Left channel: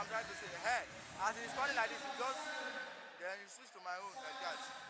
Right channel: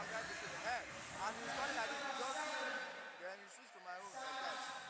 I'm trying to say. Hey, as it's calling like this, you just then you switch to my own like that.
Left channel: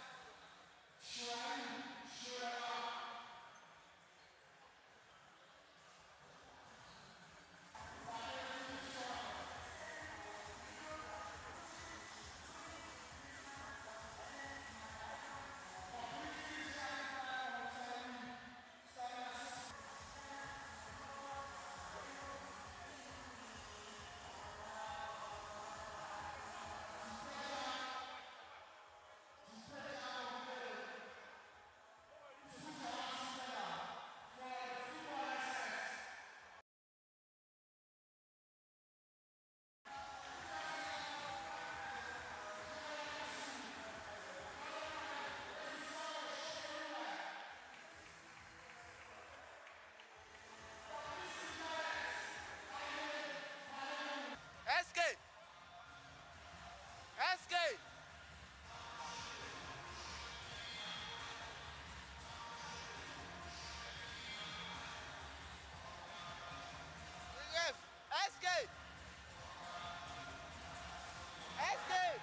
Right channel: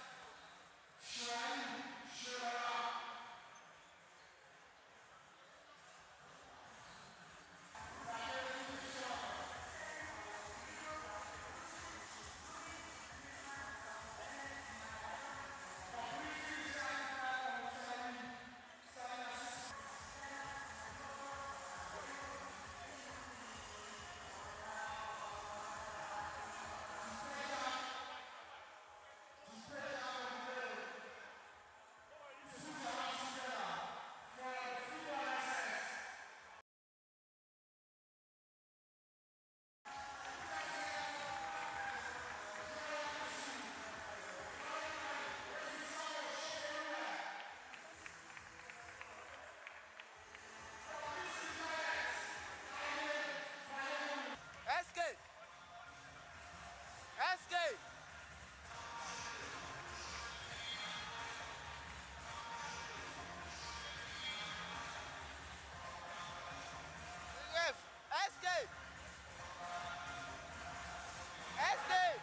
Escape! Escape! Yes! Escape! Escape!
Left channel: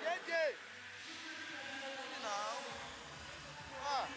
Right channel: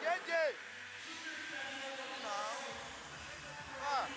JJ! Now. Ah.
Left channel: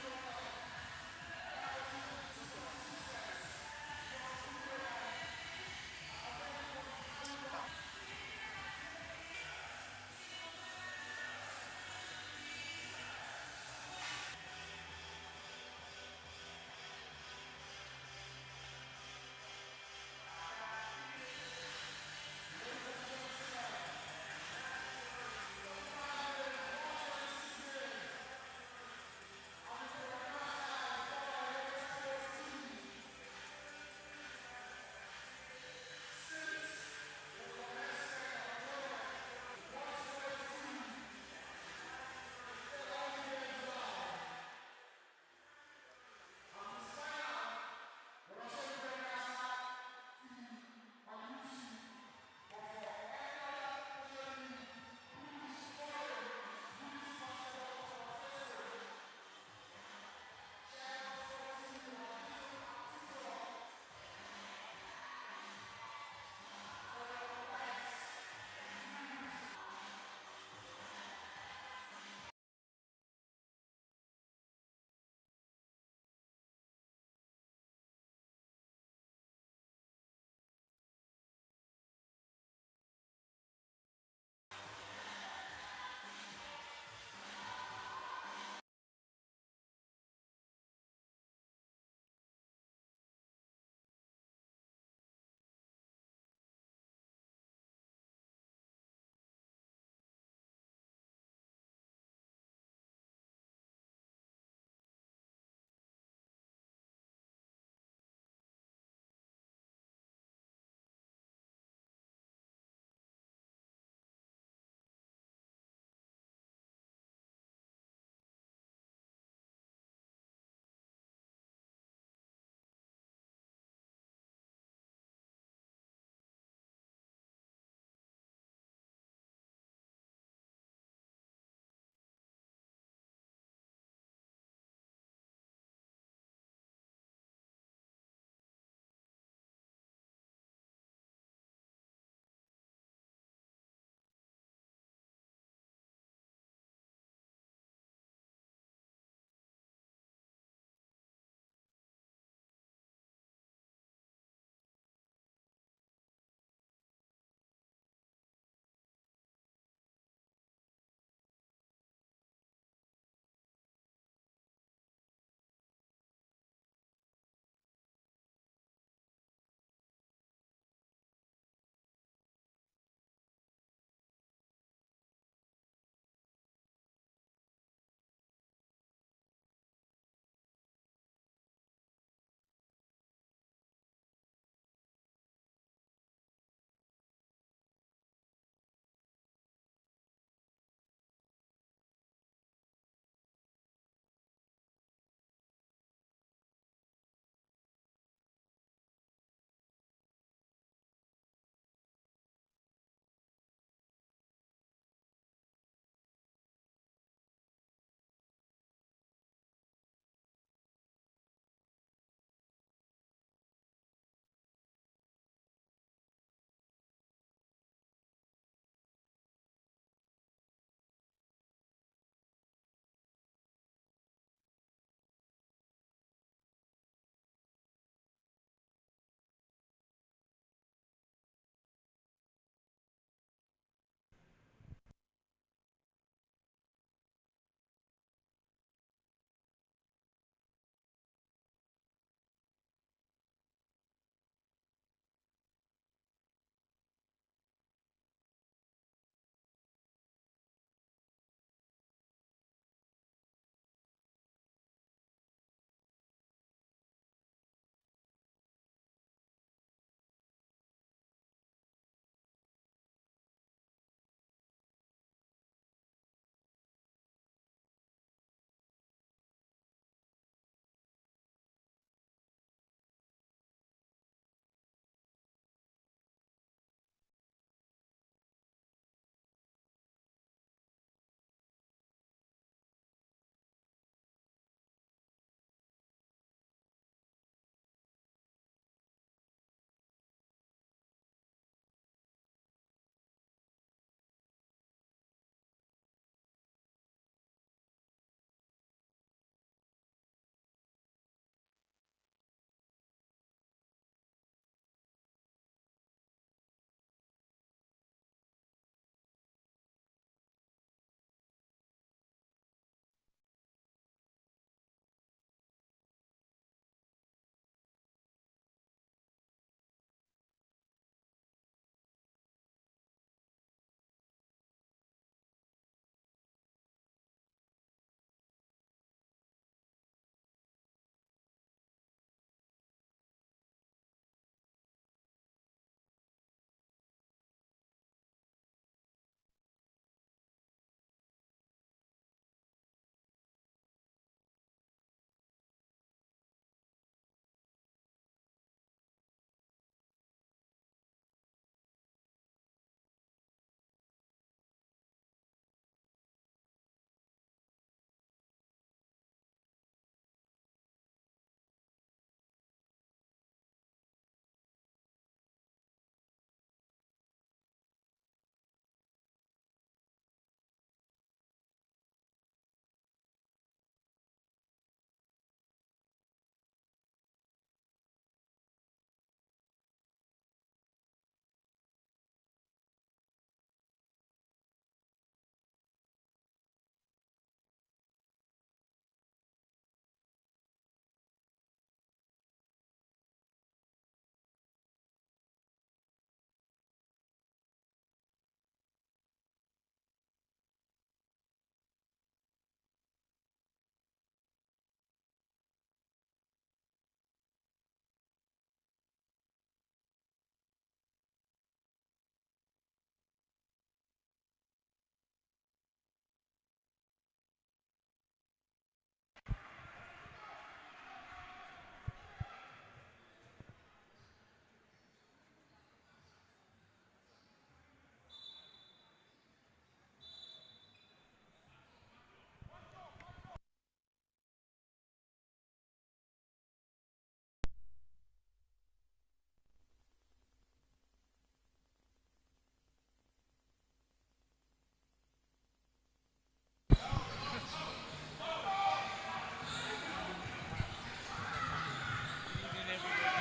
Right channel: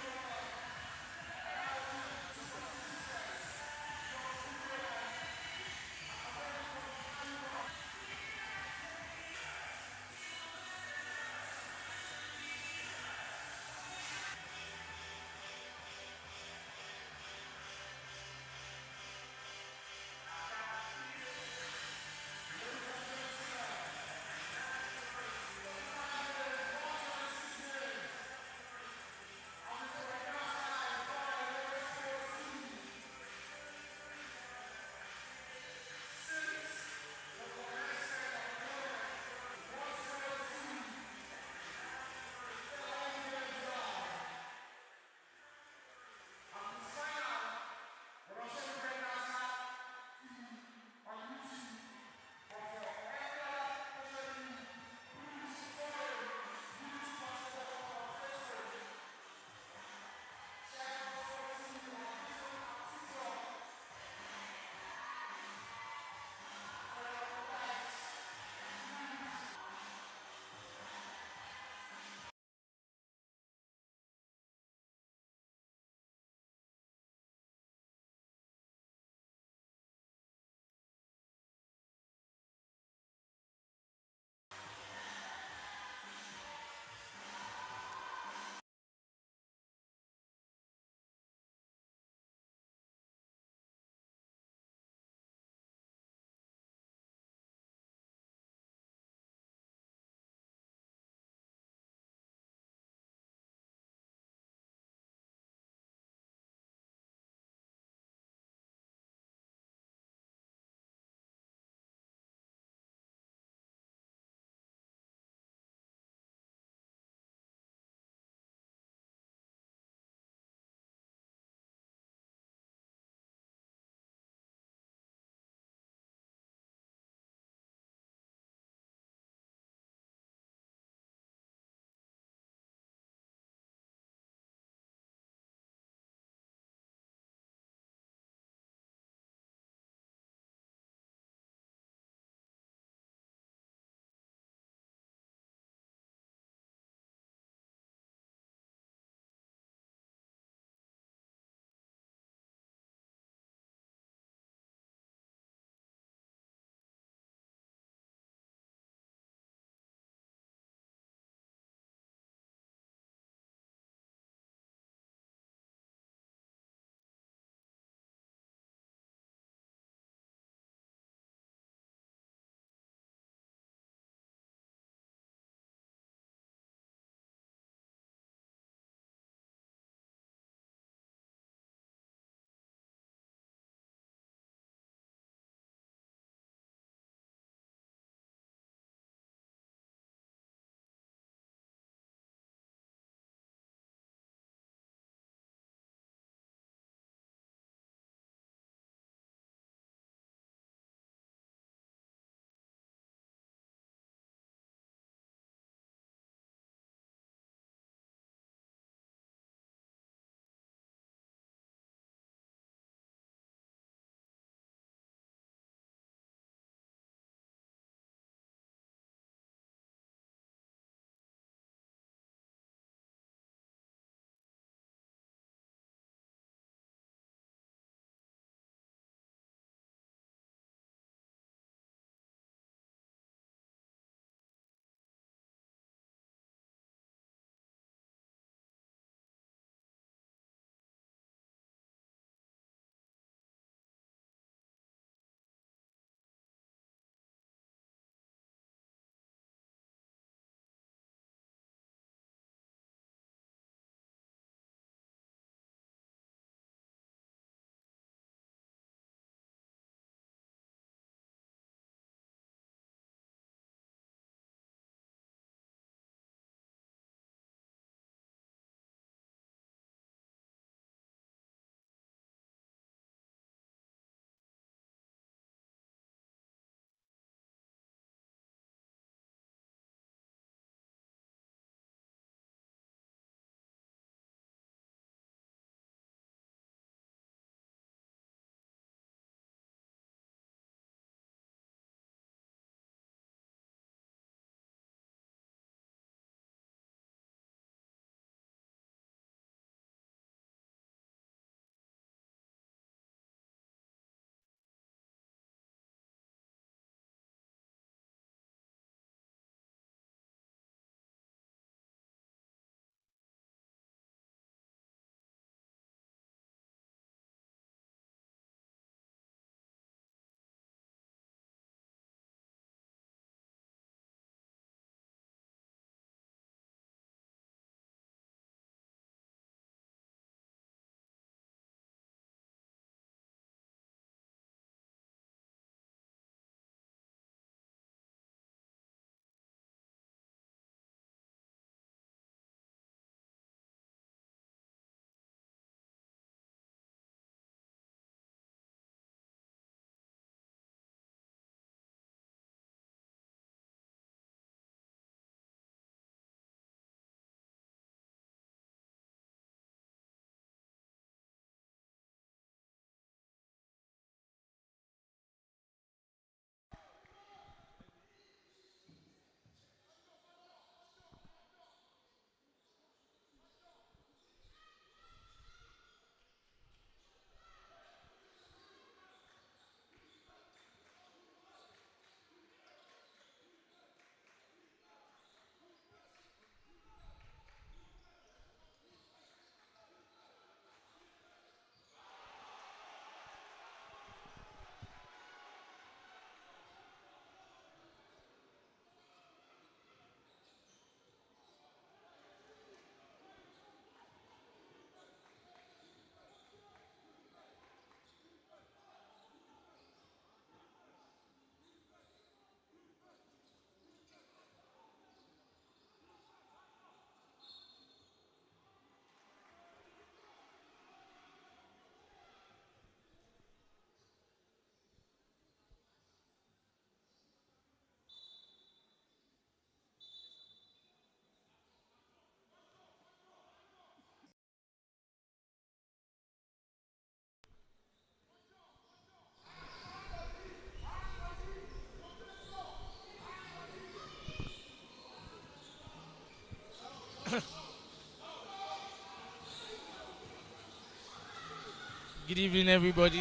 evening, everybody.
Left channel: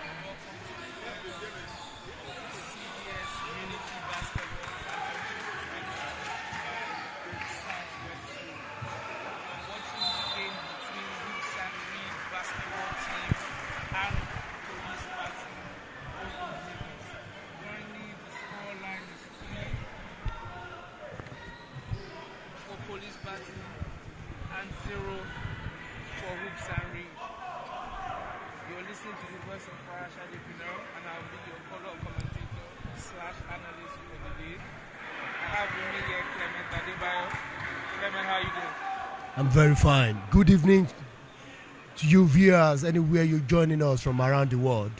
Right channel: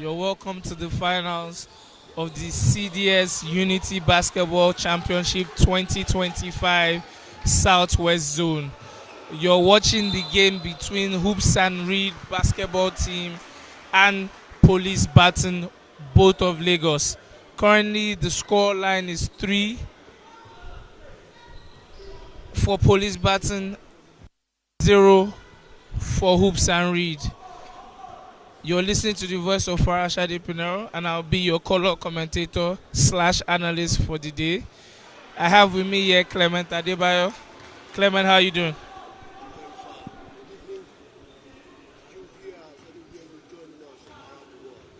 You're welcome to the finals of the CDS Unity Basketball Championship 2025 Southwest Zone. You're watching the game between Hoops and Reed basketball team and Police BATON, both of Lagos. Currently, the score line is 3 for Police BATON and 0 for Hoops and Reed. You're listening to the voice of Farashade Pinero, and I'll be your color commentator / analyst for the day. I have with me here Clement Adebayo. Clement, how are you doing? I'm very fine. Good evening to you viewers anywhere you're joining us from around the world.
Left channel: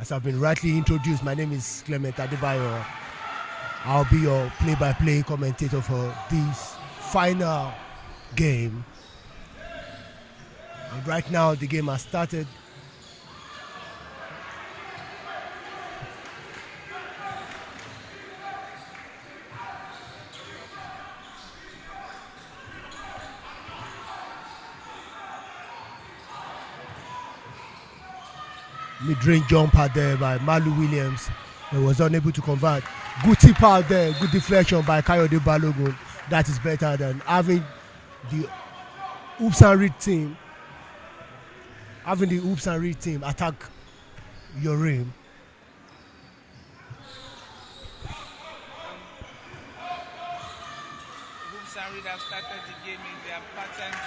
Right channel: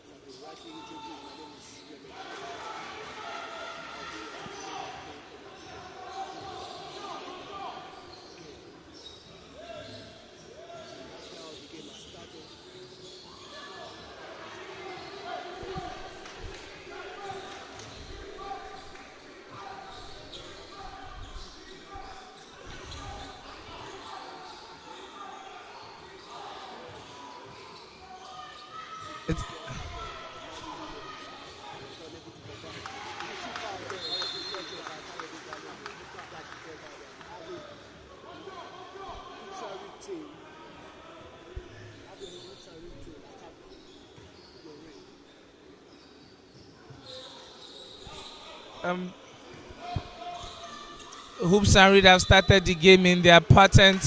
As I've been rightly introduced, my name is Clement Adebayo. I'll be your play-by-play commentator for this final game. And right now, the game has started. Mid-range jumper there by Malu Williams. He was unable to convert. Good tip out there, good deflection by Kayode Balogun. That is better than having the Hoops and Reed team. Having the Hoops and Reed team attack your rim. Hoops and Reed have started the game in their patent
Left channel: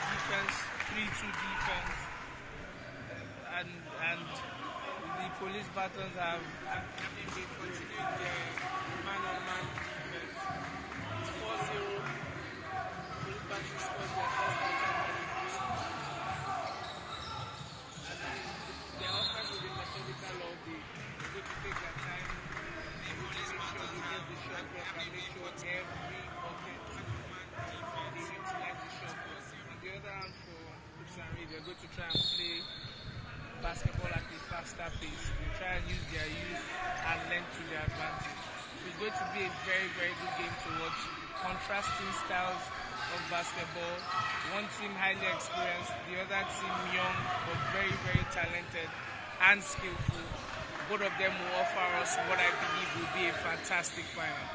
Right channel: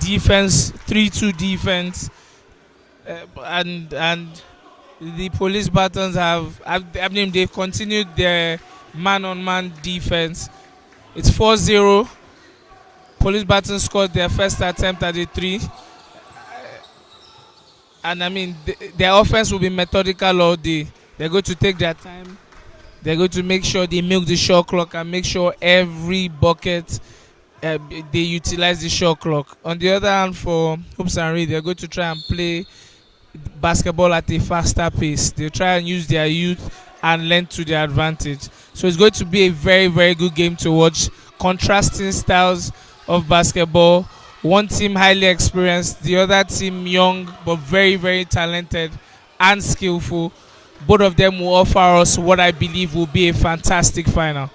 defense, 3-2 defense, and the Police BATONs they've continued their man-on-man defense. It's 4-0. Police BATON scored their first attempt at the 3. And their offense will be methodical all day. They're going to take their time. They're going to make sure they milk the shot clock and make sure every bucket they utilize the shot clock. On the other hand, for Hoops and Reed, they're going to try and play basketball at a faster pace. They'll try and use their youth and lend to their advantage. So it's going to be a very, very good game to watch. Contrasting styles of basketball. One team highly experienced, the other team young but very, very talented and skillful. Both of them will offer us what I believe will be a fantastic final.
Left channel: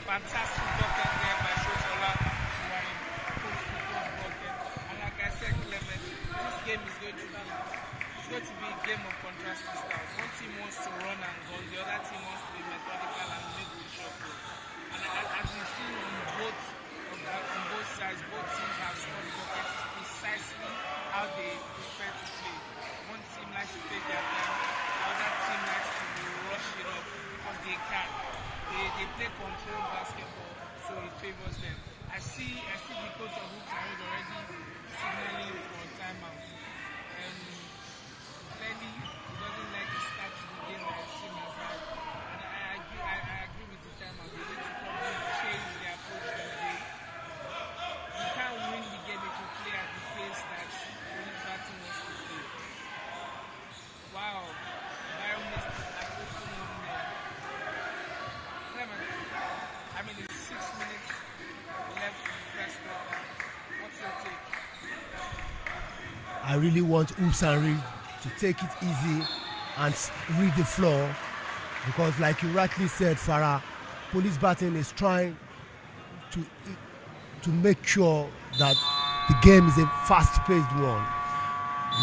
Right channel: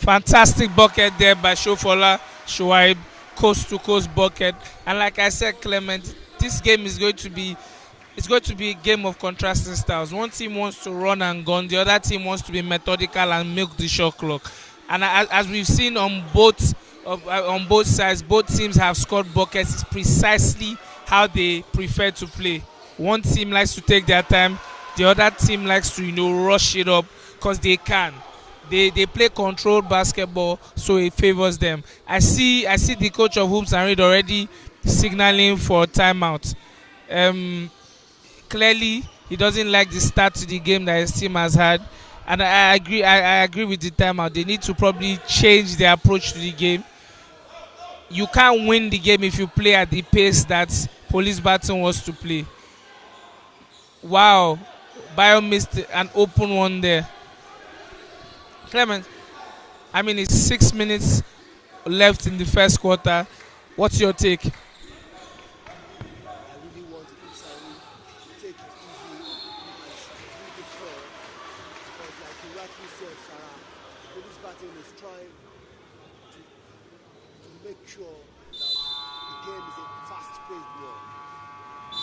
Fantastic bucket there by Shofola Shuaib, coast to coast bucket. And like I said, Clement, this game is going to be a game of contrasting styles. One team wants to run and gun, the other team wants to be methodical and milk the shot clock. And as we've seen on both sides, both teams have scored buckets. It's precisely how they prefer to play. One team likes to take their time, the other team likes to rush it up because they can. They play controlled basketball, so it favors them. I see the coach of Hoops and Reed already signaling for a timeout. Clearly, he doesn't like the start to the game that his team has had, and I agree with the timeout. They need to probably change their approach to the game. You can't win the game if you play at the pace that Police BATON wants to play. Wow, Bio missed an open one there. Clement, it's 6 minutes left in the first quarter. What's your take? I really want Hoops and Reed to take it easy and read the floor, because like you rightly said, Farah, Police BATON is trying to make sure that the game is a fast-paced one.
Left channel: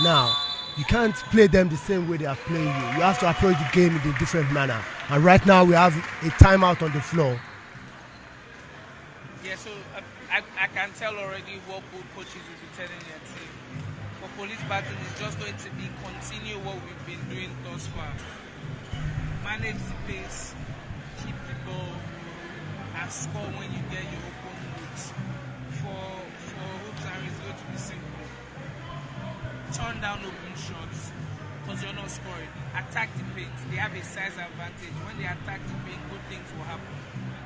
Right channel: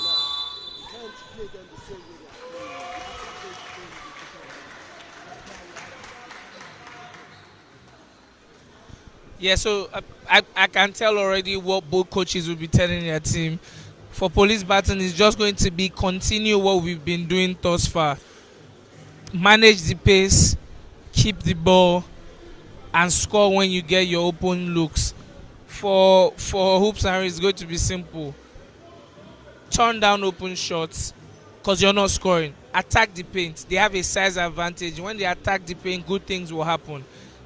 Now, you can't play them the same way they are playing you. You have to approach the game in a different manner. And right now we have a timeout on the floor. Yeah, so I can tell already what both coaches will be telling their team. For Police BATON, it's just going to be continue what we've been doing thus far. Manage the pace, keep the ball, and score when you get your open looks. For Hoops and Reed, it's going to be simple. Turn down open shots because you're not scoring. Attack the paint. They have a size advantage. When they attack the paint, good things will happen.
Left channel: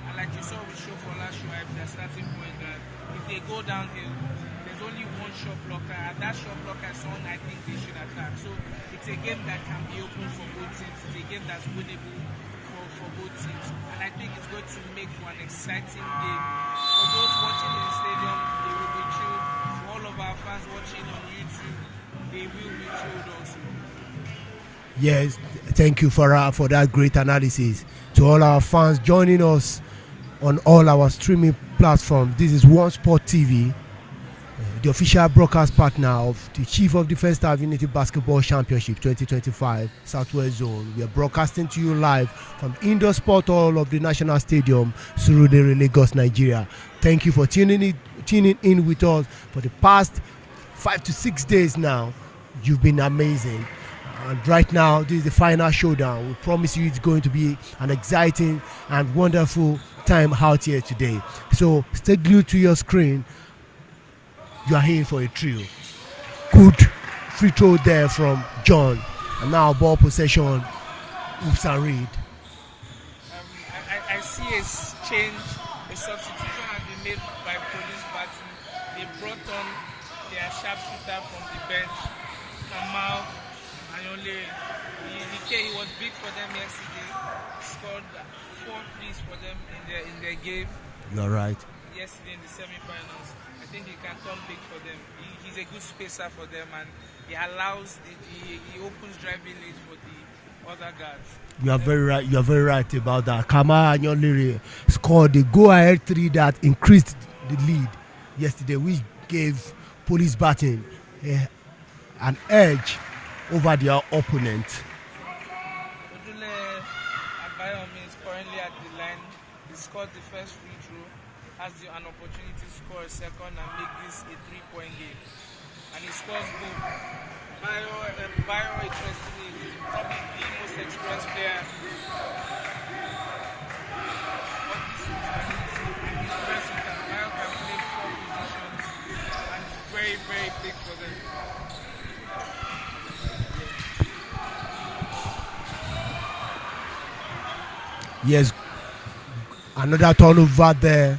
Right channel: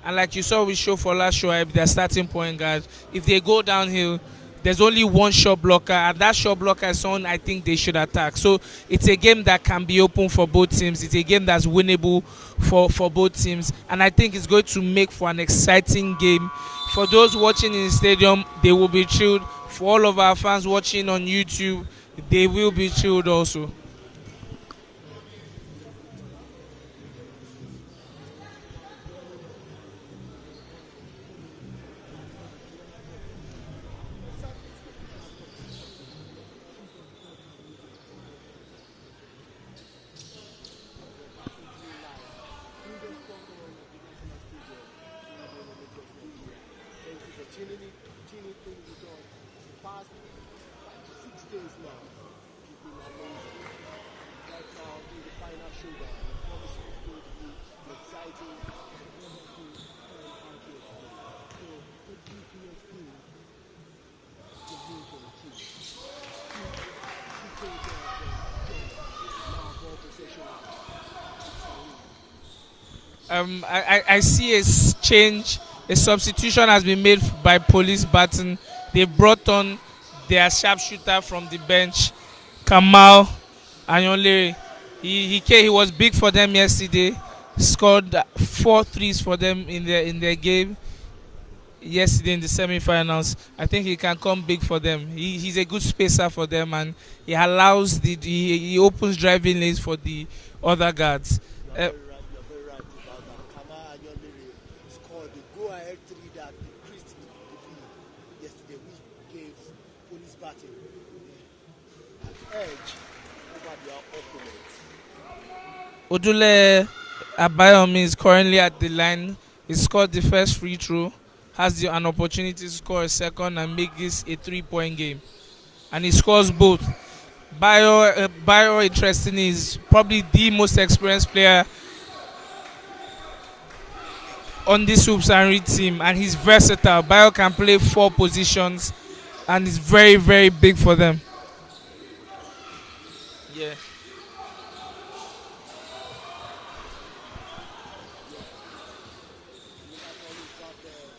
And like you saw with Shofola Shoaib, their starting point guard, if they go downhill, there's only one shot blocker, and that shot blocker is someone I think they should attack. So it's a game that can be open for both teams. It's a game that's winnable for both teams, and I think it's going to make for an exciting game. For those watching in the stadium, they will be chilled. For all of our fans watching on YouTube, they will be chilled also. Yes, thank you for that great analysis. To all our fans joining us on all our streaming platforms, this is One Sport TV, the official broadcast partner of the Chief of Defence Staff Unity Basketball Championship 2025 Southwest Zone. We are broadcasting to you live from Indoor Sport Hall of the National Stadium, Surulere, Lagos, Nigeria. Thank you for tuning in with us for the past 5 to 6 days now. You've been amazing. And right now, this is the final showdown. We promise you it's going to be an exciting and wonderful time out here today. So stay glued to your screen. You are here for a thrill. Good free throw there from John. And now ball possession, Oops and Reed. I see a change. A substitution has been made by Police Baton. They brought on their sharpshooter from the bench, Kamal Anyonlere. He was big for them yesterday. Scored 4 threes for them in their game. You're right. Yesterday in the semi-finals. I think he can come big for them. He's a good spacer for them, and he allows he opens driving lanes for the other guards. You are very right. You are very right about that. Kamal Anyonlere scored the go-ahead 3 that increased the lead yesterday, which gave Police Baton an edge over their opponent. Odule Abayomi is currently at the line. He scored the first free throw, has an opportunity to score a second and make this a 3-point game. And he scores both. Bayo interestingly, is probably the most experienced player on this Hoops and Reed team, and he's versatile. Bayo can play 4 positions, and it's very, very big for them. Yes, another turnover there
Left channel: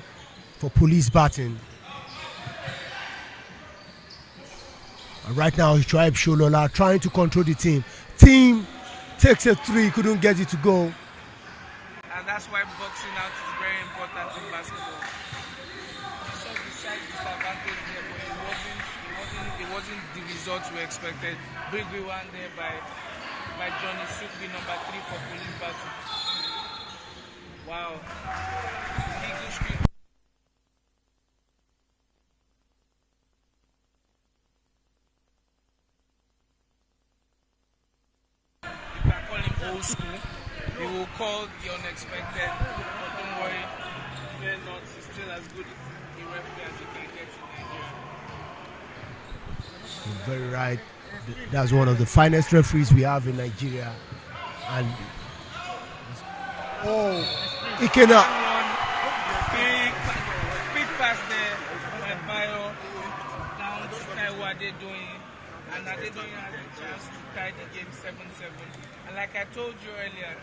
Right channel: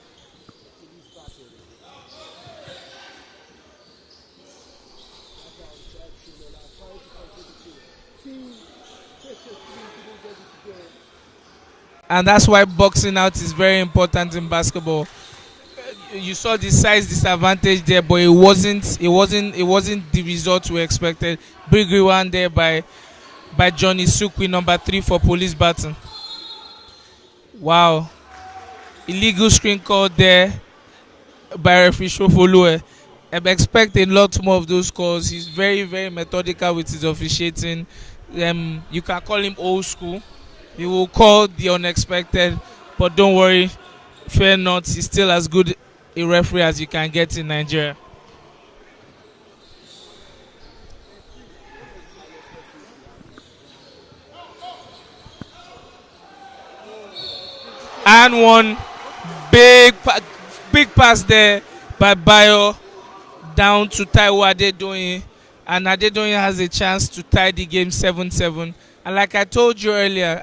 for Police Baton. And right now, Tribe Sholola trying to control the team. Team takes a 3, couldn't get it to go. And that's why boxing out is very important in basketball. You saw the size disadvantage there, but it wasn't the result we expected. Big one there by Johnny Sukwi, number 3 for Police Baton. Wow. Illegal screen called there by referee Shofolue. I expect a lot more of those calls. He's very, very methodical with his officiating. You can call him old school. He will call the unexpected, but don't worry, fear not, he's still as good a referee as you can get in Nigeria. Very right. That's one of the finest referees we have in Nigeria. And and one big pass there by Bayo down to Taiwo Adedoyin, and Adedoyin has a chance to tie the game 7-7. And like I told you earlier,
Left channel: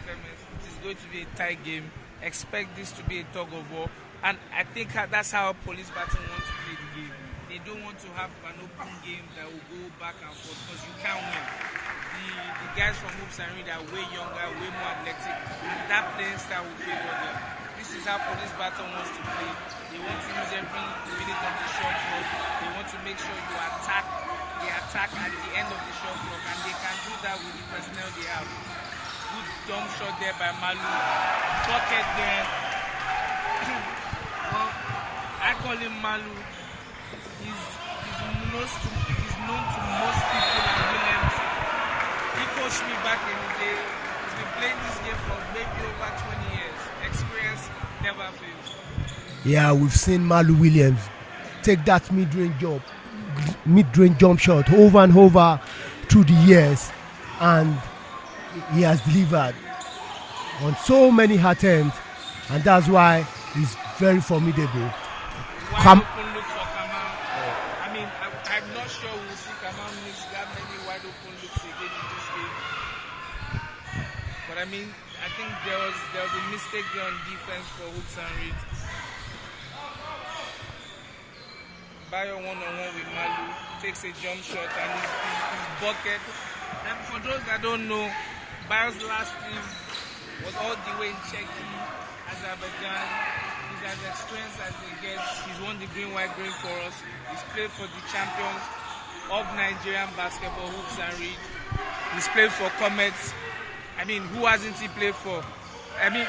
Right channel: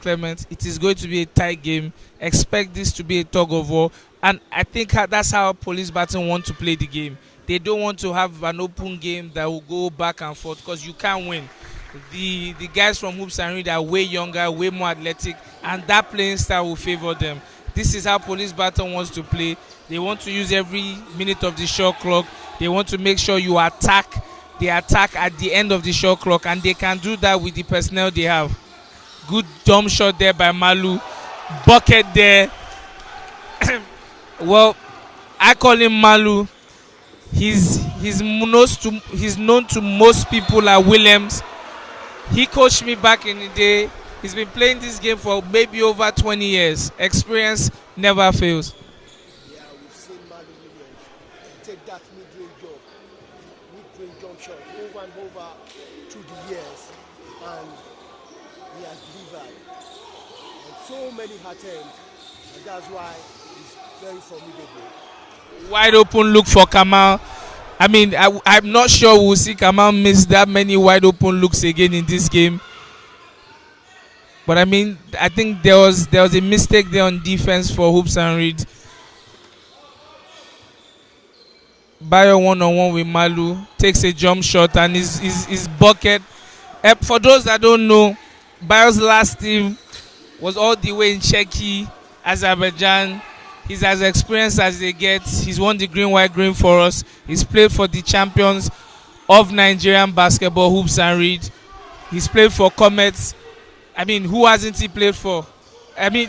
Clement, it is going to be a tight game. Expect this to be a tug of war, and I think that's how Police Baton want to play the game. They don't want to have an open game that will go back and forth, because you can't win. The guys from Hoops and Reed are way younger, way more athletic, and that playing style will favor them. This is how Police Baton wants to play. They want to use every minute of the shot clock. They want to make sure you attack. They attack at the end of the shot clock, and they can do that with the personnel they have. Good dumb shot there by Malu. Bucket there. Well, I call him Malu. He's known to most people at Williams. He coached me back in the day. He's been playing this game for maybe over 20 years. Experience never fails. Yeah, we've seen Malu Williams take that mid-range jump shot over and over through the years, and he has delivered on so many attempts, and that's why he's very formidable. Wide open look for Kamal. I mean, I'm not sure we'll see Kamal miss that many wide open looks again in this game. But I mean, I think there was a mistake there on defense for Hoops and Reed. Bayo one-on-one with Malu, takes a jump shot and his bucket. For those that don't know, Bayo's last team was all the way in Czechia, Azerbaijan. He's as experienced as they get. He's won the green, white, green for us. He's played for the champions of Nigerian basketball, Hoops and Reed. He's played for Comets. I mean, who hasn't he played for? I mean,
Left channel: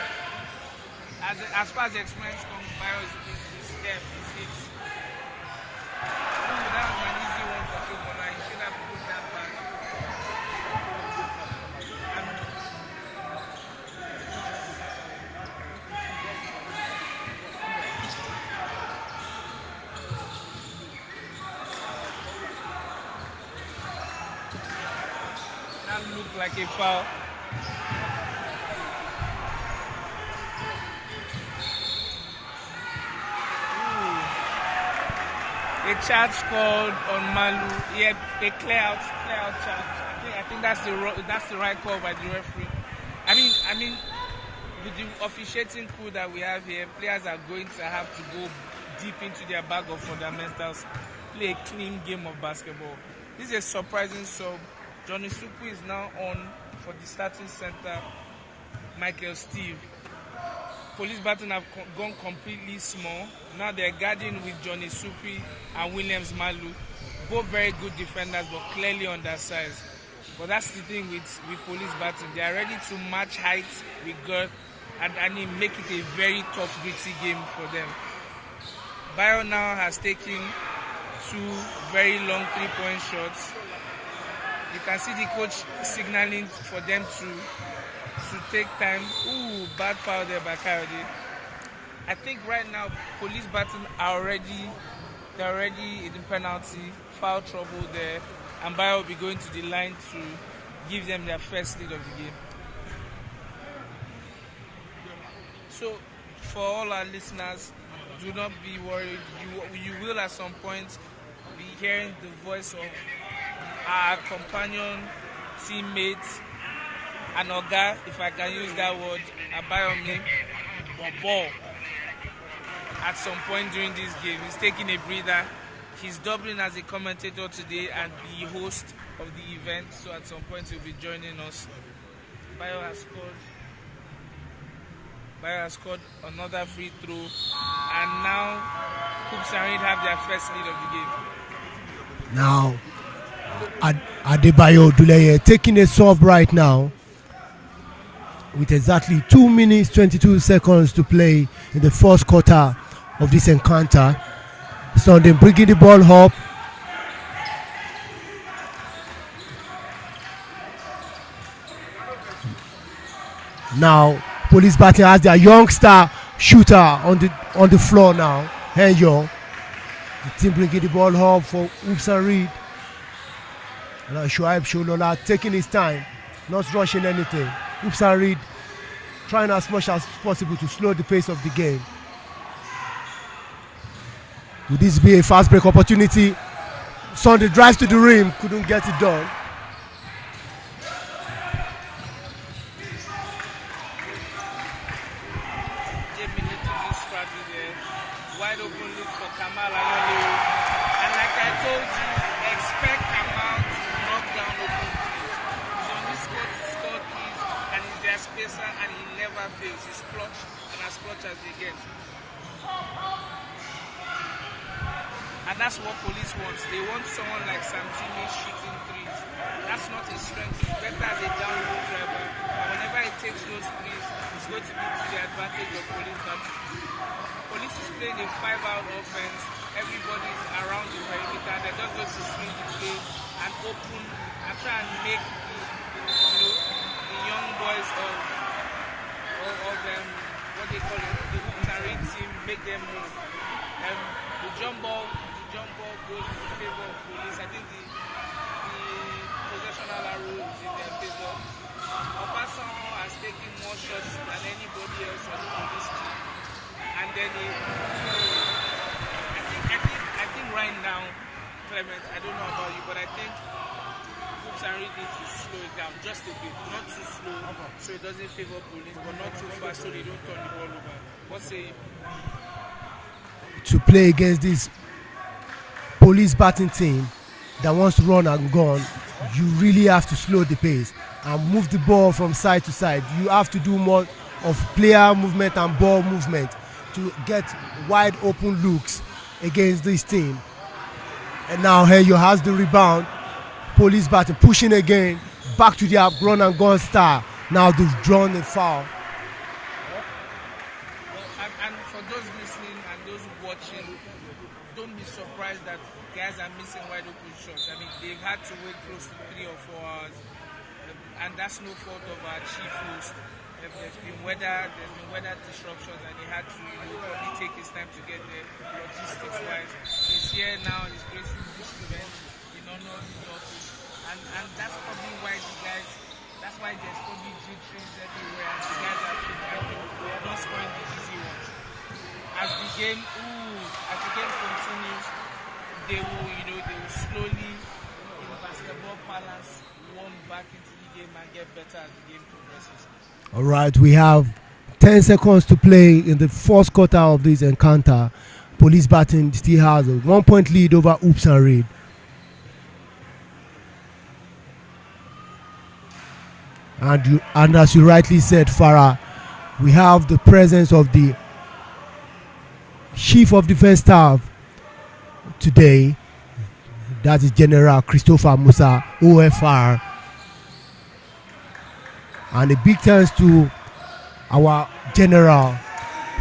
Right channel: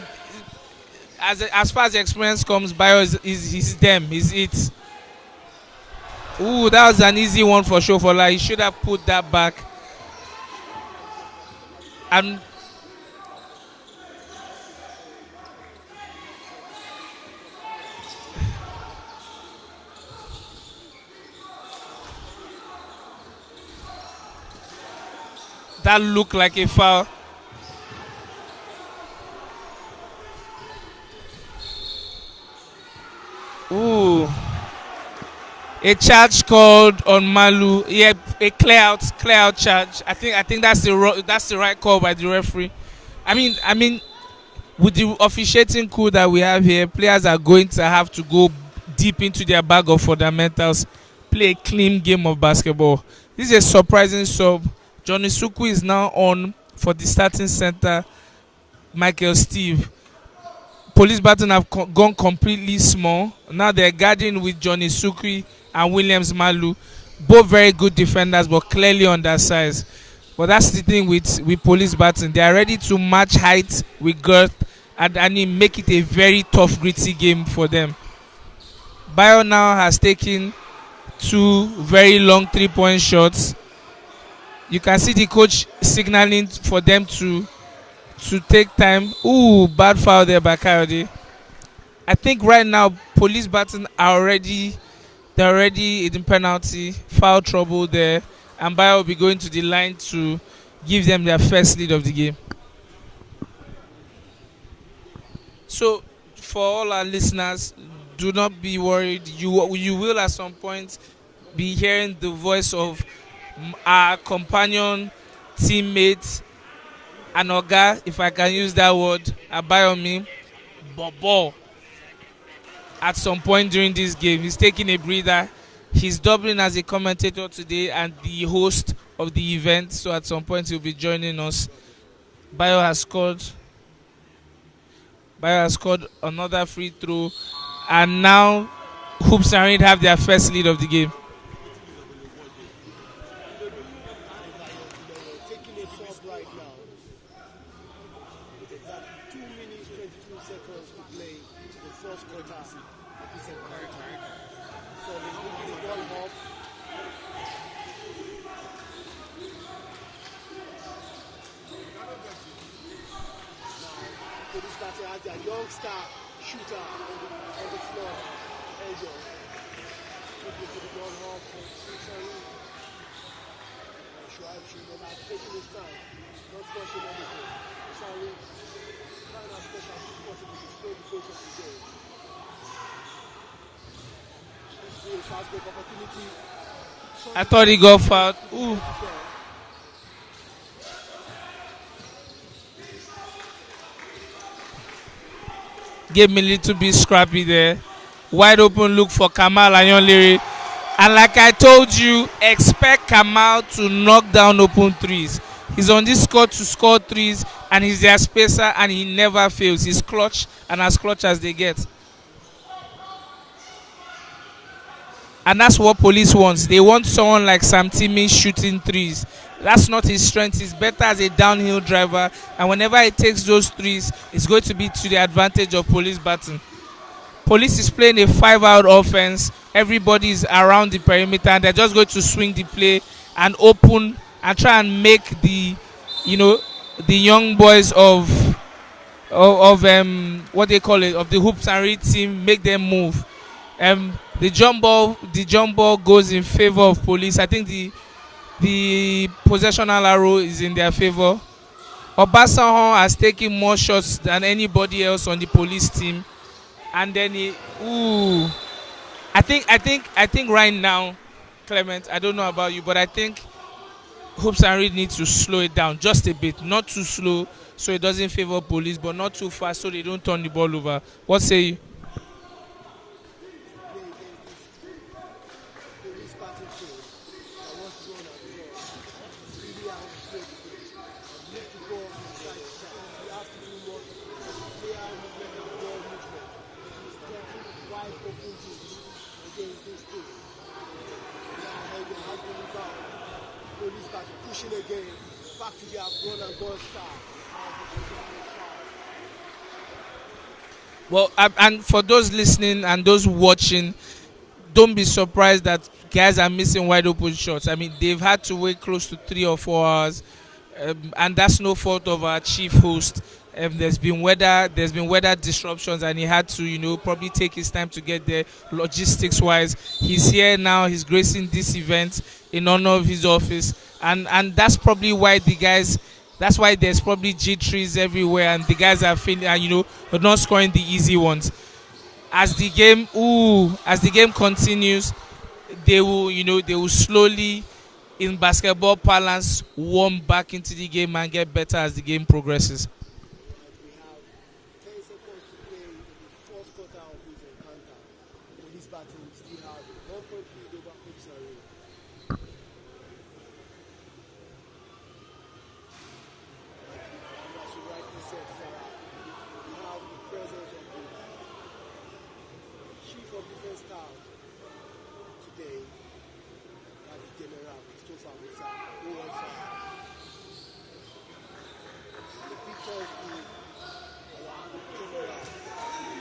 as far as experience comes, Bayo is them. He's it. Ooh, that was an easy one for Shofola. He should have put that back. And that looked like a foul. Ooh. A charge called on Malu. Yeah, a clear out charge. I think that's the right call by the referee. I mean, with the officiating crew that we have here, players are going to have to go deep into their bag of fundamentals, play a clean game of basketball. This is a surprising sub. Johnny Suku is now on for the starting center, Michael Steve. Police Baton have gone completely small. Now they're guarding with Johnny Sukri and Williams Malu. Both very good defenders, but clearly undersized. But that's the thing with Police Baton. They are ready to match height with girth and make it a very tough, gritty game for them. Bayo now has taken 2 very long 3-point shots. You can see the coach signaling for them to take time. Ooh, bad foul there by Coyote. I think right now Police Baton are already in penalty, foul trouble there, and Bayo will be going to the line to give them their first lead of the game. So for all our listeners, do not be worried. You will at some point be hearing the voice of our companion, teammate, and Oga, if I can use that word, Abayomi Bobo. At some point during this game, he's taking a breather. He's doubling as a commentator today and the host of the event. So at some point he'll be joining us. Bayo has scored another free throw, and now Hoops and Reed have their first lead of the game. Now, Adebayo Duleye taking a sub right now with exactly 2 minutes 22 seconds to play in the first quarter of this encounter. So they're bringing the ball up. Now, Police Baton has their youngster shooter on the floor now. Henyo. The team bringing the ball up for Hoops and Reed. Now Shoaib Sholola taking his time, not rushing anything. Hoops and Reed trying as much as possible to slow the pace of the game. Would this be a fast break opportunity? Sunday drives to the rim, couldn't get it done. Gave me a little bit scrappy there. Wide open look for Kamal Anyonlere. And like I told you, expect Kamal to knock down open threes. He's on this squad to score threes, and he's their spacer, and he never fails. He's clutch, and as clutch as they get. And that's what Police wants. They want someone like Sam Timmy shooting threes. That's not his strength. He's better as a downhill driver, and whenever he takes those threes, it's going to be to the advantage of Police Baton. Police is playing a 5-out offense. Everybody is around the perimeter, and they're just going to swing the play and open and try and make the young boys of what they call it, of the Hoops and Reed team, make them move. The jump ball goes in favor of Police. I think the possessional arrow is in their favor. Obasanjo has taken more shots than anybody else on the Police team. And then I think right now, Clement, I don't know about you, but I think Hoops and Reed need to slow it down just a bit. Not too slow so it doesn't favor Police, but not too fast so they don't turn the ball over. What say you? To play against this police batting team that wants to run and gun, you really have to slow the pace and move the ball from side to side. You have to do more of player movement and ball movement to get wide open looks against this team. And now Heyo has the rebound. Police batting, pushing again, back to their run and gun style. Now they've drawn a foul. Well, and for those listening and those watching, don't be surprised that guys are missing wide open shots. I mean, they've had to wait close to 3 or 4 hours, and that's no fault of our chief host. There's been weather disruptions, and he had to, probably take his time to get there. Logistics wise, he's here now. He's gracing this event in honor of his office, and that's probably why the guys. That's why there's probably G3s everywhere, and the guys are feeling, but not scoring the easy ones. As the game continues, they will slowly, in basketball parlance, warm back into the game and get better as the game progresses. All right, we have 10 seconds to play in the first quarter of this encounter. Police batting still has a 1-point lead over Oops and Reed. And as you rightly said, Farah, we have the presence of the Chief of Defense Staff today. That is General Christopher Musa, OFR. And a big thanks to our General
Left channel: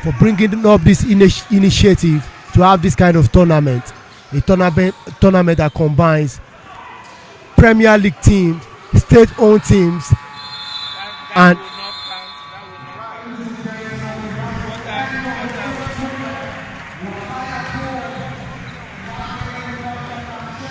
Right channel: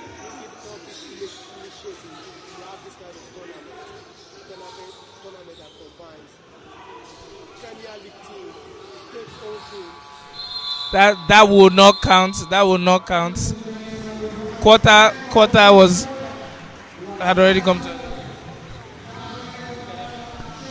for bringing up this initiative to have this kind of tournament. A tournament that combines Premier League teams, state-owned teams. That will not count. That will not count. Quarter had already come.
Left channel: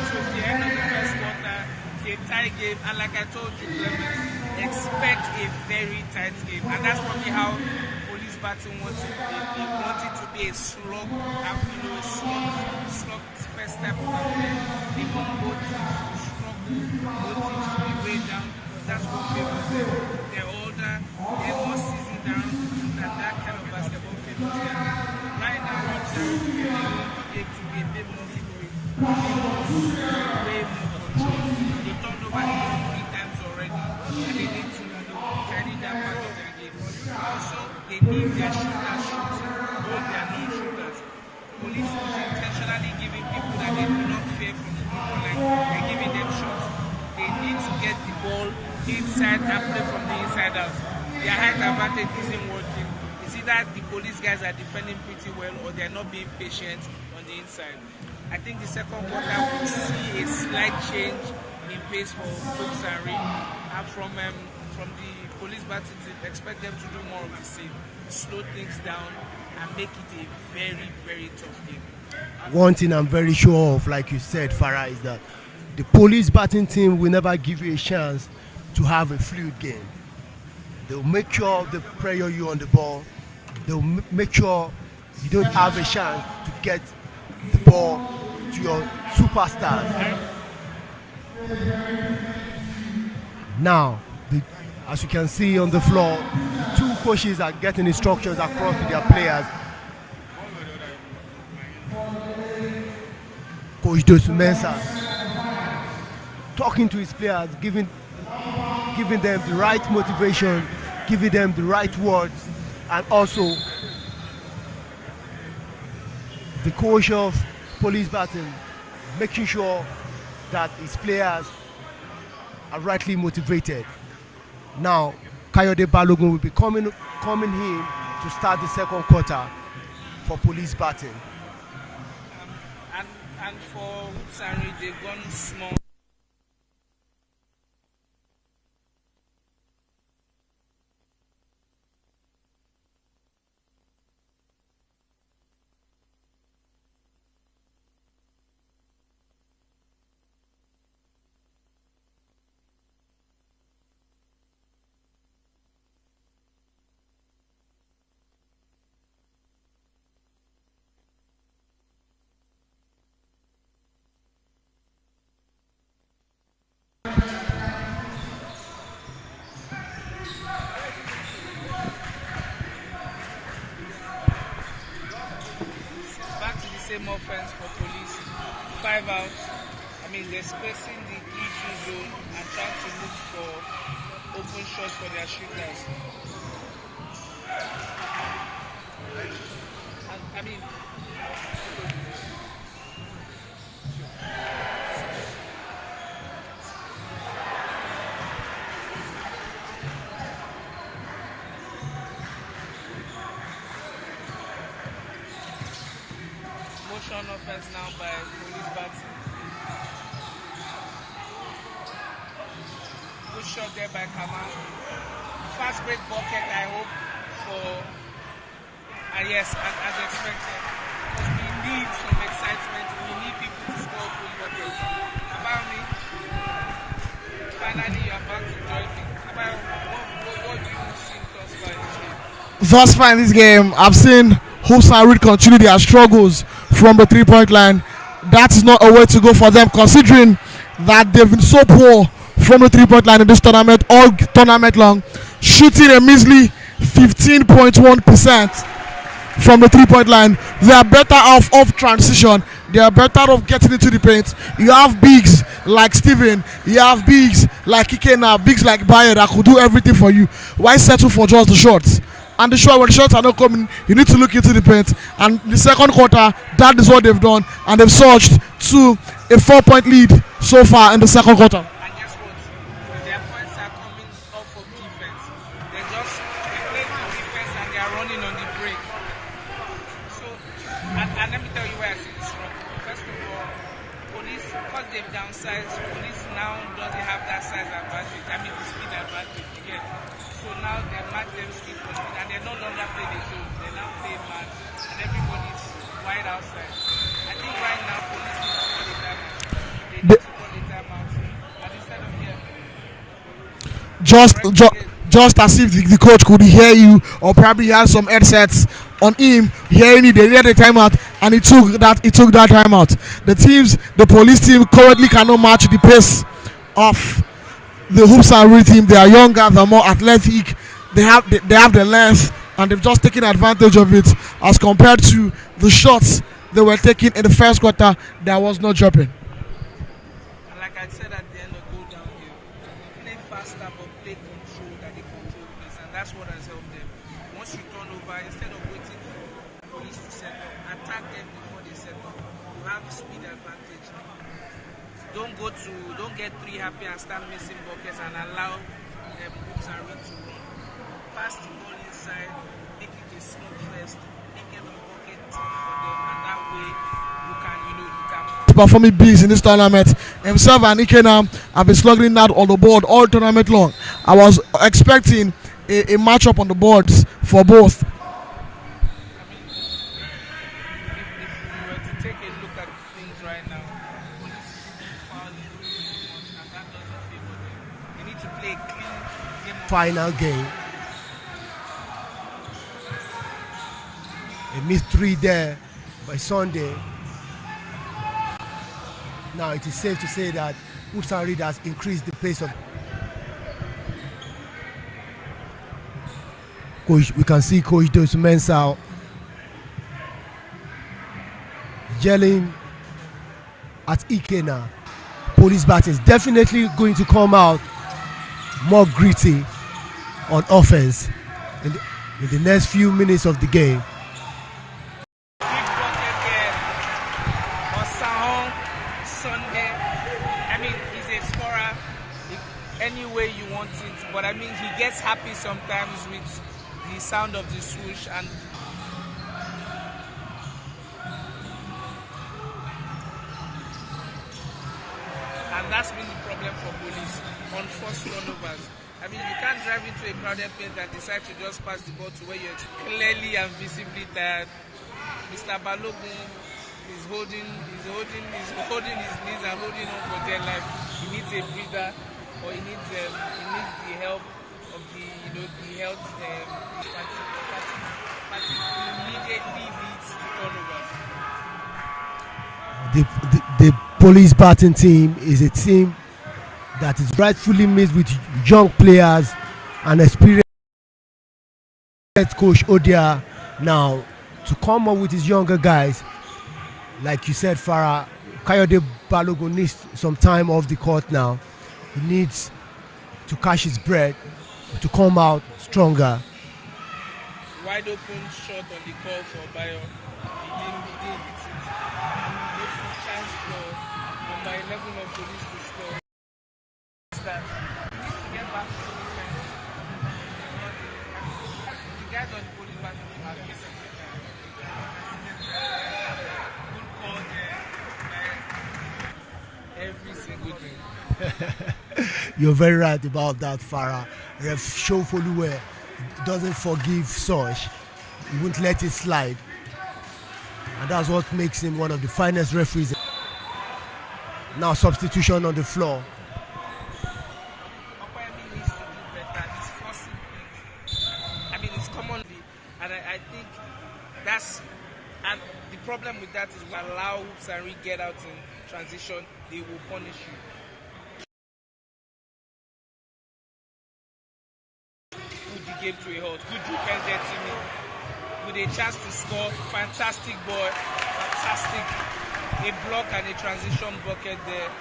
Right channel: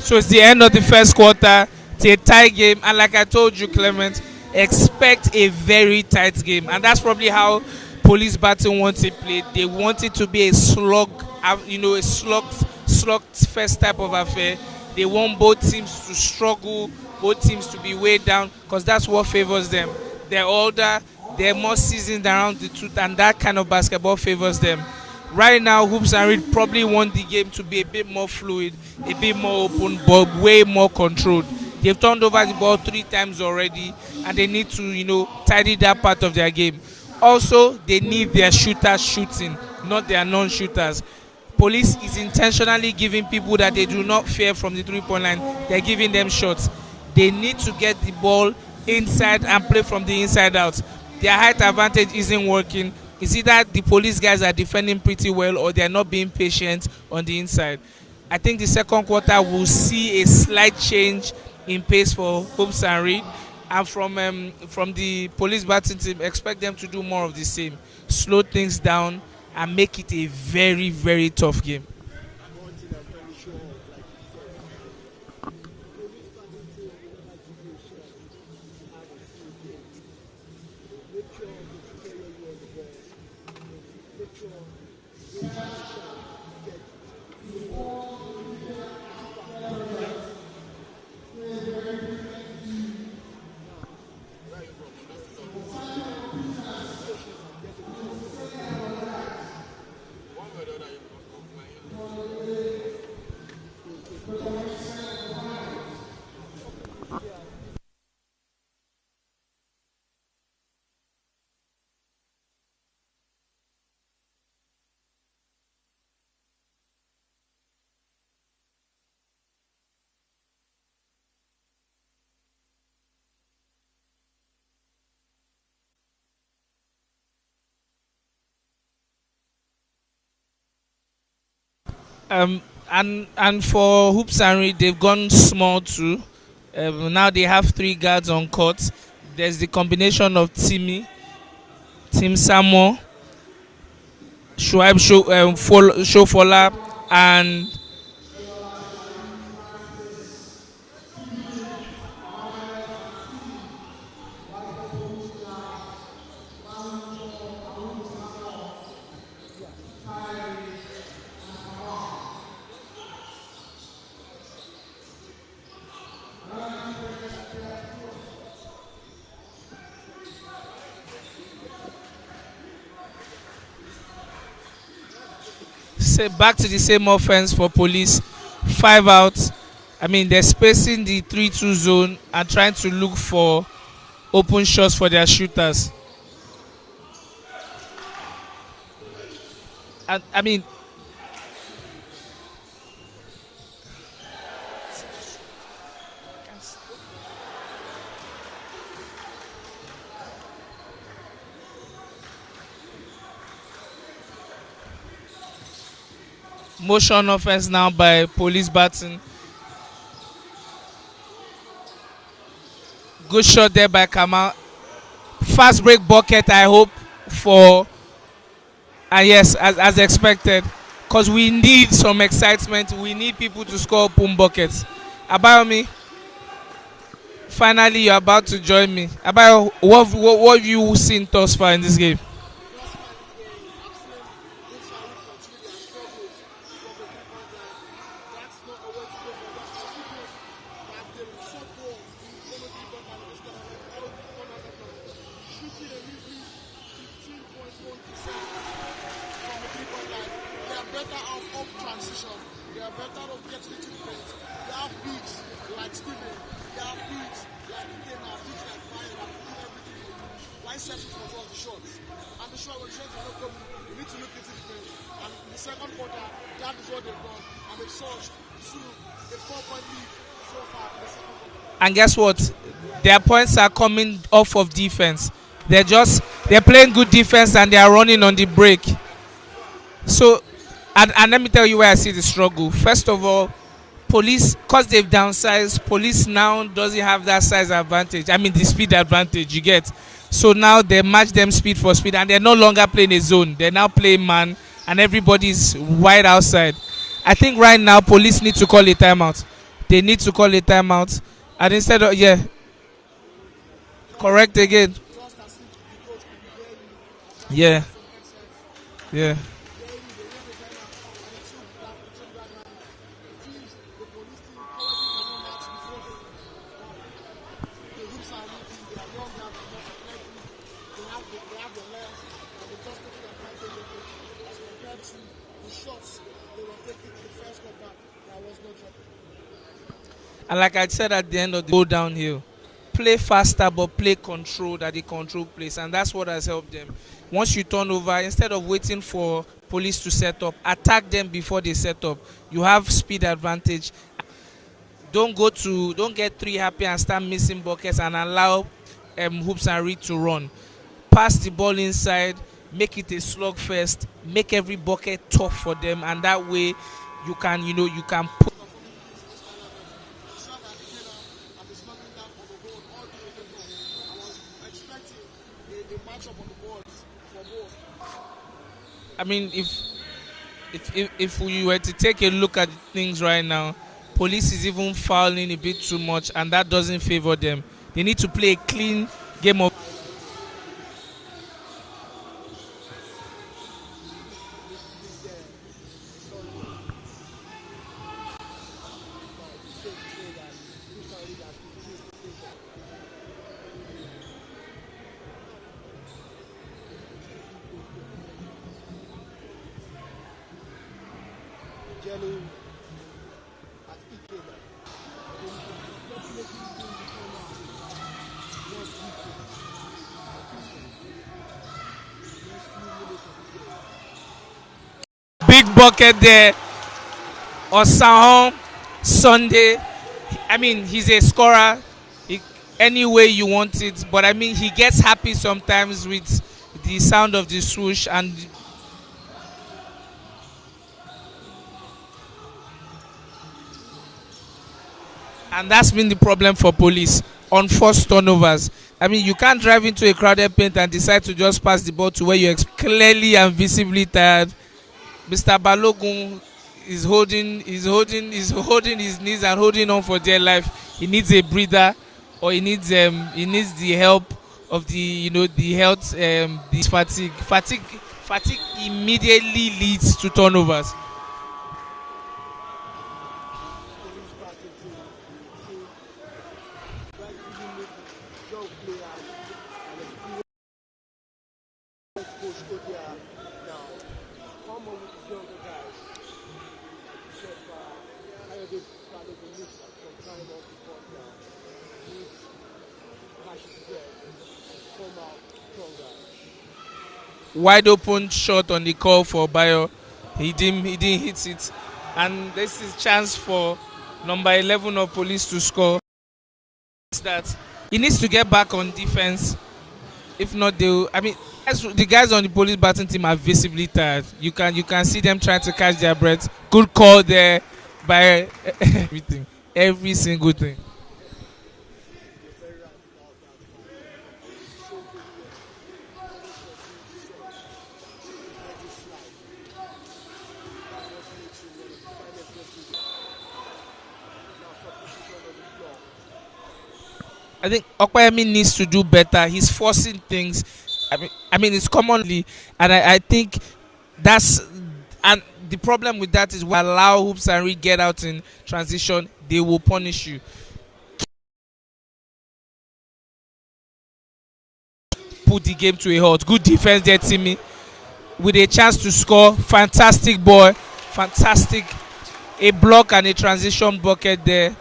So it's the end of the first quarter. It's a tie game, and like I told you, Clement, expect a very tight game, and that's probably how Police Batting wants it played. They want it to be a slug, a slug first type of affair. They want both teams to struggle, both teams to be weighed down, because that's what favors them. They're older, they're more seasoned around the truth, and that kind of basketball favors them. Right now, Hoops and Reed probably want the game to be a bit more fluid, a bit more open, but way more controlled. They've turned over the ball 3 times already, and they need to, tidy that part of their game. Also, they need their shooters shooting, not their non-shooters. Police is intentionally giving people that they do not fear from the 3-point line. They're giving them shots. They need to get the ball inside and play from the inside out. Their height advantage isn't working. It's either the Police guys are defending pretty well or they're not being patient on the inside. I think the second quarter will see a slight change in pace for Hoops and Reed. And from the Police batting team, expect them to do more of the same. Slow things down and make it a very, very tough game. One thing I'm very sure of, like you said, Farah, is that the Police batting team will never give you a chance to have a fluid game. They'll make sure they pressure you on the ball. They'll make sure you don't have a chance to get the ball to your superstars. Now, as you can see on the floor, 2 coaches are getting instructions across to their players. Coach Dosu Mensah talking to his players, giving them the right motivation, giving them the right words, and also the coach of Police batting making sure that his players are rightly motivated. Now, Kayode Balogun will be coming in to start the second quarter for Police batting. And for Hoops and Reed, they've gone small too. Now they have 3 guards on court. There's the combination of Tim Samuel, Shuaib Shofola, and back to the same offense for Police. 5 out. I mean, they're spacing the 3-2 zone and trying to look for open shots for their shooters. And I mean, motion offense now by Police Baton. Good shot there by Kamal. Fast break bucket, I hope, for. And yes, as expected. Because we need some excitement. We need people to score open buckets. Abayomi, finally you're about to join me. Abayo, what have you seen thus far in this game? Thus far in this game, I've seen Hoops and Reed continue their struggles from the 3-point line. That is not a way to go for them, considering that they've been so poor from the 3-point line in this tournament all tournament long, shooting a measly 15.1% from the 3-point line. They are better off transition. They are better off getting into the paint. You have bigs like Steven, you have bigs like Ikena, bigs like Bayer that could do everything for you. Why settle for just the shots? And when the shots are not coming, you need to look into the paint. And the second quarter, that is what they've done. And they've surged to a 4-point lead so far in the second quarter. And guess what? Their points are coming off of defense. They're playing good defense and they are running on the break. So, and let me tell you where I see the struggle. First of all, Police, because they've downsized, Police now doesn't have that size advantage. I mean, the speed advantage you get. So now they match them speed for speed, and they're no longer playing a zone. They're now playing man, and everybody's wide outside. I think right now Police need to call a timeout. They need to call a timeout, and instead of just as if the coach could hear you, or probably had some headsets on him hearing you. They needed a timeout, and he took that timeout. The Police team currently cannot match the pace of the Hoops and Reed team. They are younger, they're more athletic, they have the length, and they've just taken advantage of it as compared to the shots they were taking in the first quarter that was not dropping. And like I said at the end of the go downhill, play faster but play control that the control plays, and that's what has helped them. Once you turn over, instead of waiting for Police to set up, attack them before they set up. You have speed advantage. Don't get three happy and start missing buckets and allow Hoops and Reed to run. Pass the ball inside, make it a slugfest, make every bucket tough for them, and that way you can performing beats in this tournament. Himself and Ikena have been slugging out on the board all tournament long. I was expecting a matchup on the boards for both. I mean, if we were to take a look at things right now, Police is even fouling a bit too much, and that doesn't favor them. They need to play a clean game of final game. A missed three there by Sunday. Now it is safe to say that Hoops and Reed has increased the pace of. Coach, we can see Coach Dos Mensah yelling at Ikena. Police Baton is definitely going to come out more gritty on offense in the next few minutes of the game. Big bucket there. Osahon Sunday. I mean, he's a scorer any way you want it, but I mean, he gets happy sometimes with the sound of the swoosh, and that's been the problem for Police on forced turnovers. I mean, you can't drive into a crowded paint and decide to just pass the ball to where you're clearly and visibly tired. Mr. Balogun is holding his knees and holding on for dear life. He needs a breather, or he needs the help of the health this fatigue. Fatigue immediately leads to turnovers. The Police Baton team is a team that is rightfully made with young players and experienced coach Odia now to come up with his younger guys, like you said, Farah, Kayode Balogun needs some time off the court now. He needs to catch his breath, to come out stronger. Wide open shot on the call for Bayo. He didn't hit it. And this is chance for number 11 of Police to score. That he needs to get back on defense. If not, the guys on the Police batting team are visibly tired. You can see them trying to catch their breath. Good call there by everything, every single thing. You're very right about that, Farah. Ref Shofoluwe doesn't forgive such. He won't let it slide. And that's what makes him one of the finest referees. Now substitution on the floor. I think Okoyemi needs to do better. He's forcing things. I mean it's commonly, and I think that's, and the problem with that is we allow Hoops and Reed get out in transition, they will punish you. Put the game to a halt. Good defense there, Timmy, with a chance to score. Fantastic boy, fantastic. A block and a transition bucket there.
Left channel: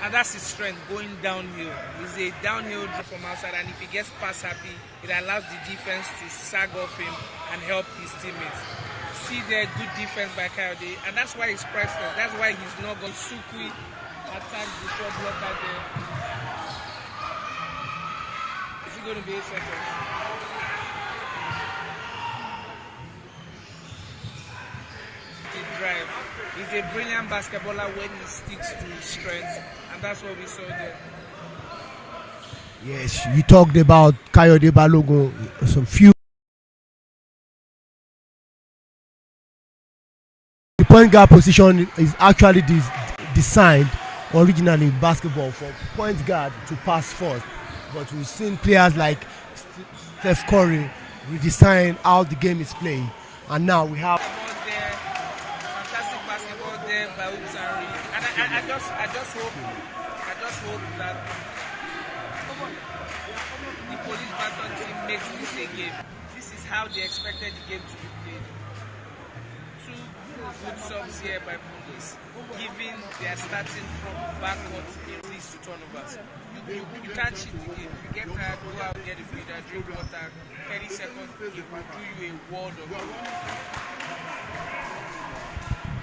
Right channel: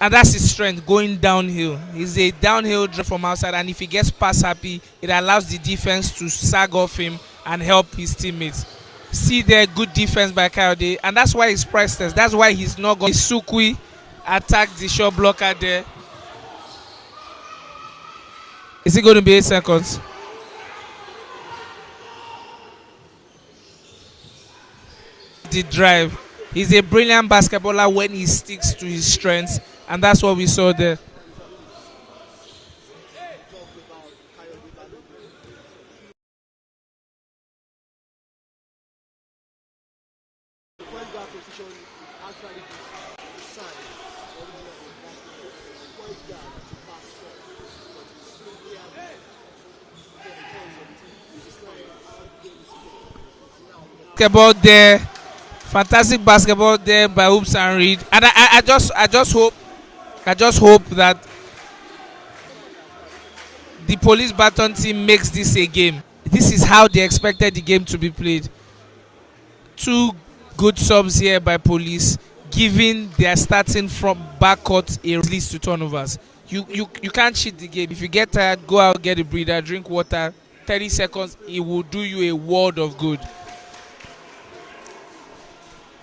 And that's his strength, going downhill. He's a downhill drop from outside, and if he gets pass happy, it allows the defense to sag off him and help his teammates. See there, good defense by Kayode, and that's why he's priceless. That's why he's not going. Sukwi attacked the shot blocker there. Is it going to be 8 seconds? The drive. He's a brilliant basketballer when he sticks to his strengths. And that's what we saw there. Yes, you talked about Kayode Balogun. Some few. The point guard position is actually designed originally in basketball for point guard to pass first. But we've seen players like Steph Curry redesign how the game is played. And now we have basketball there. Fantastic basketball there by Hoops and Reed. And I just hope that the Police Baton team makes this a game. This is how they expected the game to be played. 2 good subs here by Police, giving their starting from backcourt a release to turnovers. You can't cheat the game. If you get tired, go out, get a breather, drink water. 30 seconds, it will do you a world of good.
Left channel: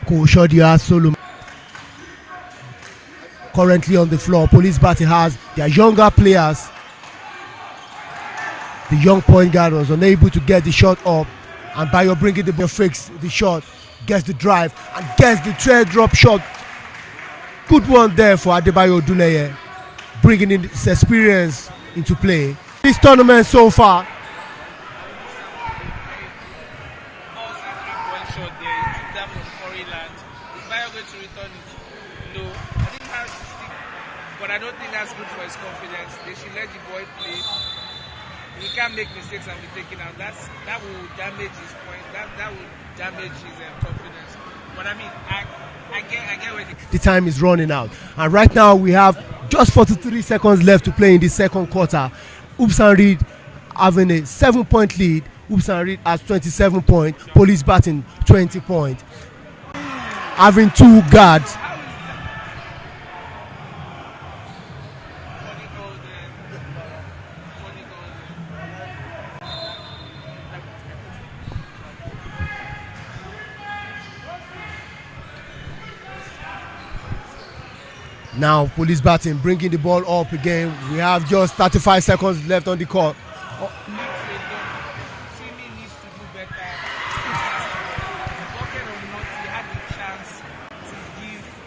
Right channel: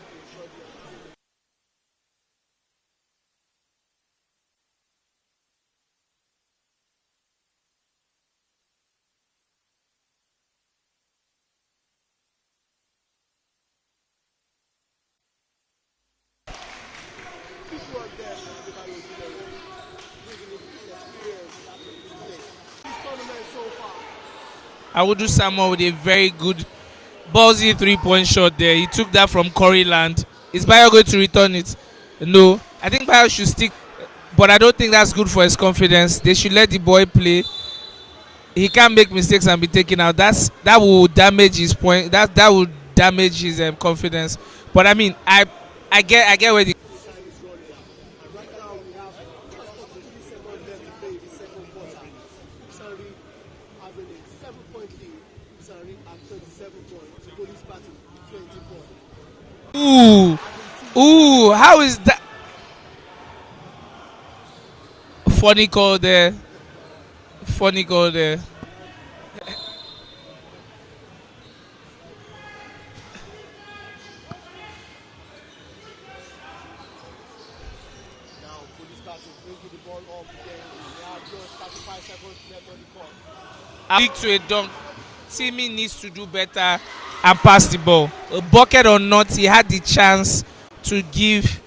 Koshodia Solomon currently on the floor. Police Batting has their younger players. The young point guard was unable to get the shot up, and Bayo bringing the ball, fakes the shot, gets the drive, and gets the teardrop shot. Good one there for Adebayo Oduneye, bringing in his experience into play. This tournament so far, I would do someone with a very good ballsy 3-point shot there. He took that from Corey Land. Is Bayo going to return it? No. I think Bayo should stick, but I don't think that's good for his confidence. They should let the boy play. He can't make mistakes and be taken out. That will damage his point. That will damage his confidence. But I mean, I get where the time is running out, and right now we have just 43 seconds left to play in the second quarter. Hoops and Reed having a 7-point lead. Hoops and Reed has 27 points. Police Batting 20 points. Ooh. Having 2 guards. How is that? Funny call there. Funny call there. Now Police Batting bringing the ball up again. We have just 35 seconds left on the court. Lead to a dunk. Timmy needs to do better and pass the ball. A bucket or not, he had the chance to give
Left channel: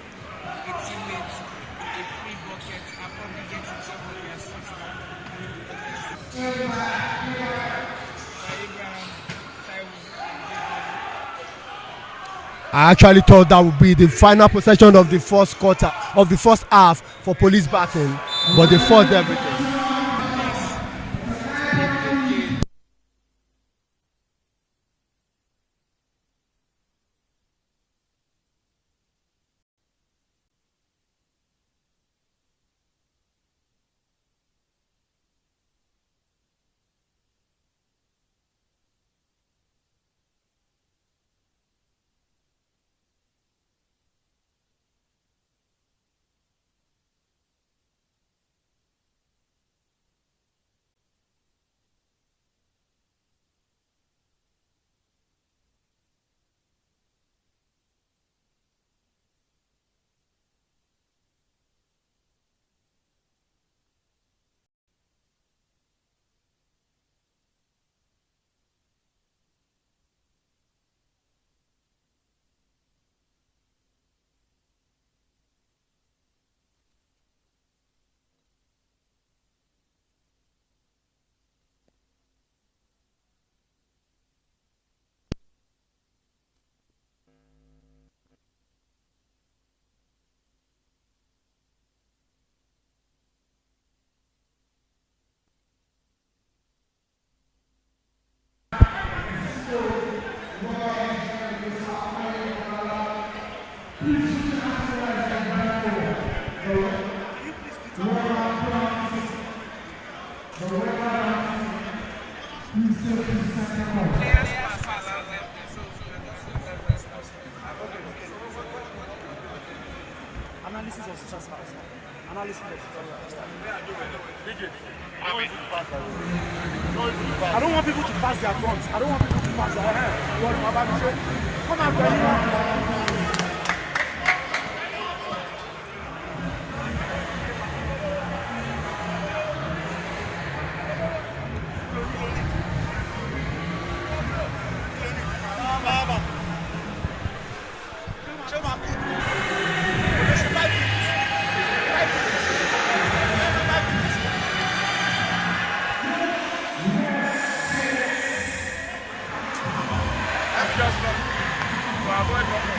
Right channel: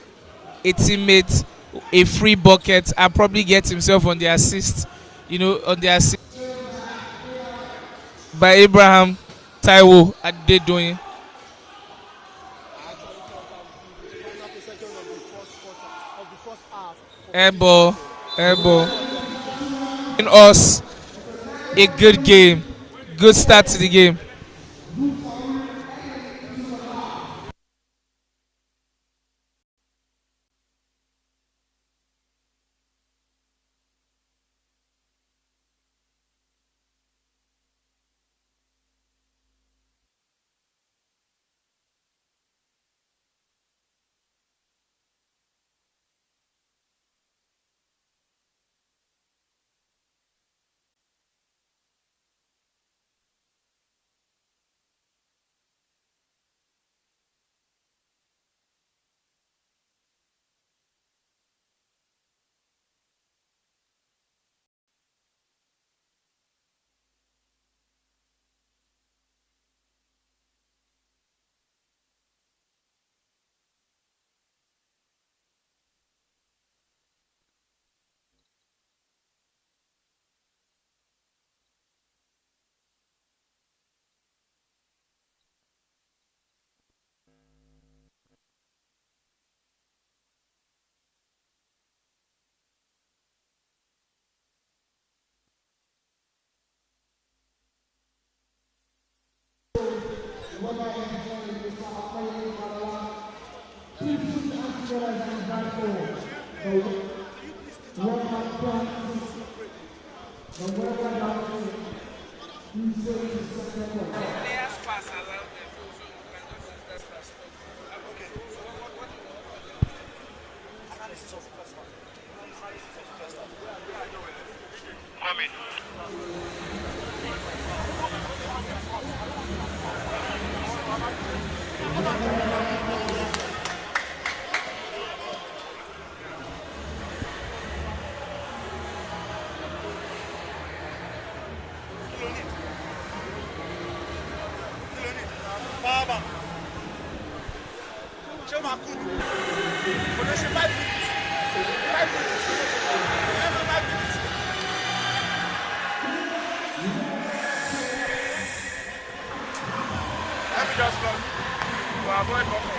a teammate a free bucket and probably get himself on the assist. On the assist by Abraham Taiwo Adedoyin. I actually thought that would be the final possession of the first quarter, of the first half for Police Batting, but they fought everything. In us, a good game, good start to the game. Players pass and let them. So you can just I don't want people to pass their guns. I don't want people to pass their guns. Come on, come on. Let me just run to avoid buffer.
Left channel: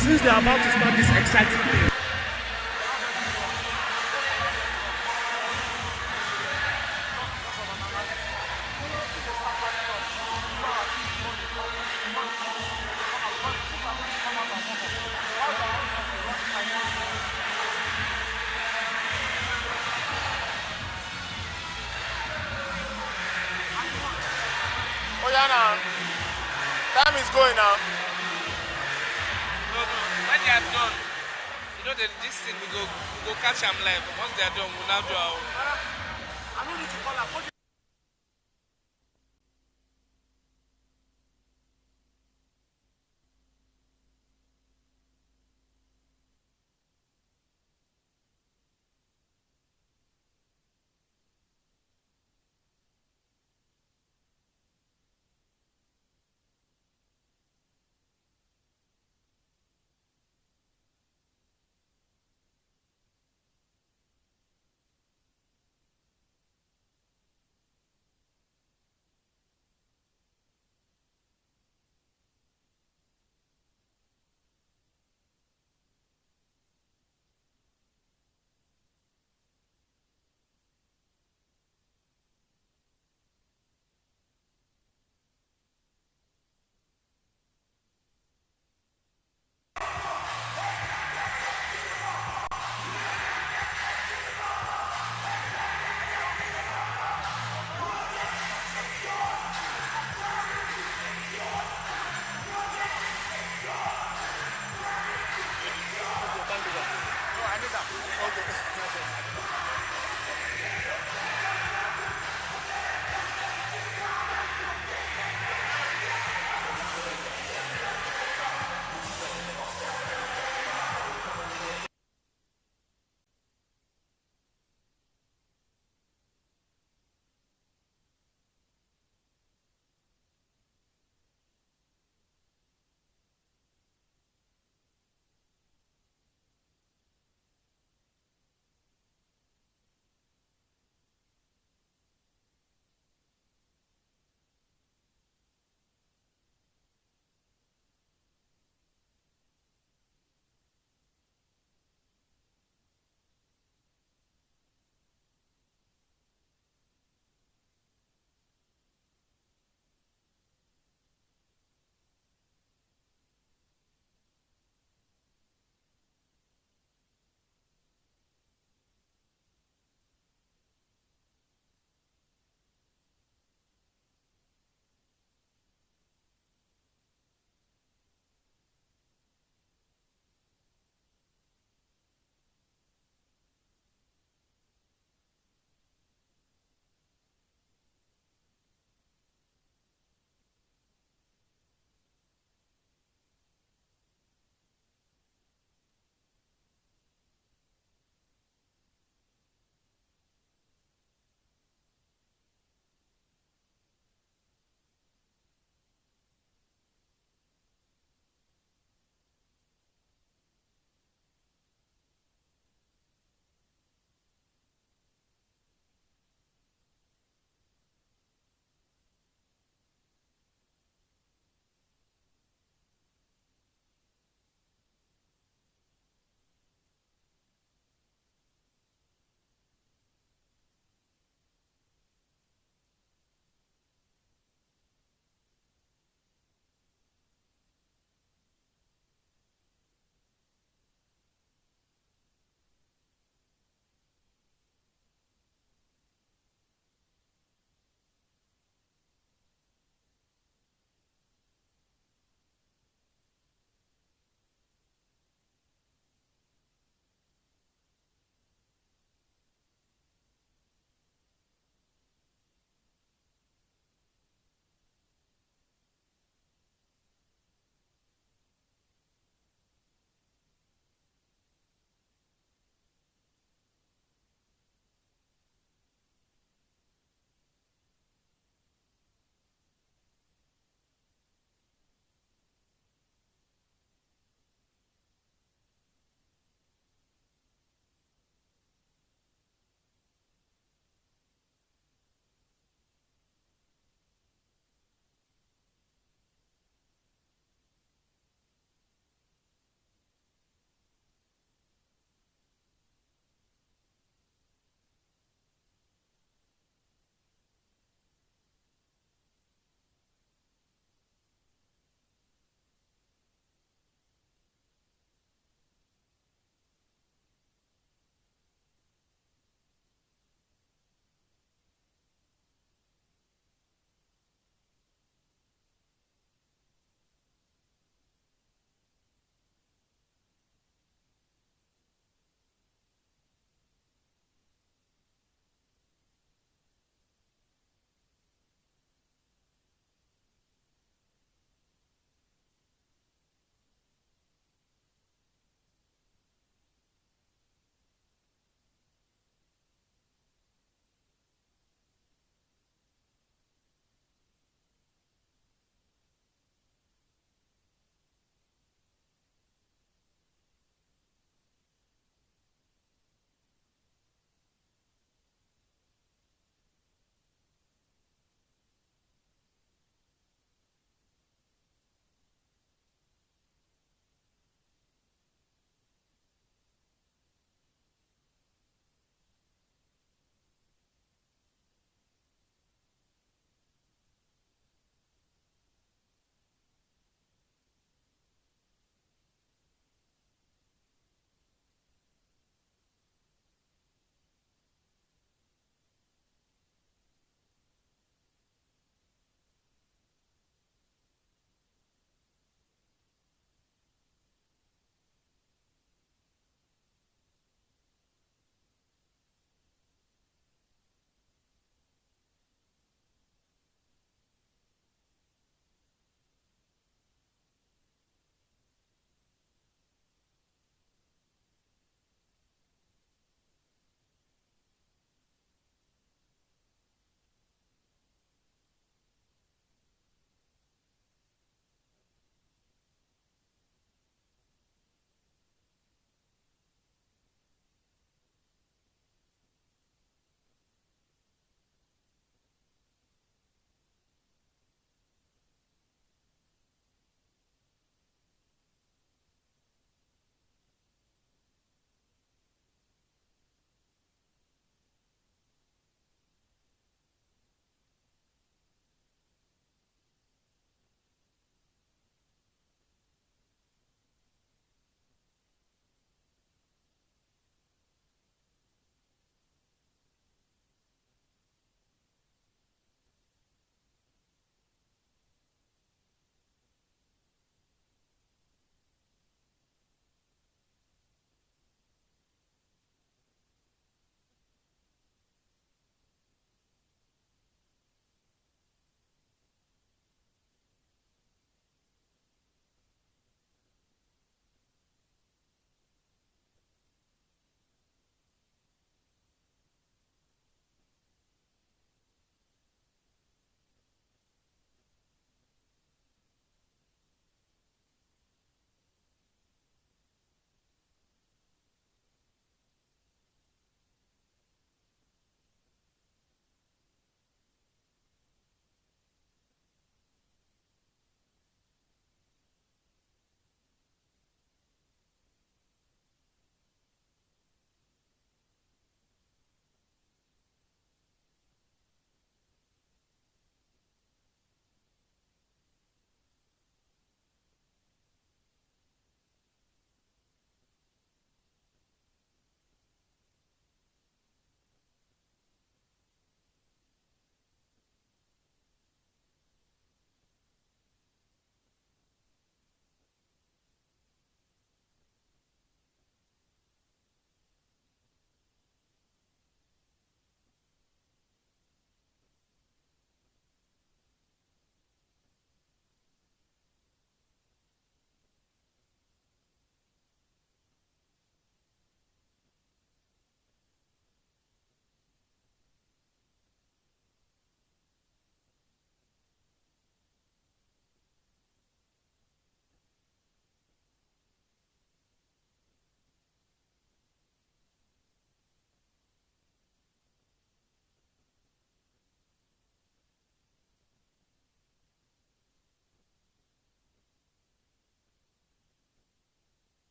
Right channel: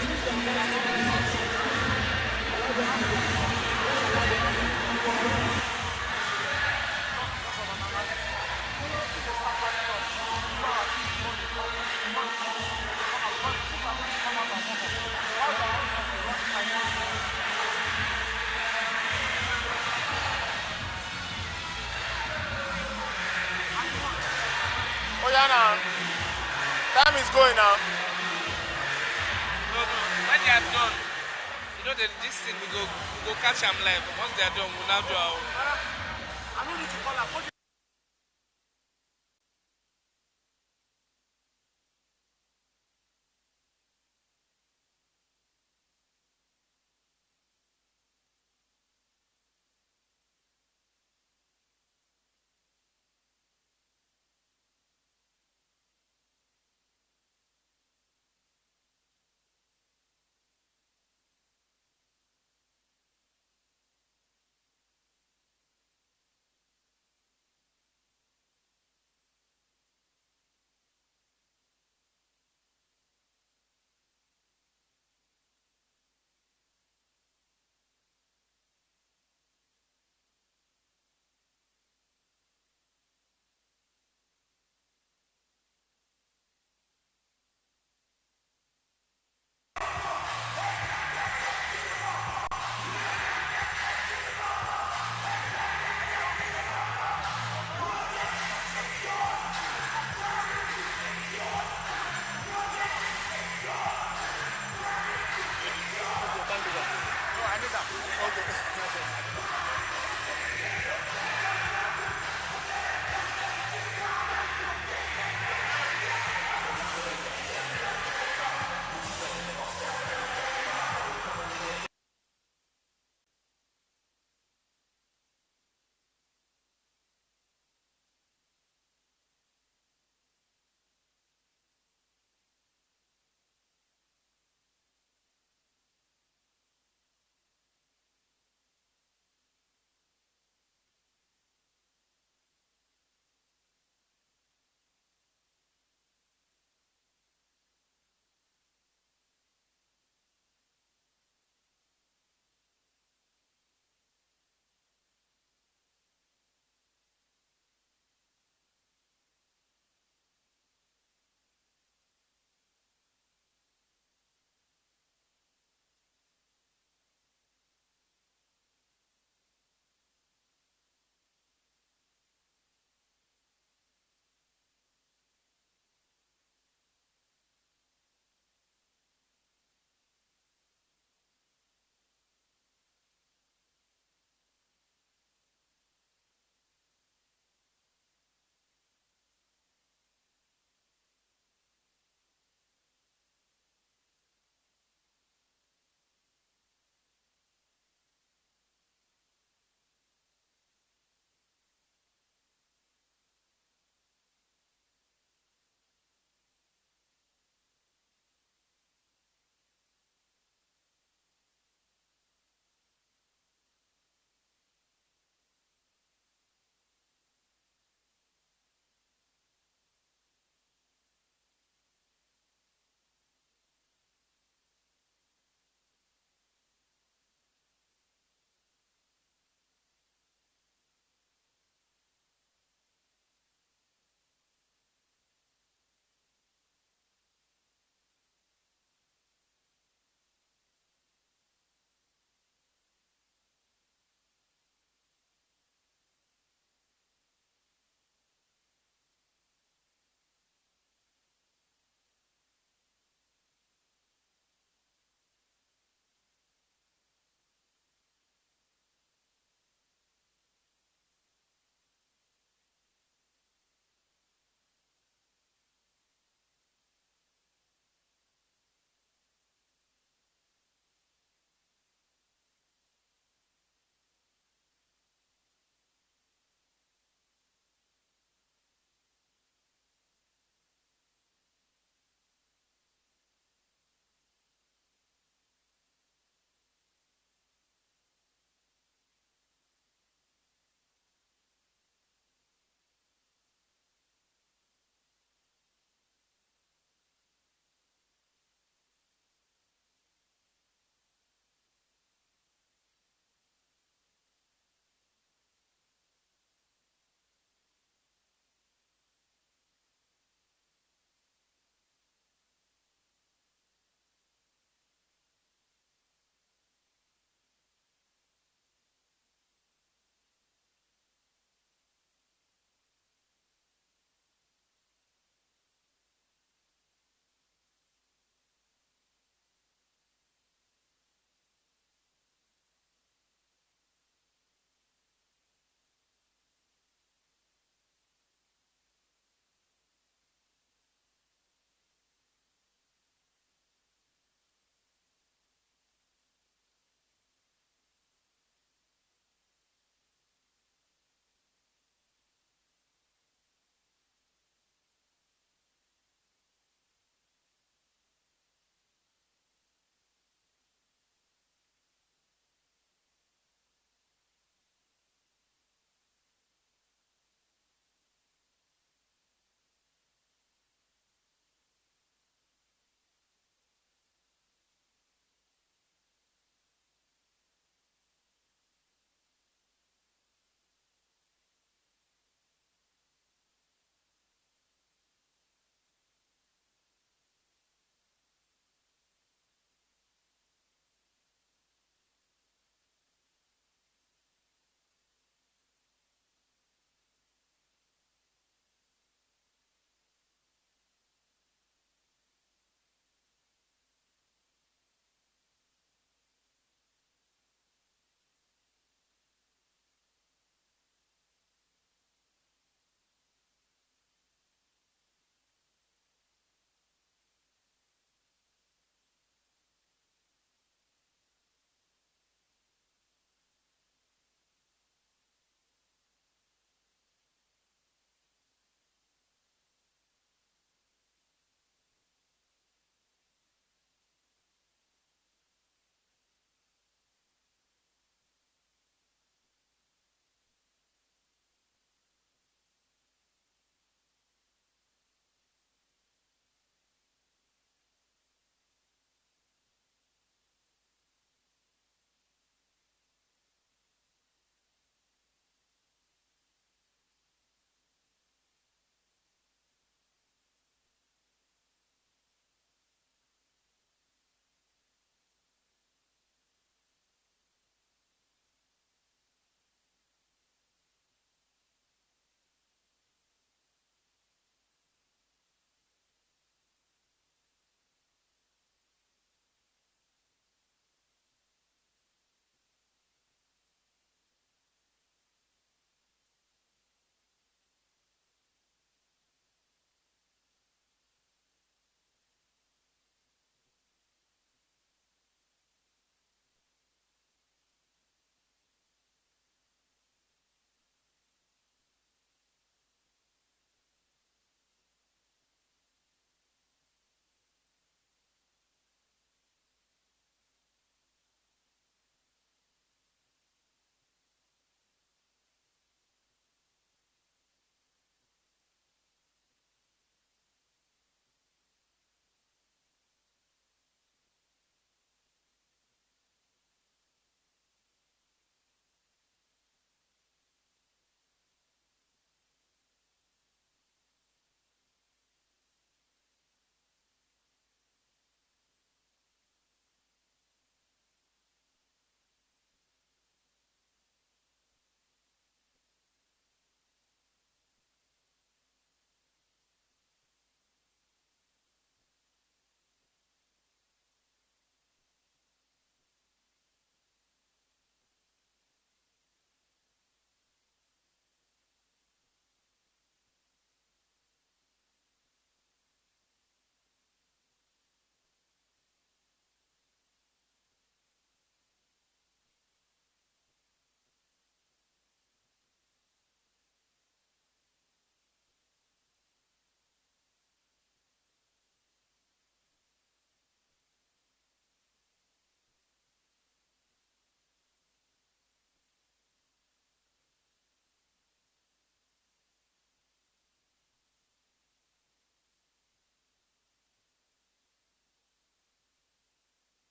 Since they are about to start this exciting game, Oh yeah, now. Time is going now. no. When they are done, you know that this thing we go catch them live. Once they are done, we'll now do our own. I don't need to call her.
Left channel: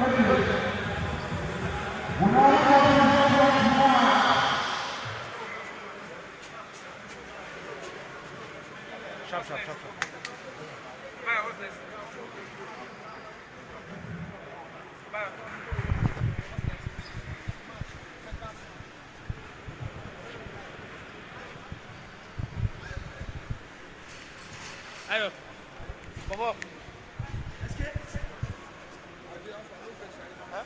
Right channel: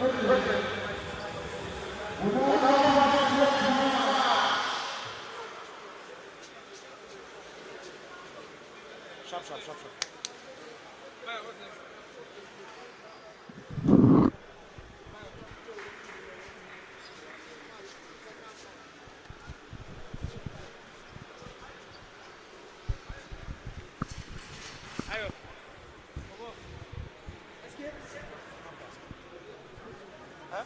Sharp, sharp, sharp, sharp. Ayo. Bobo. Huh?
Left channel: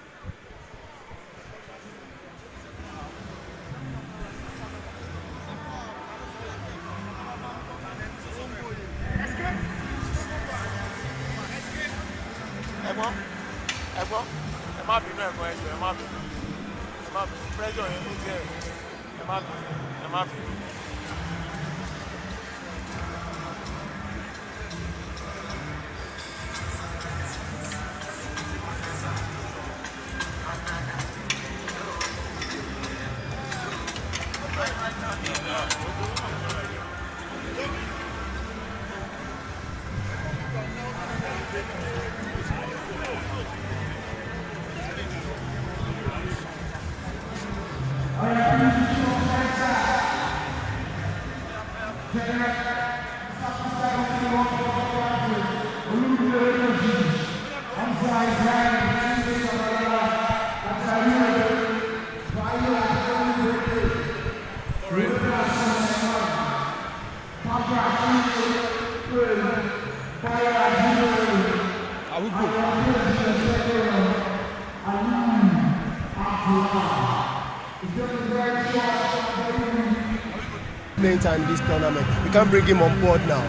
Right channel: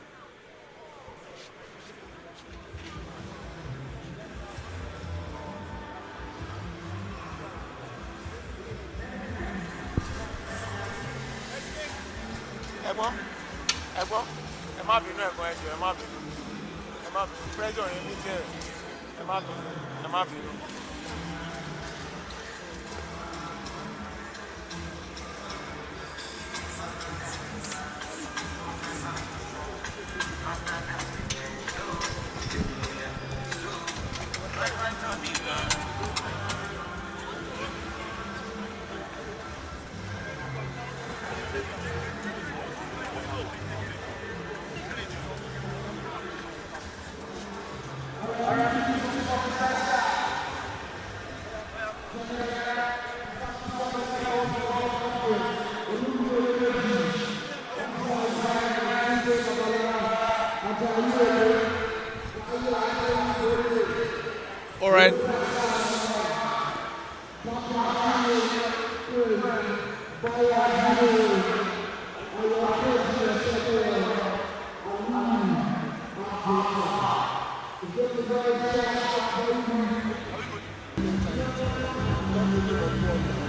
Ẹ̀gbọ́n, ẹ má bínú ẹ̀gbọ́n ẹjọ́, ẹ má bínú. Pressure yẹn ní díẹ̀. Ẹ má bínú. All right. Playing time in this tournament. You can't bring him on board now.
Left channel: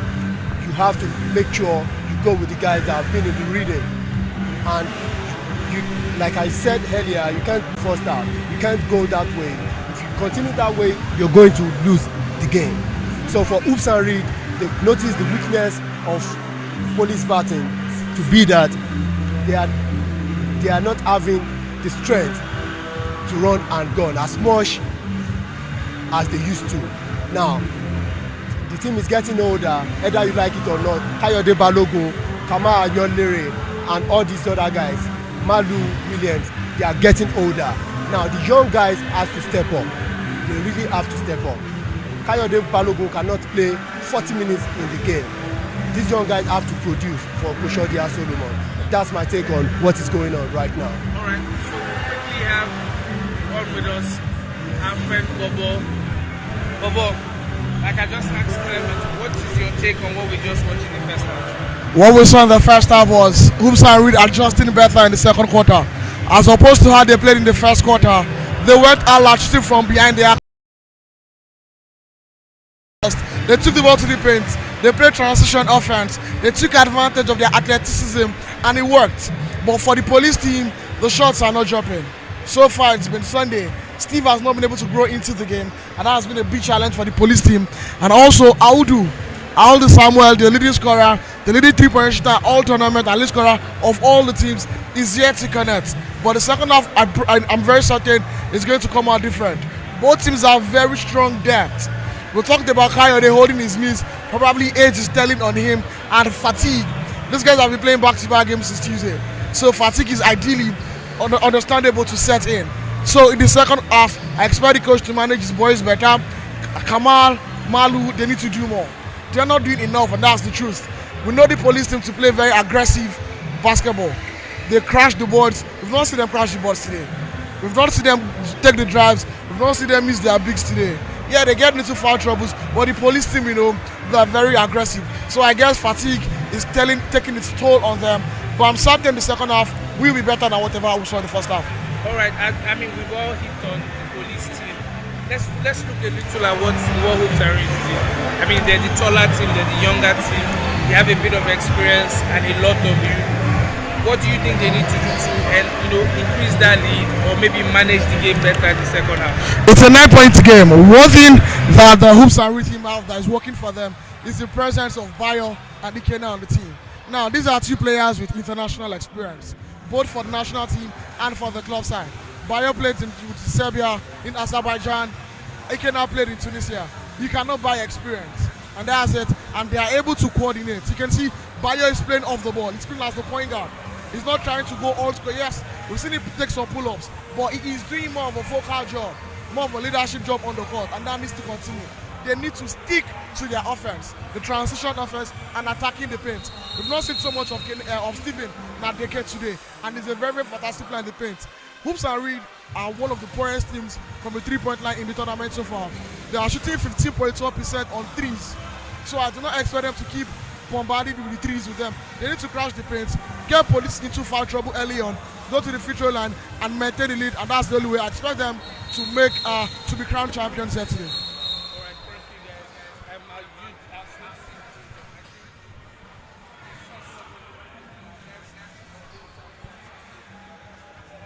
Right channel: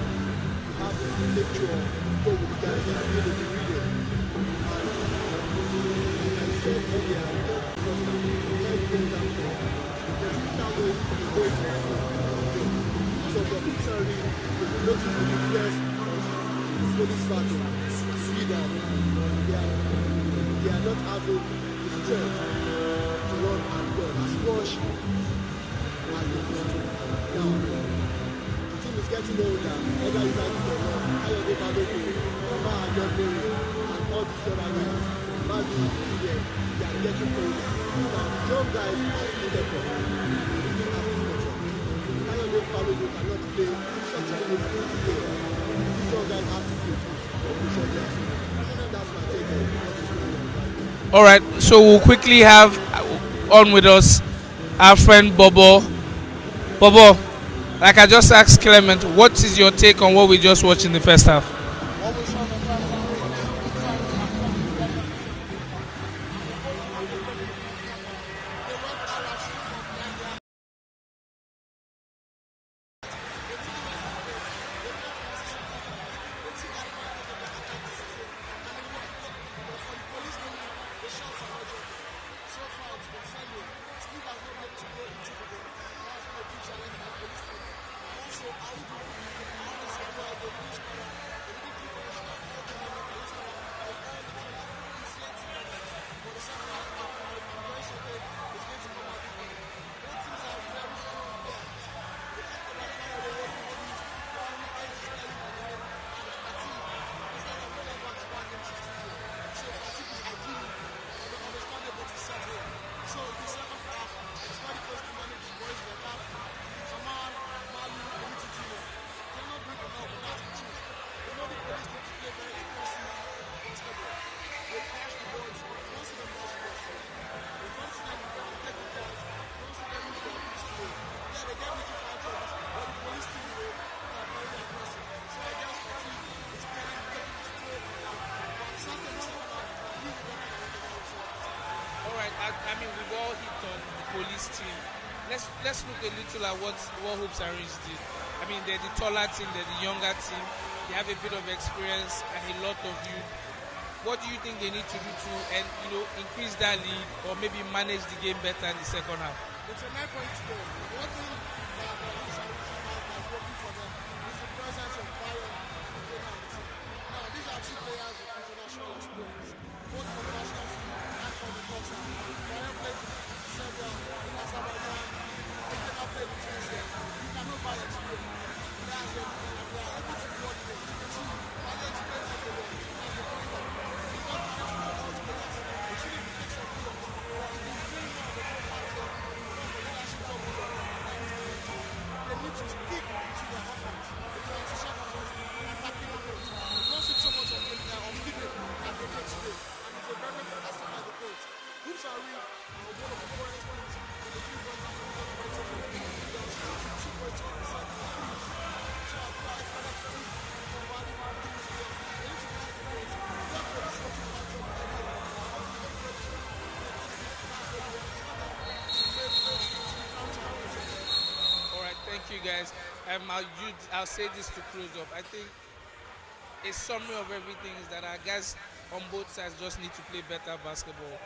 You have to make sure you go with the guys that have been in the relay. And you, like I said earlier, you can't first out. You can't go that way. If you continue that way, you're going to lose the game. So for Oops and Reed, they've noticed the weakness of police BATON to be that they are not having the strength to run and gun as much as they used to. Now, the team is getting older, either you like it or not. Kayode Balogun, Kamal Ayonlere, and all these other guys, Malu Williams, they are getting older. Now, the young guys have to step up. They really have to step up. Kayode Balogun cannot play 40 minutes in the game. These young guys have to produce for Koshodi Solomon. That's my take on what is going on right now. All right. So we'll quickly have on with us our friend Bobo. Bobo, like I just asked Clement, what is your take on what we just watched in the first half? What we saw in the first half was Hoops and Reed adjusting better in the second quarter. As opposed to how they played in the first quarter, they went out shooting from behind the arc. They took the ball to the paint. They played transition offense. They took advantage of their athleticism and it worked. But for the police team, the shots are not dropping. So far, it's been Sunday. Steve has not been able to grow into the game, and that has been a big challenge for the police team. And also, Audu Samuel, the leading scorer, the leading three-point shooter, all tournament, and leading scorer of all the teams, is yet to connect. But the second half, I'm very certain, is going to come out different. Both teams have very strong depth. We talked about Kayode holding his knees, probably age is telling on him, and fatigue. These guys have been playing back-to-back games since Tuesday. So fatigue is ideally understandable to set in. So in the second half, I expect the coach to manage his boys better. Kamal, Malu, they need to do more. They're not doing enough, and that's the truth. We know the police team to play very aggressive basketball. They crash the boards. We've not seen them crash the boards today. We've not seen them take the drives. We've not seen them miss their bigs today. Yeah, they get into foul troubles, but the police team, they're very aggressive. So I guess fatigue is taking its toll on them. But I'm certain the second half will be better than whatever we saw in the first half. All right. I mean, we've all hit on the police team. Let's look a little at what Hoops and Reed did. I mean, they're the taller team, they're the younger team. They have a bit of experience and a lot of youth. What do you think they need to do to increase that lead or maybe manage the game better in the second half? It's a 9-point game. One thing that the Hoops and Reed team have that is working for them is the presence of Bayo and Ikena on the team. Now, these are two players with international experience, both for the national team and for the club side. Bayo played in Serbia, in Azerbaijan. Ikena played in Tunisia. You cannot buy experience, and that's it. And they are able to coordinate. You can see Bayo is playing off the ball. He's playing as the point guard. He's not trying to go old school. Yes, we've seen him take some pull-ups, but he's doing more of a focal job, more of a leadership job on the court, and that needs to continue. They need to stick to their offense, the transition offense, and attacking the paint. We've not seen so much of Steven that they get today, and he's a very, very fantastic player in the paint. Hoops and Reed are one of the poorest teams from the three-point line in the tournament so far. They are shooting 15.1% on threes, so I do not expect them to keep bombarding with the threes with them. They need to crash the paint, get police into foul trouble early on, go to the free throw line, and maintain the lead, and that's the only way I expect them to be crowned champions here today. I'll say this to close up. I think a summary of everything is that our guys on both sides just need to play better basketball.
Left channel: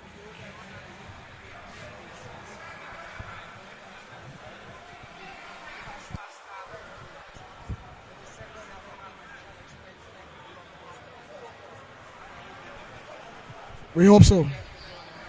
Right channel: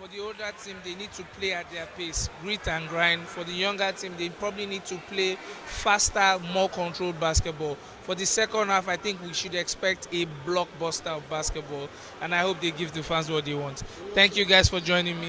For the older team, they need to play at their pace, grit and grind. For the younger team, they probably need to play faster, more controlled basketball. For the second half, I think we should expect a blockbuster of basketball, and I hope they give the fans what they want. Thank you guys for joining me.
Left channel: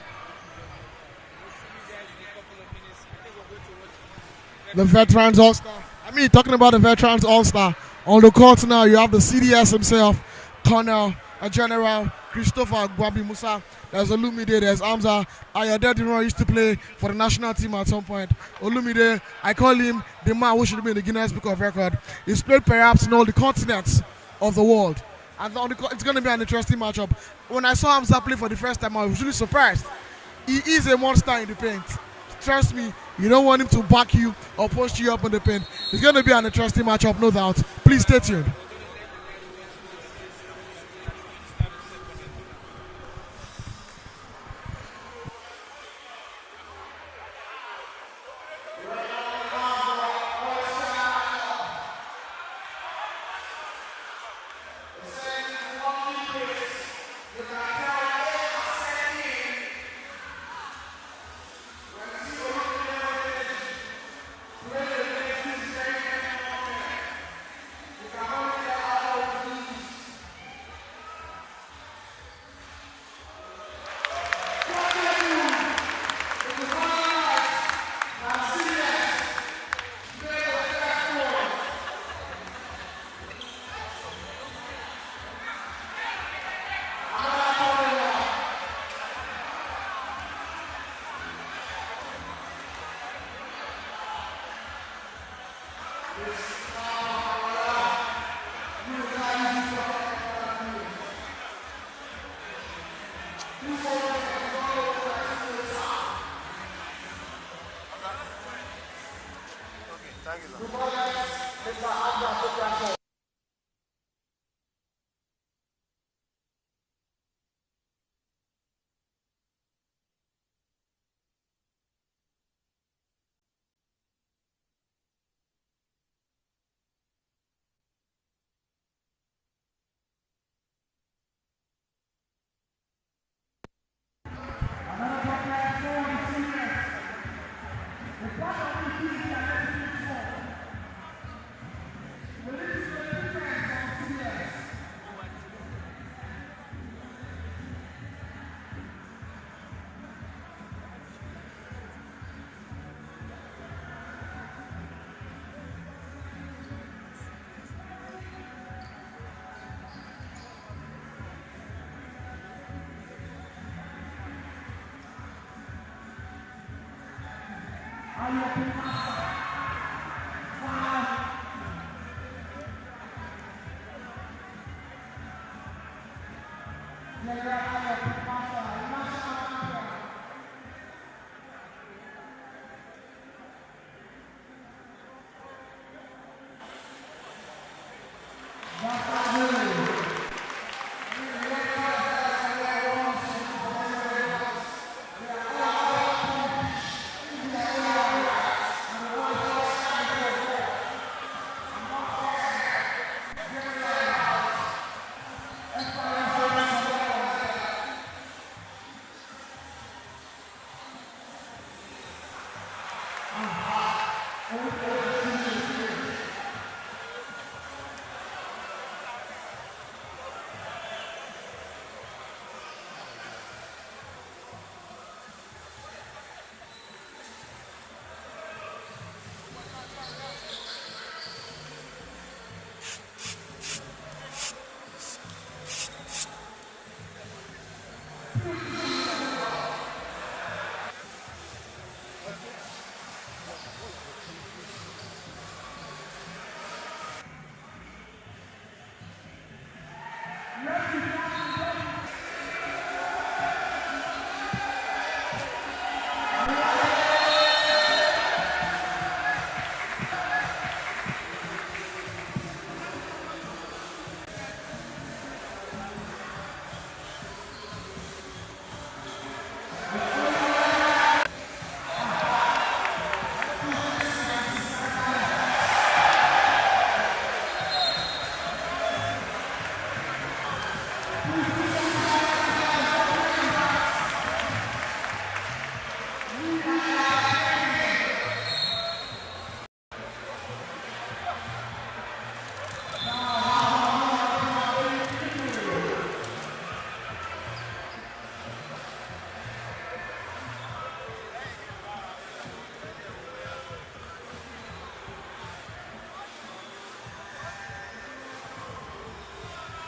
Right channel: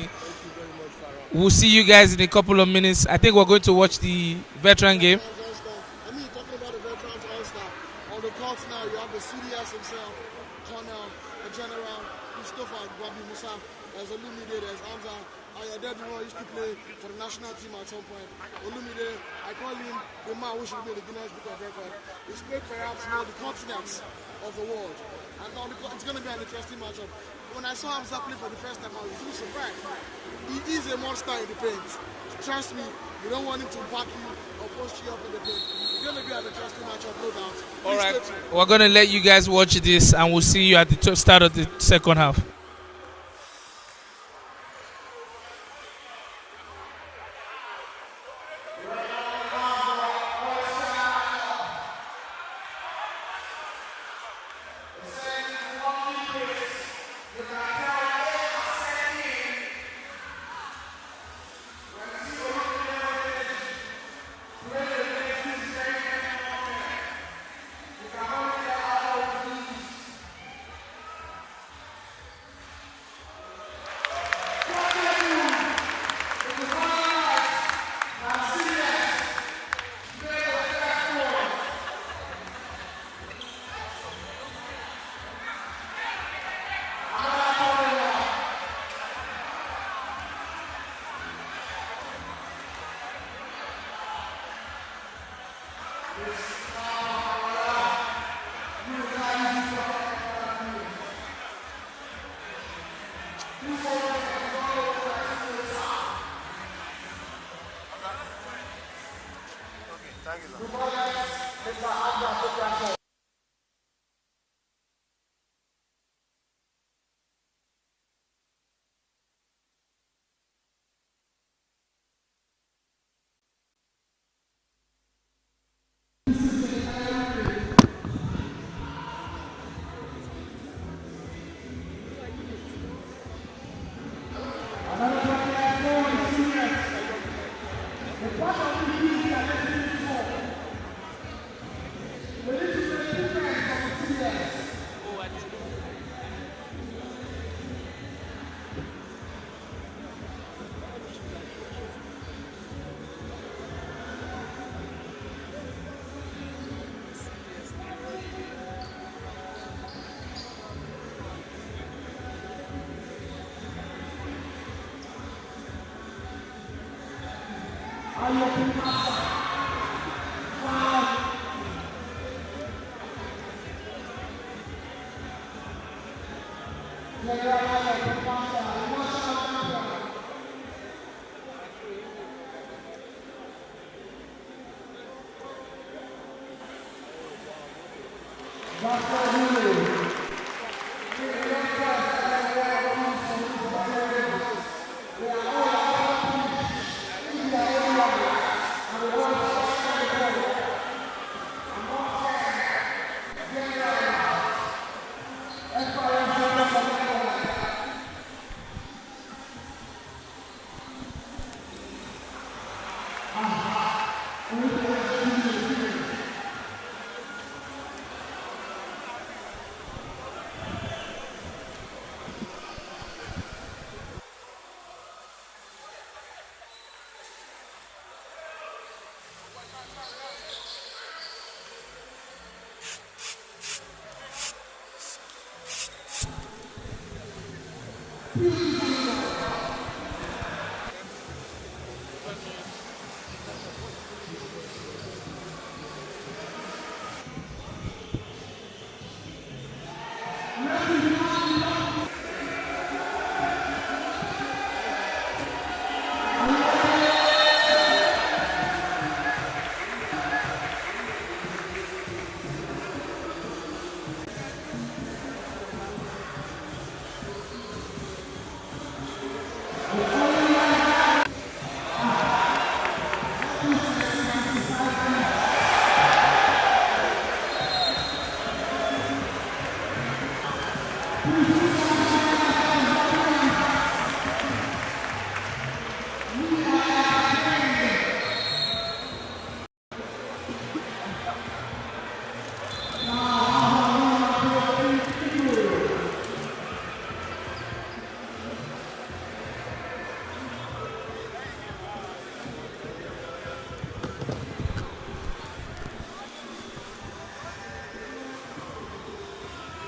We'll see you guys in a couple of minutes. I think we're going to watch the veteran game. I mean, talking about the veterans all-star, on the court now you have the CDS himself, Colonel, a General, Christopher Gwabi Musa, there's Olumide, there's Hamza, Ayodele used to play for the national team at some point. Olumide, I call him the man who should be in the Guinness Book of Record. He's played perhaps in all the continents of the world, and it's going to be an interesting matchup. When I saw Hamza play for the first time, I was really surprised. He is a monster in the paint. Trust me, you don't want him to back you or post you up on the paint. It's going to be an interesting matchup, no doubt. Please stay tuned. We're going to let you guys watch this, and we'll see you at the start of the second half.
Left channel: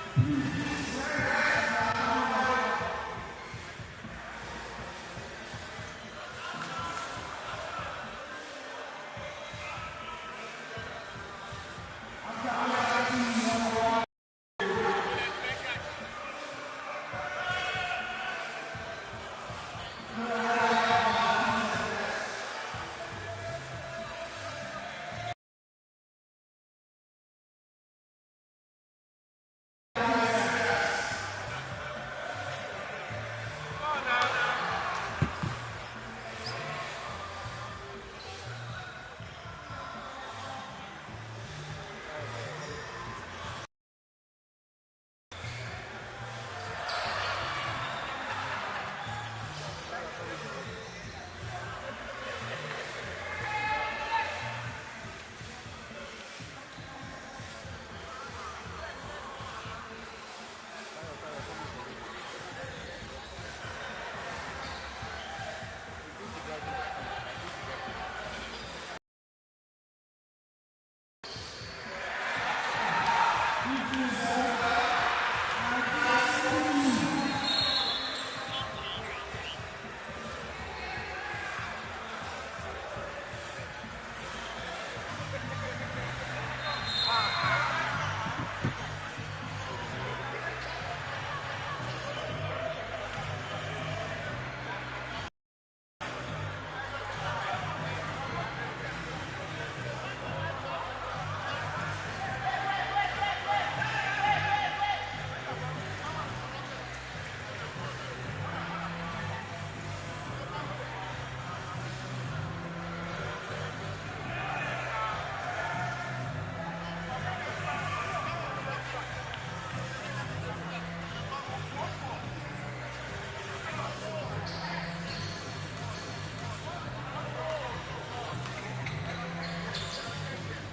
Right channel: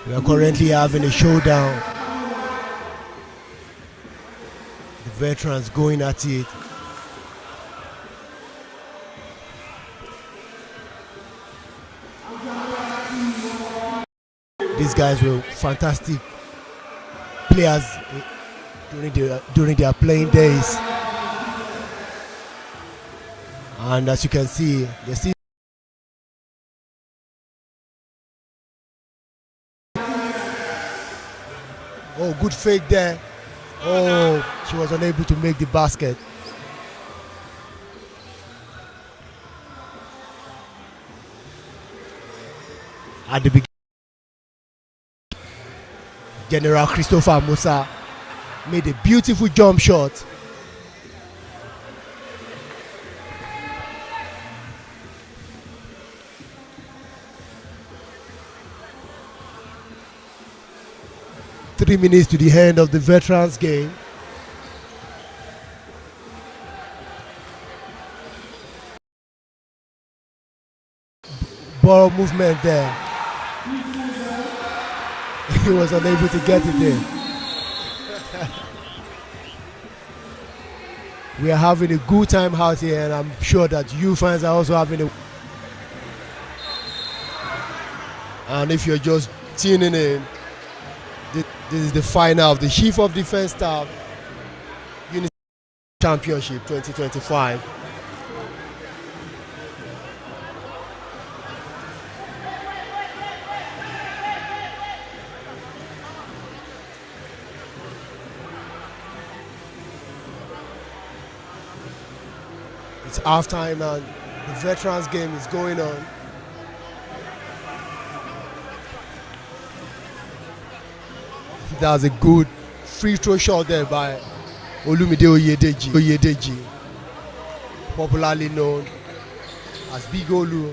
We are currently having a showdown. The veterans going at it. These guys were fantastic players during their playing days. And as you can see, they see oh, good fake there. Oh, she was unable to make the basket. At the beginning, General Christopher Musa made a beautiful jump shot. Three minutes to the end of the veterans game. Ball movement there. He was unable to get it in. We are having a good time out here, and I'm sure that you fans are also having a. And if you're just tuning in, this is the final of the Chief of Defense Staff Unity Championship 2025. It's halftime and the veterans game is going on. That was a good free throw shot there by Olumide Oyedeji, popularly known as Big Olu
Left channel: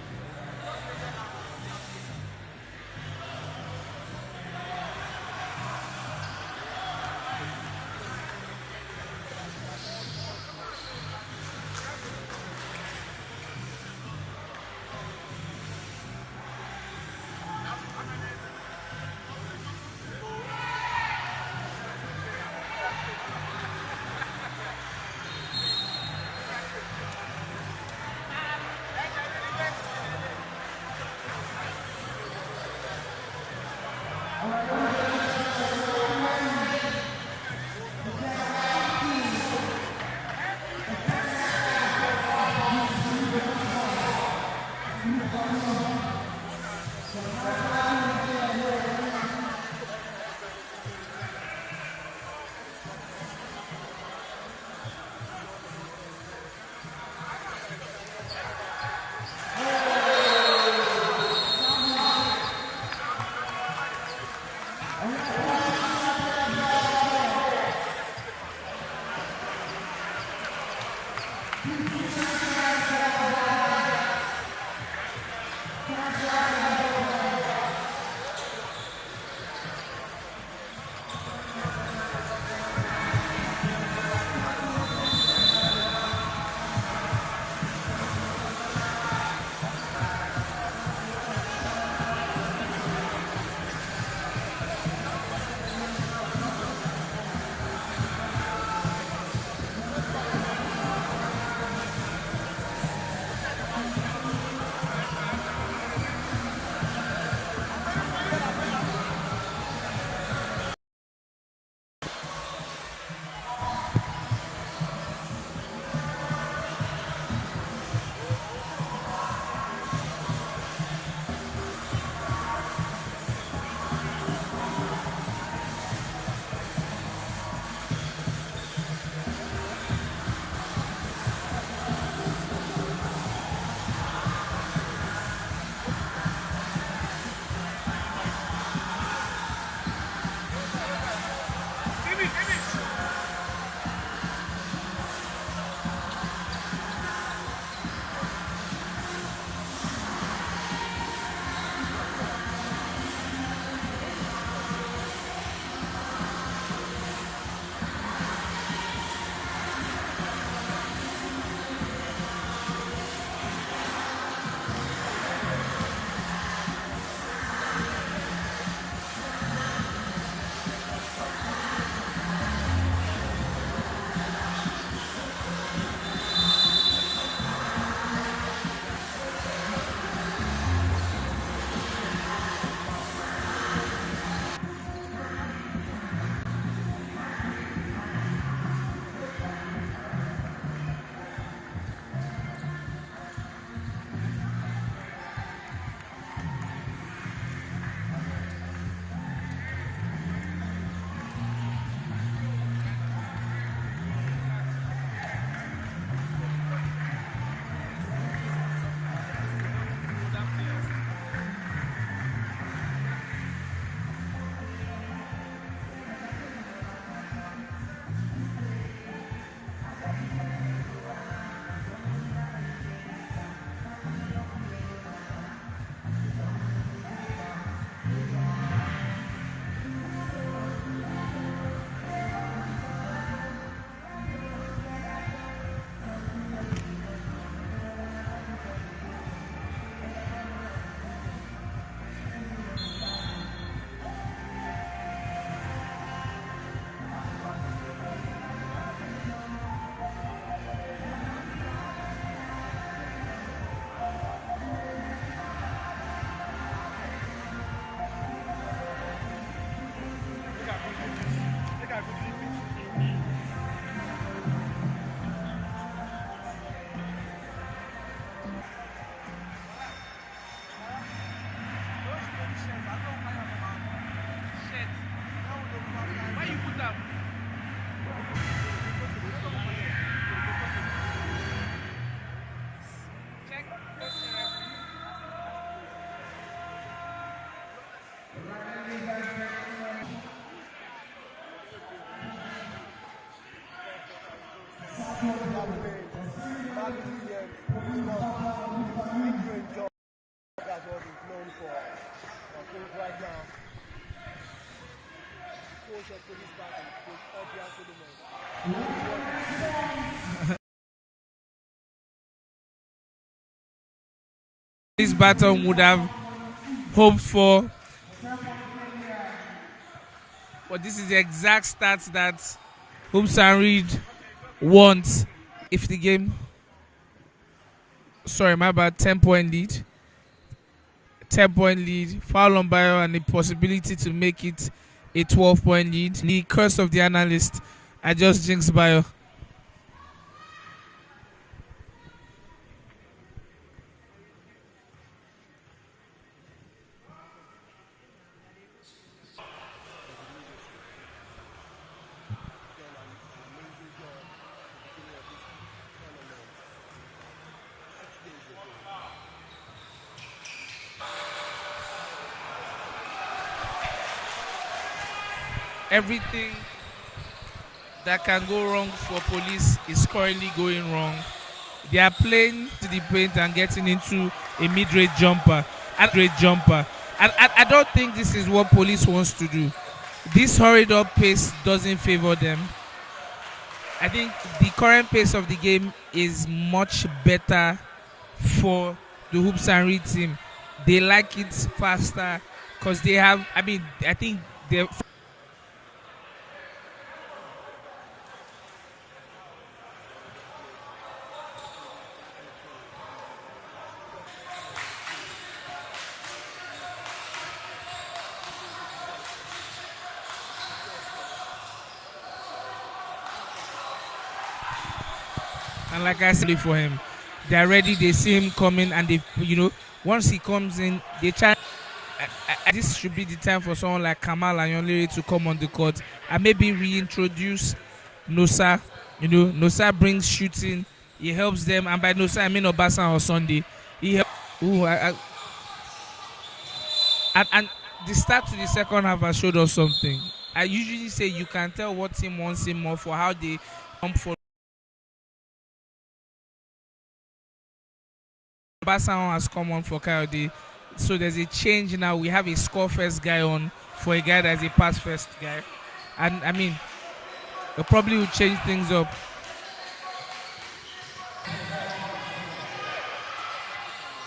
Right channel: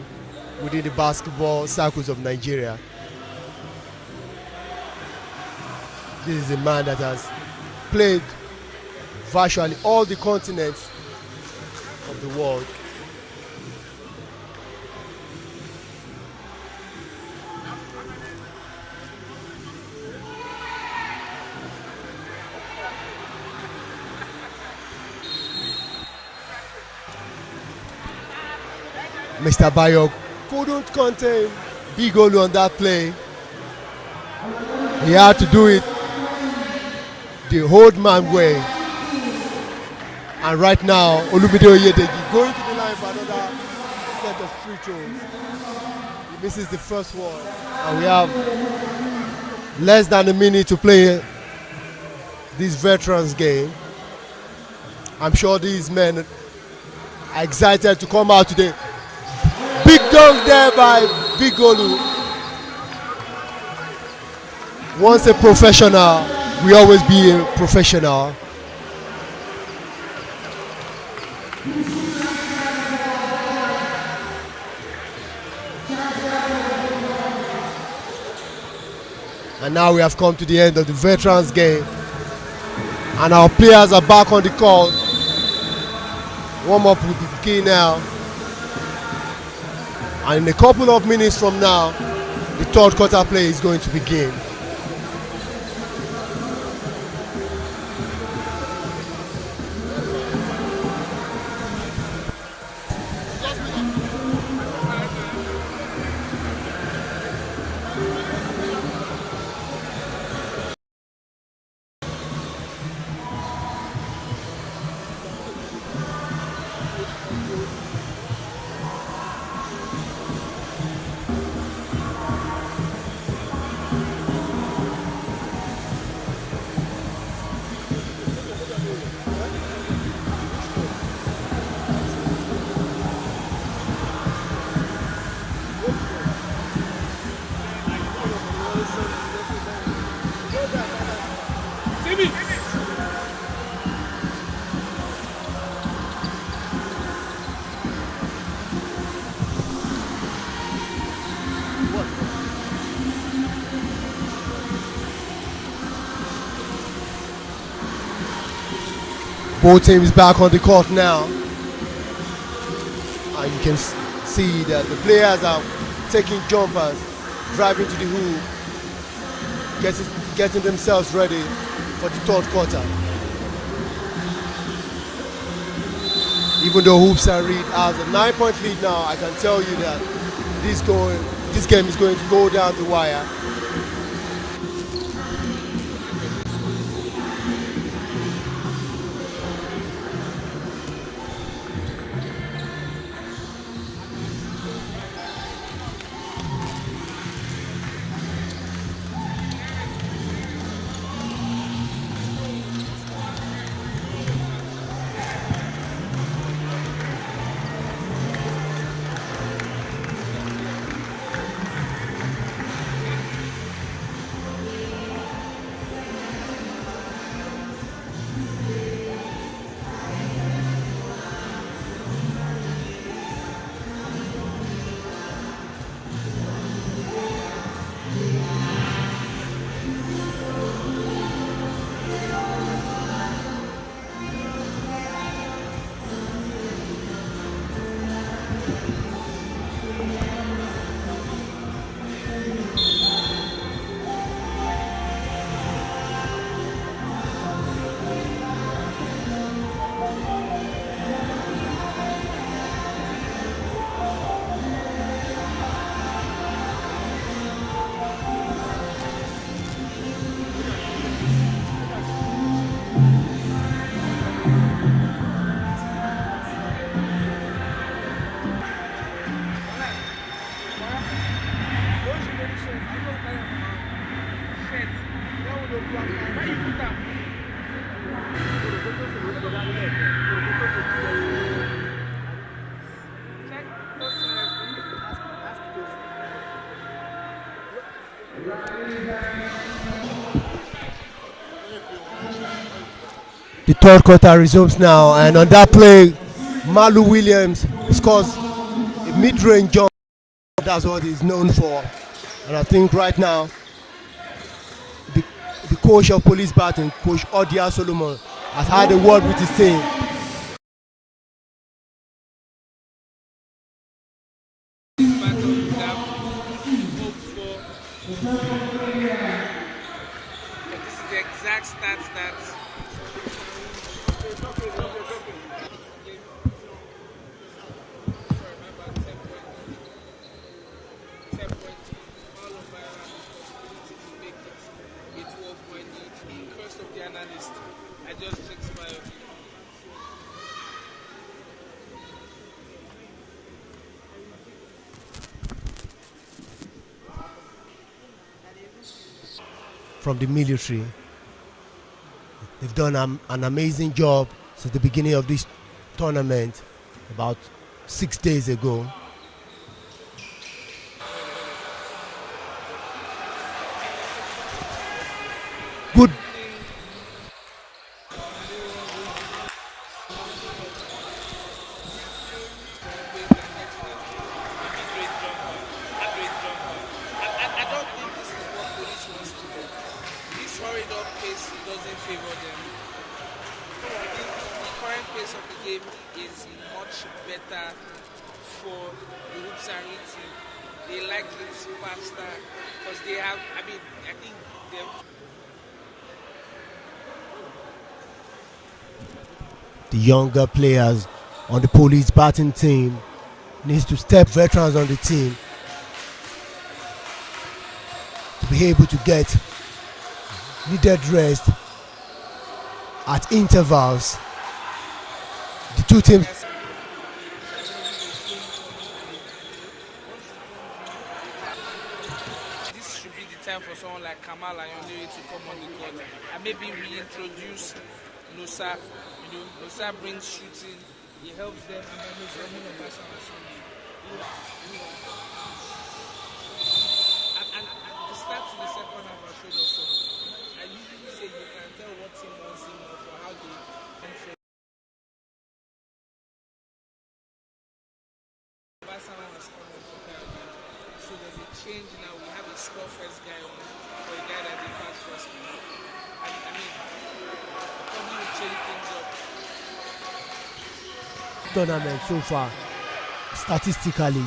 within the basketball circles of Nigeria. This is a man that has played virtually all the continents of the world. Mr. Bayo couldn't contain Big Olu on that play. He had to do it the old man way. And right now, Olumide Oyedeji going to the line for another set of free throws. This is the first one. And we have less than a minute to play this veterans game. I'm sure these men are excited to come out today. Big dunk there by Big Olu. Once a professional, we always be a professional. And now we have come to the end of the veterans game. And our players are back on the court. Warm up will begin now. And in a couple of minutes from now, the third quarter play is going to begin. Both teams back on the court now. And you can see that the players are taking jumpers, driving to the hoop, getting themselves ready for the third quarter. Even though Hoops and Reed has a 9-point lead now, I can tell you that this game is going to go down the wire. The third quarter resumes now, and on that play, Malu Williams scores a mid-range jump. That's what he's known for. And I think right now, the coach of Police Baton, Coach Odia Solomon, has had a word with his team. This Baton would have hoped for, but this is the exact stats that Hoops and Reed wants if the game, sorry, my bad, 10-point lead. 10-point lead, foul on Bayo, and the possibility to make it a 12-point lead. The curse of the analyst, I just jinxed Bayo. From the military. They've done an amazing job since the beginning of this tournament about 6 days ago. Everything that can go wrong for Police is currently going wrong. They are playing to the paint and getting into a mid-range jumper. And I don't think this is what Police wants to do. This hurried up pace doesn't favor them. I think the current pace of the game is much better for the Hoops and Reed team. They like it faster because they have, I think they're... The younger players on the Police Baton team needs to step veterans on the team to be able to get needed rest at intervals. The two teams. Like I said for him, they're ready. They see him coming, and they, once he comes in, they try. This should be the time for someone like Kamal and Yonlere to come on the court and maybe reintroduce Nosa. Nosa brings shooting. He helps them, and by Nosa I mean Obasan or Sunday. He helps. And the start to the second half has showed us something. I usually say you can tell what team wants him more for how they come for. Obasan has come on for Coyote, so there's a change now. We have a score first guy on for a guy that's a pass first guy, and I mean, it probably will change things up. tournament so far. Statistically,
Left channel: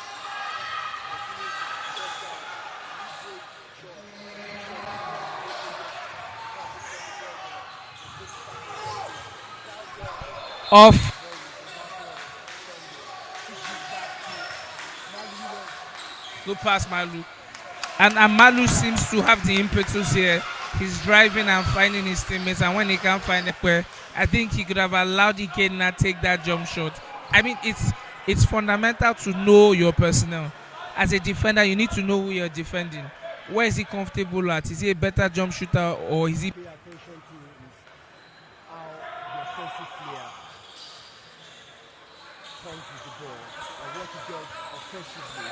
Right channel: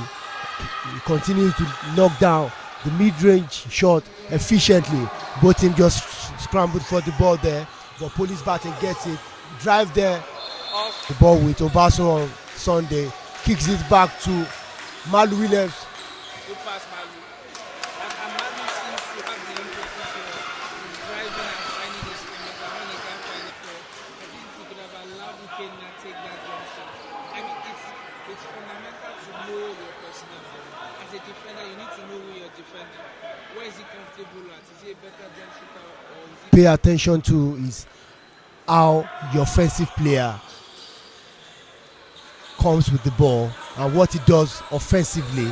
he continues to knock down the mid-range shot efficiently. Both teams just scrambled for the ball there, but Police Baton gets it. Drive there, Off. the ball with Obaso on Sunday. Kicks it back to Malu Williams. Good pass, Malu. And Malu seems to have the impetus here. He's driving and finding his teammates, and when he can't find it, I think he could have allowed Ikenna take that jump shot. I mean, it's fundamental to know your personnel. As a defender, you need to know who you're defending. Where is he comfortable at? Is he a better jump shooter, or is he... Pay attention to is how your offensive player comes with the ball and what he does offensively.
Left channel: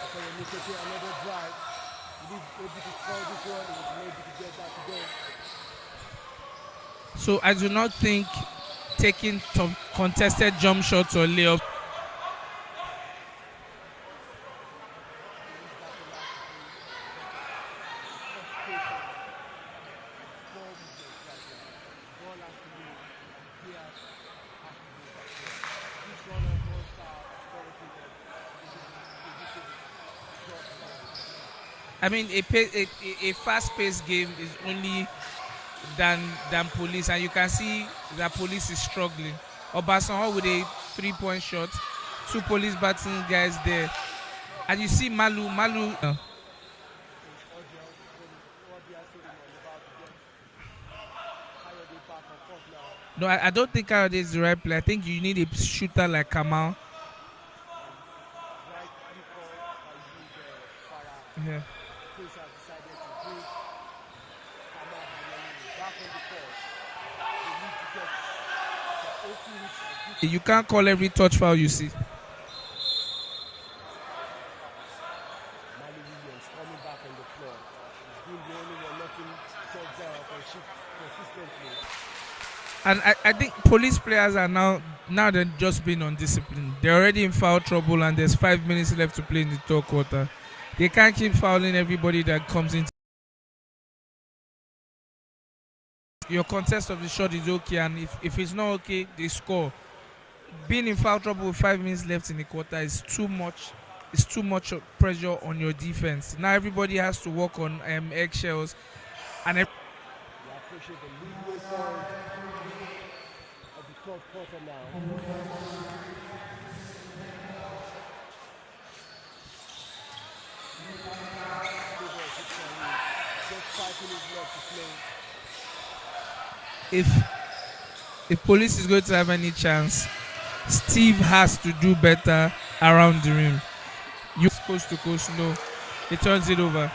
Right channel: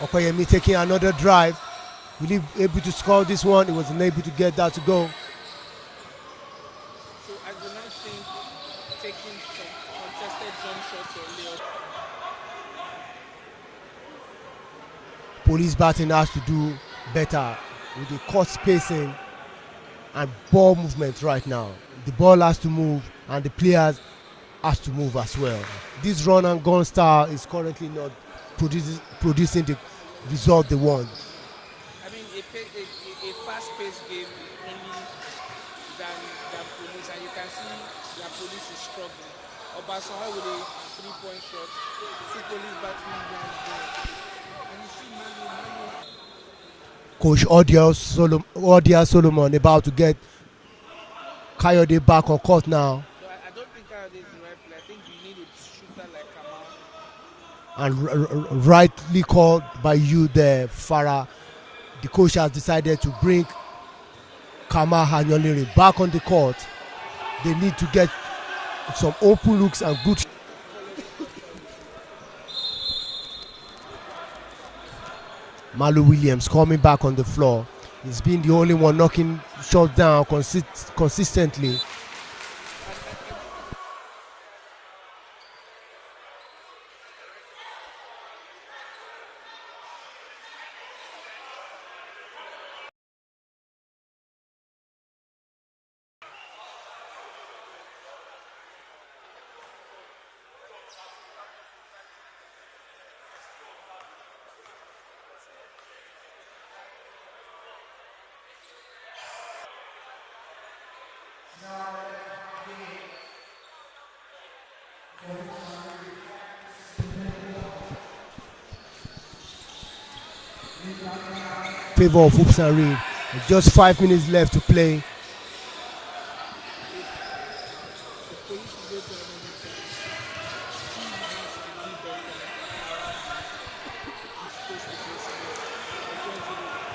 Okoyemi taking another drive. Will he able to score this one? He wasn't able to get that to go. So I do not think taking some contested jump shots or layup. Police Baton has to do better with the court spacing and ball movement right now. The ball has to move and the players has to move as well. This run and gun style is currently not producing the result they want. I mean, a fast-paced game is only than Police, and you can see that Police is struggling. Obasanjo with a 3-point shot, 2 Police Baton guys there, and you see Malu. Coach Odia Solomon about to get Kayode back on court now. No, I don't think Kayode is the right player. I think you need a shooter like Kamal. And rightly called by you there, Farah. Yeah. The coach has decided to bring Kamal Hanyolere back on the court. They need to get some open looks and good. You can't call every touch foul you see. Malu Williams coming back on the floor. He's been the only one knocking shots down consistently. And I think Police players are now they're just being undisciplined. They're already in foul trouble and there's 5 minutes left to play in the third quarter. They can't keep fouling everybody that comes in. Your contest of the shot is okay, and if it's not okay, they score. Being in foul trouble with 5 minutes left in the quarter is too much. It's too much pressure on your defense. Now everybody has to work on eggshells, and favor of Hoops and Ring. Just 5 minutes left to play. If Police is going to have any chance, Steve has to do better around the rim. You coast to coast, no. He turns it over.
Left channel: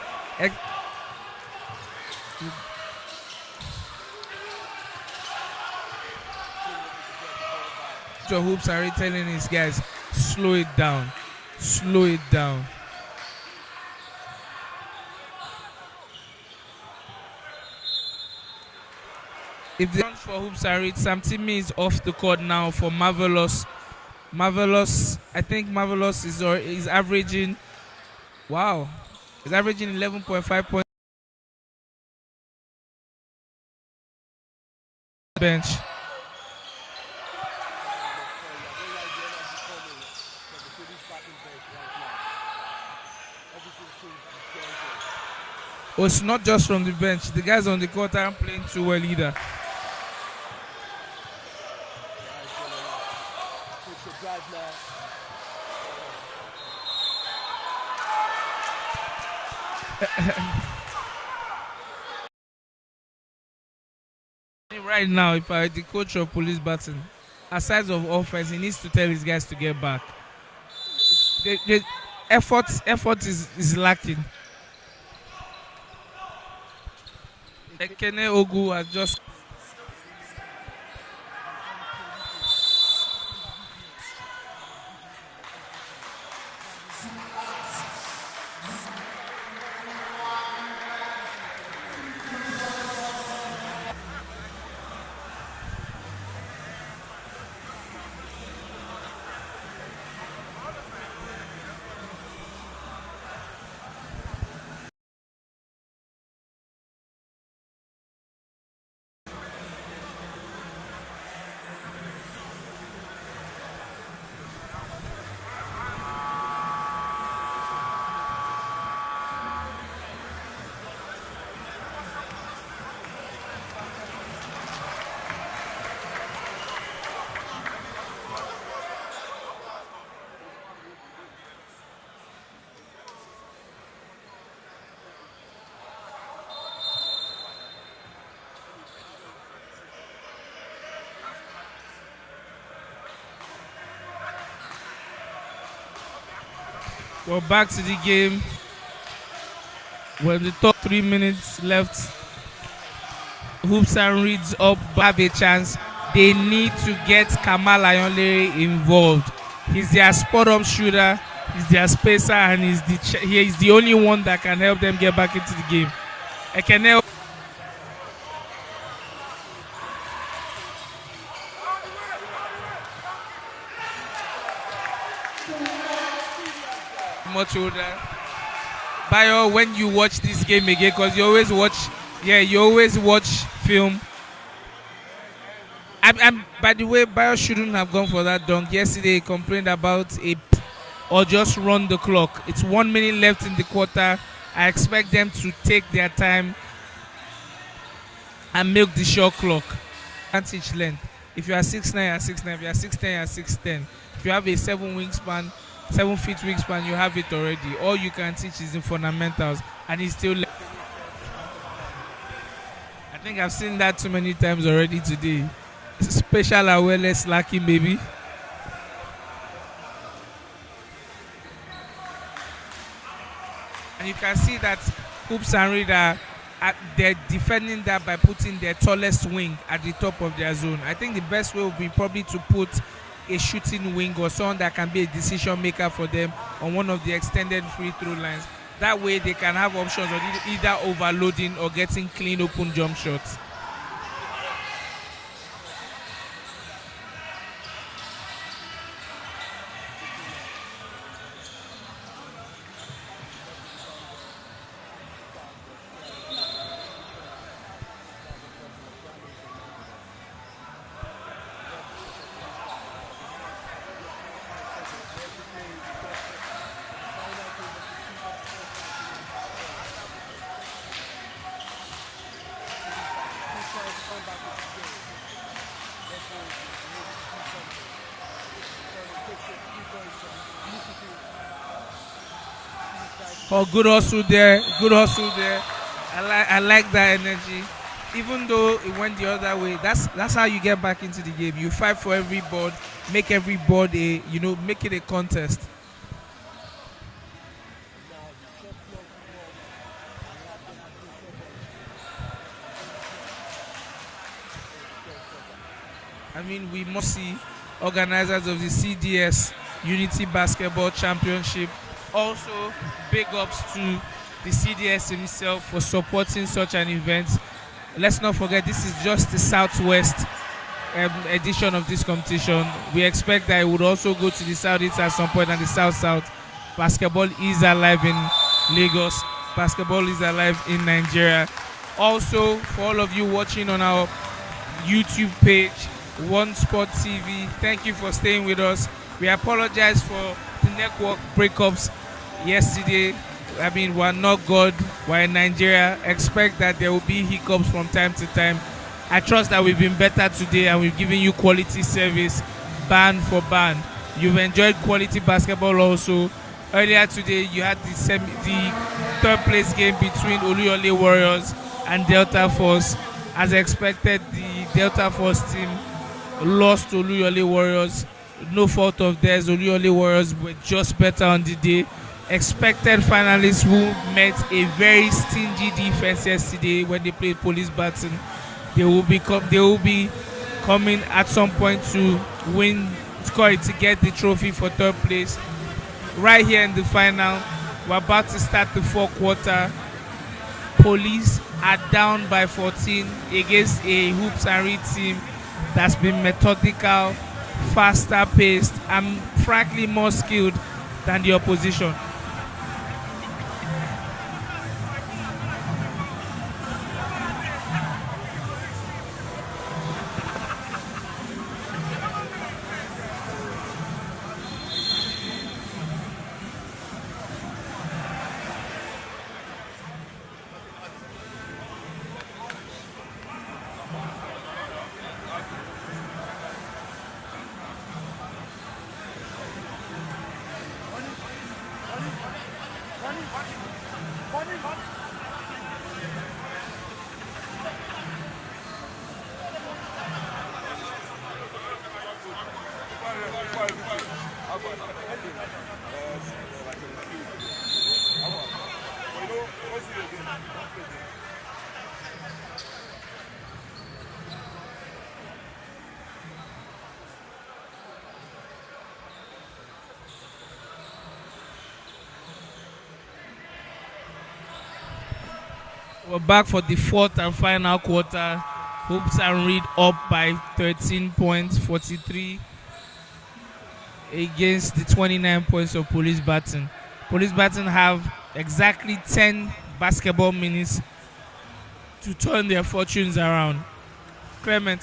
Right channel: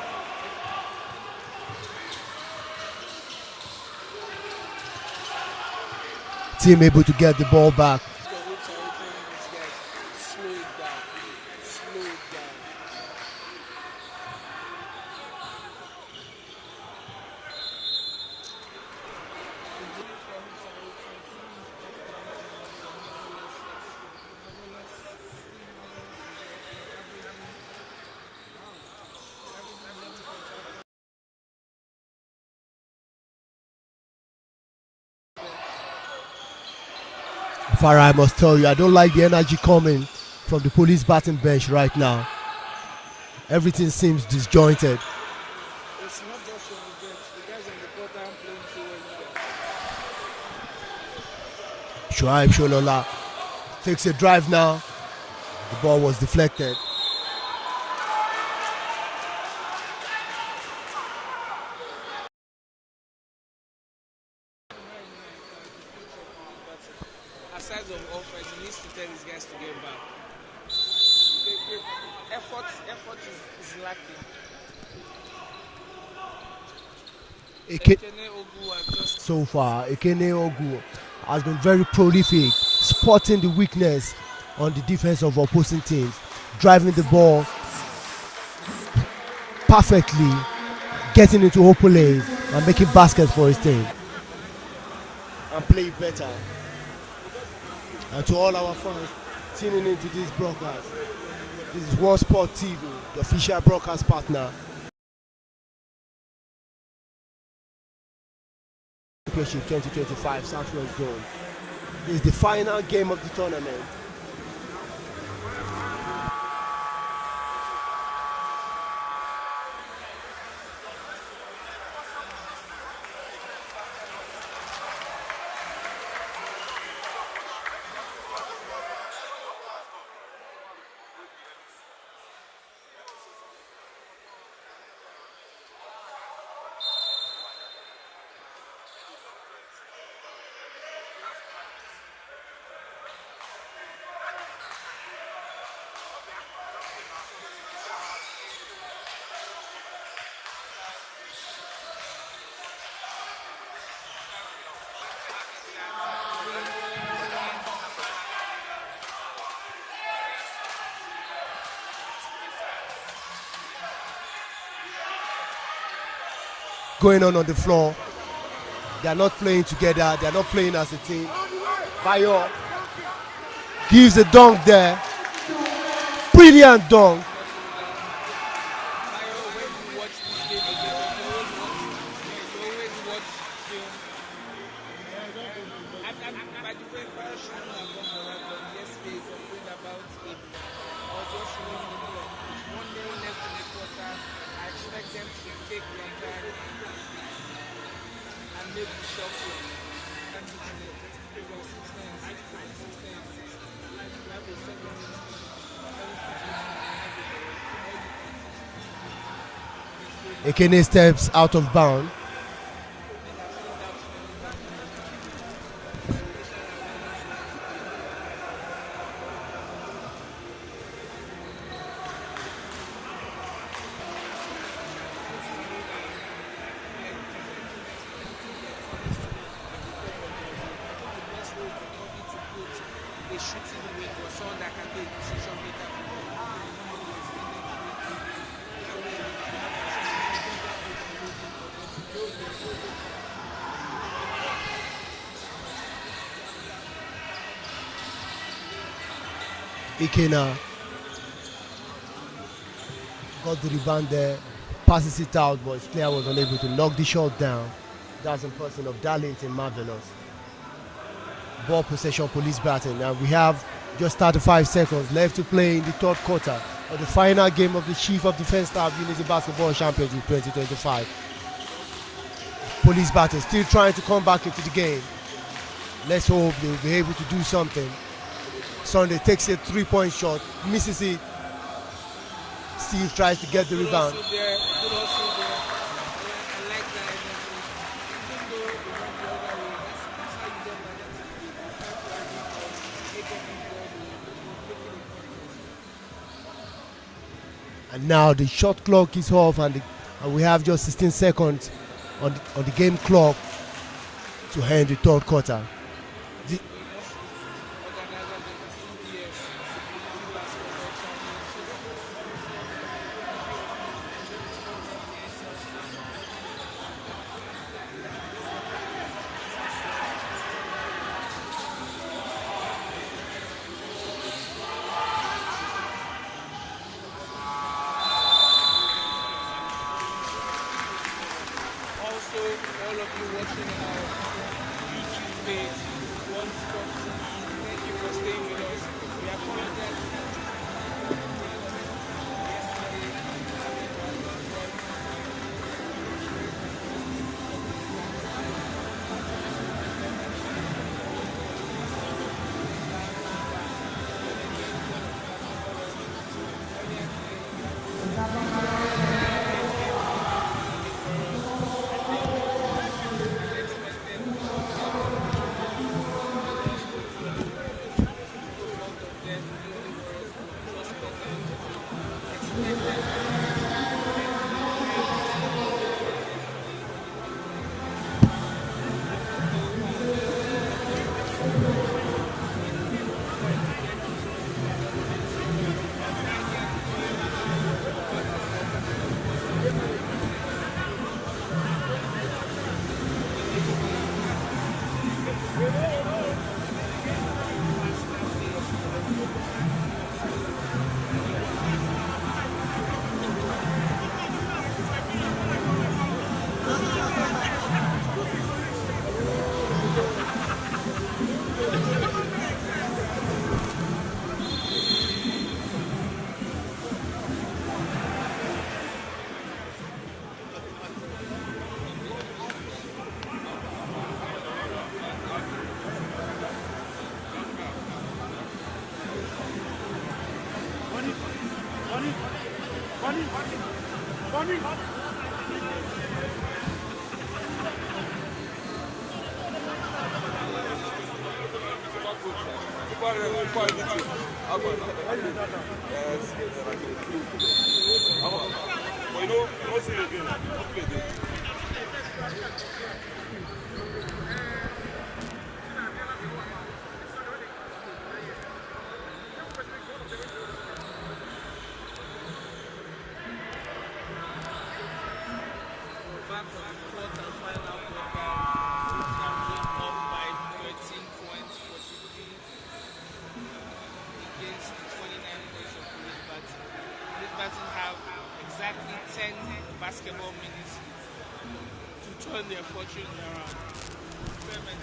Team able to get the ball back. The Hoops are telling his guys, slow it down. Slow it down. If the for Hoops are it, Sam Timmy is off the court now for Marvelous. I think Marvelous is averaging, wow, he's averaging 11.5 points bench. Farah, I must tell you, I don't like the energy coming from the Police Baton bench right now. Everything seems disjointed. Well, it's not just from the bench. The guys on the court aren't playing too well either. Shuaib Sholola takes a drive now. The ball was deflected. Right now, if I the coach of Police Baton, aside of offense, he needs to tell his guys to get back. The effort is lacking. Ekene Ogu has just so far. Ekene Ogu has been very prolific, spotting the weakness on the defense of opposing teams, driving the ball perfectly, getting into open lanes and making baskets for his team. And play better. And to all our fans tuning into this broadcast, this is World Sport TV, the official broadcast partner. Championship 2025 Southwest Zone. This is the final game of the tournament. Go back to the game. With the top 3 minutes left, Hoops and Reeds up, have a chance. They need to get Kamal Ayonle involved. He's their spot-up shooter, he's their spacer, and he's the only one that can help them get back into the game. Going on the floor. They are not playing together. They are not playing as a team. Bayo gives a dunk there. Brilliant dunk. Much older. Bayo, when you watch this game again, because you always watch film. By the way, Bayo shouldn't have gone for that dunk. Yesterday he complained about it or just run the clock. It's 1 minute left in the quarter. I expect them to take their time and milk the shot clock. Advantage length. If you are 6'9", you are 6'9". If you are 6'10", you are 6'10". If you have a 7 feet wingspan, you have it already. All you can teach is the fundamentals, and he's still. Ekene steps out of bounds. I think I've seen that too many times already today. It's a special awareness lacking, baby. And you can see that Hoops and Reed they're defending that by putting their tallest wing at the top of their zone. I think the best way would be probably to put a shooting wing or someone that can be a decision maker for them on one of the extended free throw lines. That way they can have options of either overloading or getting clean open jump shots. Ikena got the rebound there, passes it out, but his player was unable to knock the shot down. That was in person of Dalit and Marvelous. Ball possession, Police Baton. Now we have just 35 seconds left to play in the third quarter of the final game of the Chief of Defense Staff Unity Basketball Championship 2025. Police Baton still trying to come back into the game. Let's hope they'll be able to do something. Sunday takes a 3-point shot, misses it. Steve tries to get the good rebound. hustle there. Good hustle there. I like that energy. Even though it went the other way, that's how you get back into the game. You fight for every board, make every board make it a contest. And now the shot clock is off, and we have just 16 seconds on the game clock to end the third quarter. I mean, we must see organizers of the CDS Unity Basketball Championship. Also, big ups to the CDS itself for supporting such an event. Let's not forget, this is just the Southwest edition of this competition. We expect that it would also go to the Southeast at some point, and the South-South. Basketball is alive in Lagos. Basketball is alive in Nigeria. Also, for all of you watching on our YouTube page, One Sport TV, thank you for staying with us. We apologize for the network breakups yesterday. I mean, we're not God, we're in Nigeria. Expect that there will be hiccups from time to time. I trust that we've been better today and we've given you quality service, band for band. You've enjoyed quality basketball also. Earlier today, you had the third place game between Oluyole Warriors and Delta Force. As expected, the Delta Force team lost to Oluyole Warriors. No fault of theirs. Oluyole Warriors were just better on the day. Expected finalists who met a very stingy defense yesterday when they played Police Baton. They will be coming at some point to get the trophy for third place. Right here in the final, we're about to start the fourth quarter. Police are down by 14 against a Hoops and Reed team that's been methodical, faster paced, and frankly more skilled than the opposition. We're back for the fourth and final quarter. Hoops and Reed up by 13 points, 43 against the 29 points of Police Baton. Police Baton have exactly 10 basketball minutes to turn their fortunes around. Clement,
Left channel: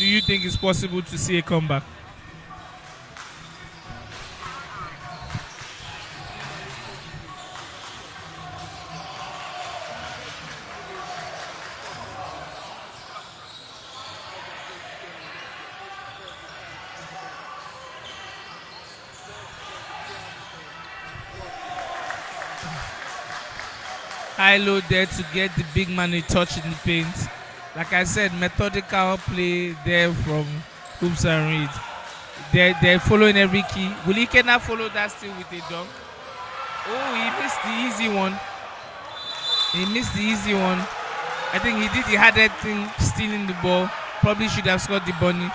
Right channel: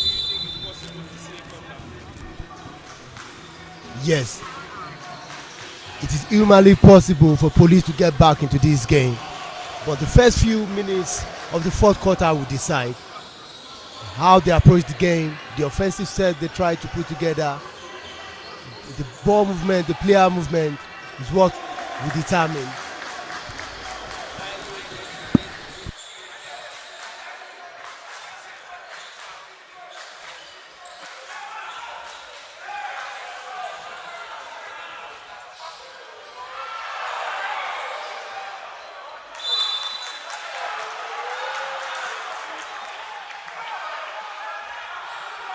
do you think it's possible to see a comeback? Yes. It is humanly possible for Police to get back into this game. But the first few minutes of the fourth quarter will decide how they approach the game, the offensive set they try to put together, the ball movement, the player movement is what will determine. High low there to get the big man a touch in the paint. Like I said, methodical play there from Hoops and Reed. They're following every key. Will he cannot follow that still with a dunk? Oh, he missed the easy one. He missed the easy one. I think he did the hardest thing, stealing the ball. Probably should have scored the bunny.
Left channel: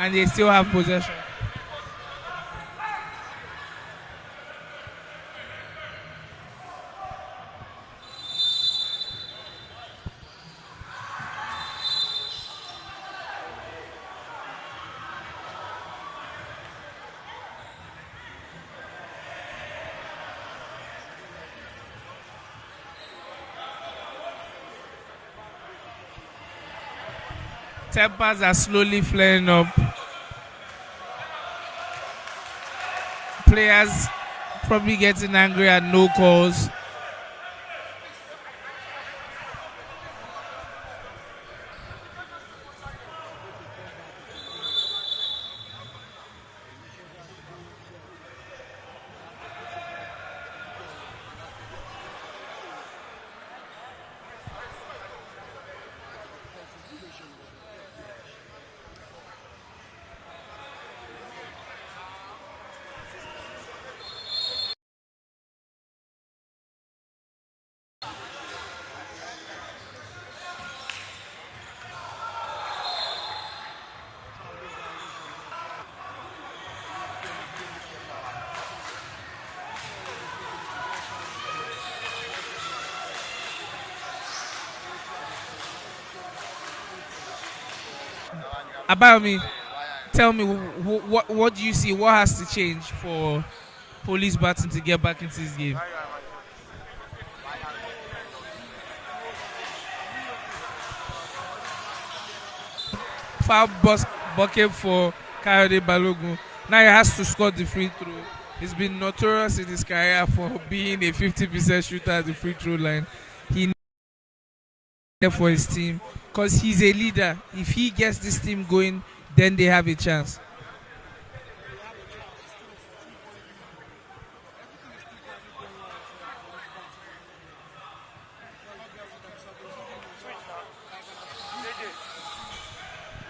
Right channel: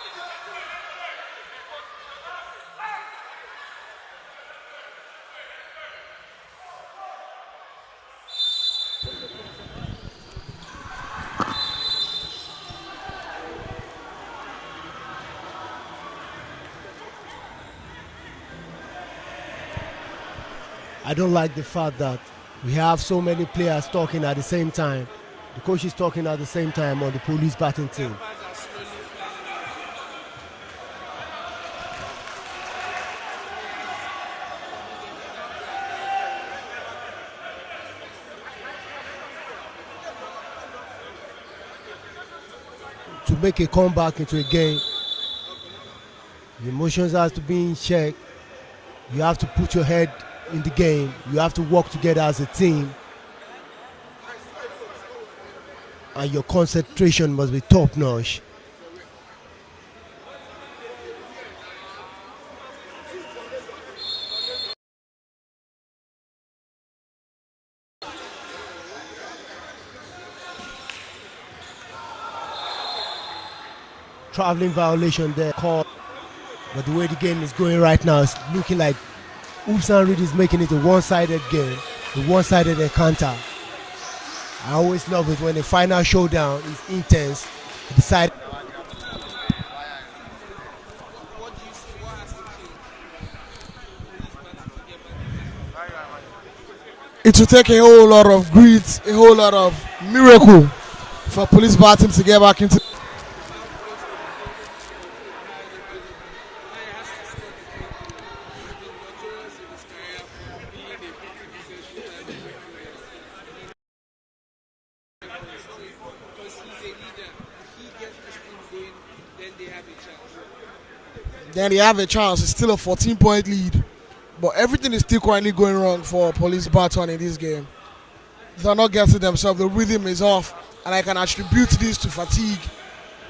And they still have possession. I don't like the fact that we have so many players talking at the same time. The coach is talking at the same time on the Police Baton team. Tempers are slowly flaring up. Players probably getting angry at no calls. To make a comeback into a game, the emotions have to be in check. You have to put your head in the game. You have to work together as a team. And your concentration must be top notch. Traveling violation there called. But the way the game is going right now, it's looking like Hoops and Reed is making it a one-sided game, a one-sided encounter. I always love it when the final showdown is intense. Decide. About me, tell me what do you see? What has to change for Police Baton to get back into this game? It will take a whole lot of grit, a whole lot of miracle for Police Baton to get back into. Foul bucket for Kayode Balogun. Now he has to score the free throw. He's been notorious in his career for being a 50% shooter at the free throw line. He needs for his team because he's a leader. If he gets this team going, then they have a chance. Then they have a chance. It's still a 14-point lead. But everything is still currently going wrong for Police Baton in this game. They're not getting themselves. The rhythm is off. And I can attribute this to fatigue.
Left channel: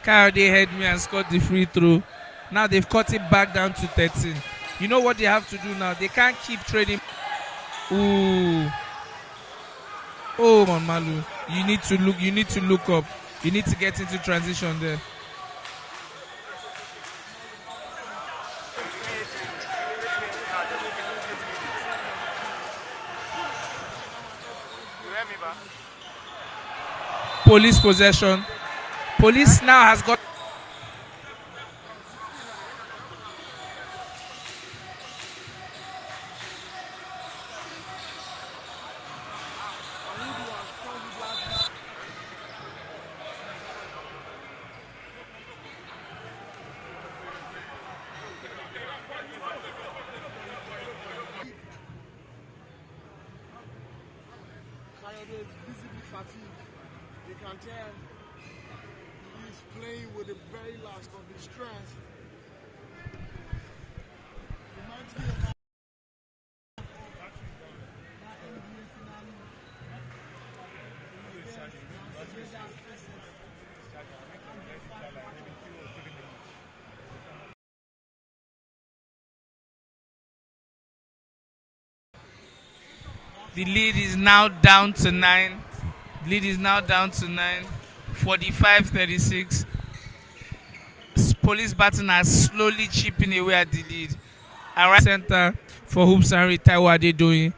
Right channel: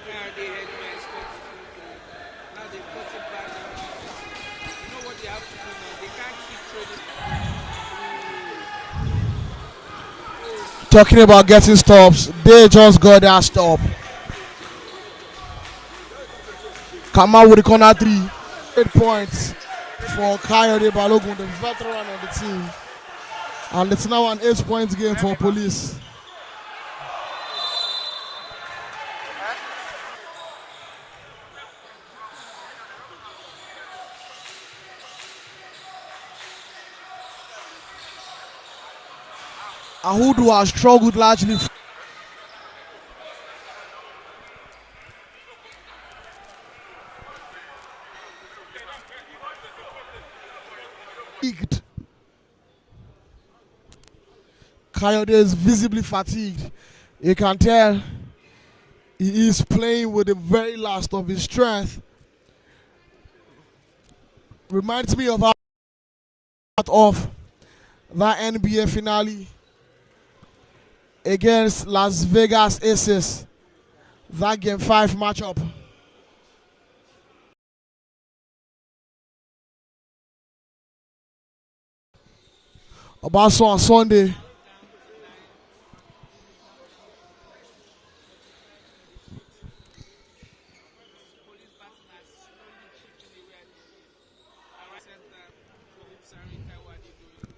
Kayode had me and scored the free throw. Now they've cut it back down to 13. You know what they have to do now? They can't keep trading. Ooh. Oh, man. Talking about getting stops, they just got that stop. Get into transition there. Come out with the corner three. 8 points for Kayode Balogun, the veteran of the team. And it's now an 8-point game for Police. Police possession. Police now has got. Ahudu has struggled largely. Kayode is visibly fatigued. You can tell he is playing with the very last of his strength. Reminds me of how of that NBA finale against Las Vegas Aces. That Game 5 matchup. Also on Lead Sunday. is now down to 9. Lead is now down to 9. 45-36. Police Baton has slowly chipping away at the lead. And right center for Hoops and Reed, Taiwo Adedoyin.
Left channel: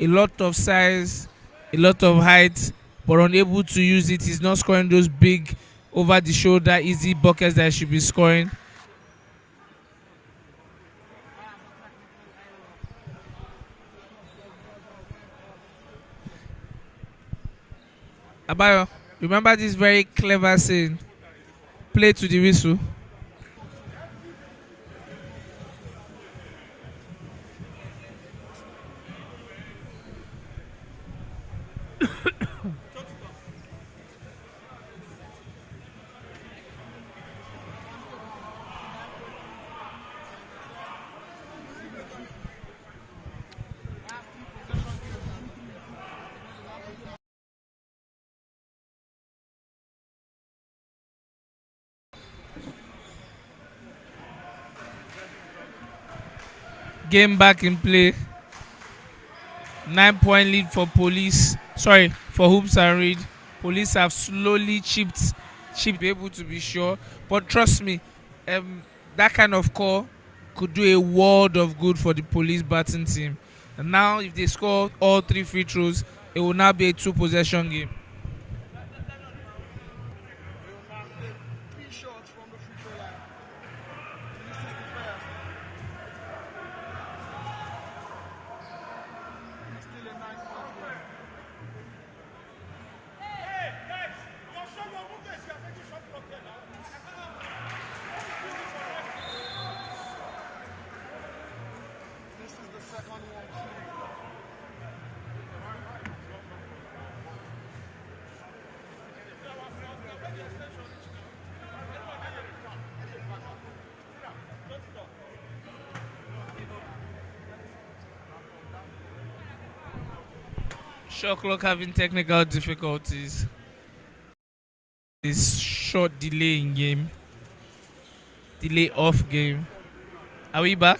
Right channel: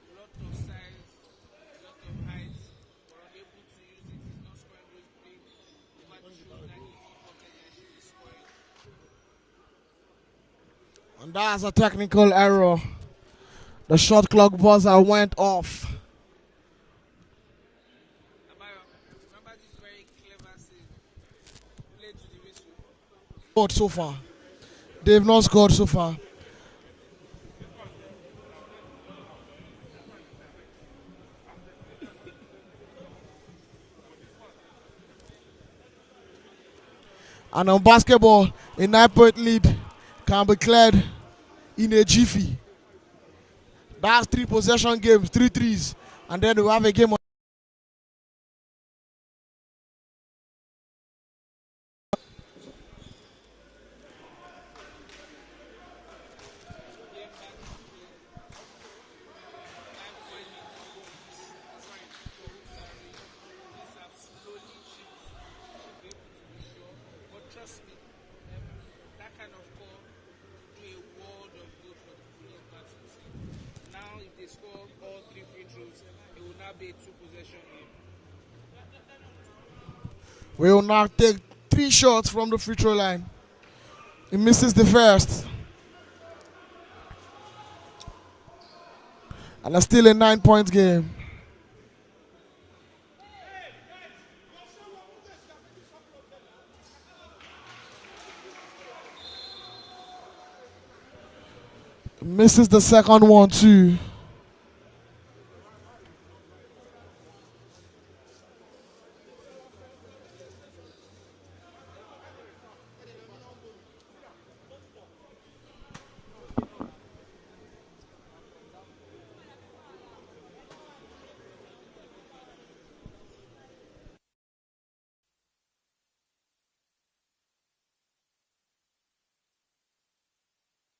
A lot of size, a lot of height, but unable to use it. He's not scoring those big, over the shoulder, easy buckets that he should be scoring. And that's a technical error. The shot clock buzzer went off. Abayo, remember this very clever saying, play to the whistle. Scored so far. They've not scored so far. And on basketball, a 9-point lead can be cleared in a jiffy. That's 3 possession games, 3 threes. And then we have a game on. Game back in play. 9-point lead for Police. Sorry, for Hoops and Reed. Police have slowly chipped, be able to be sure. But trust me, that kind of call could do a world of good for the Police Baton team. And now, if they score all 3 free throws, it will now be a 2-possession game. We will now take 3 shots from the free throw line. He misses the first. And it's still a 9-point game. Misses the second one too. Shot clock having technical difficulties. This short delay in game. Delay off game. Are we back?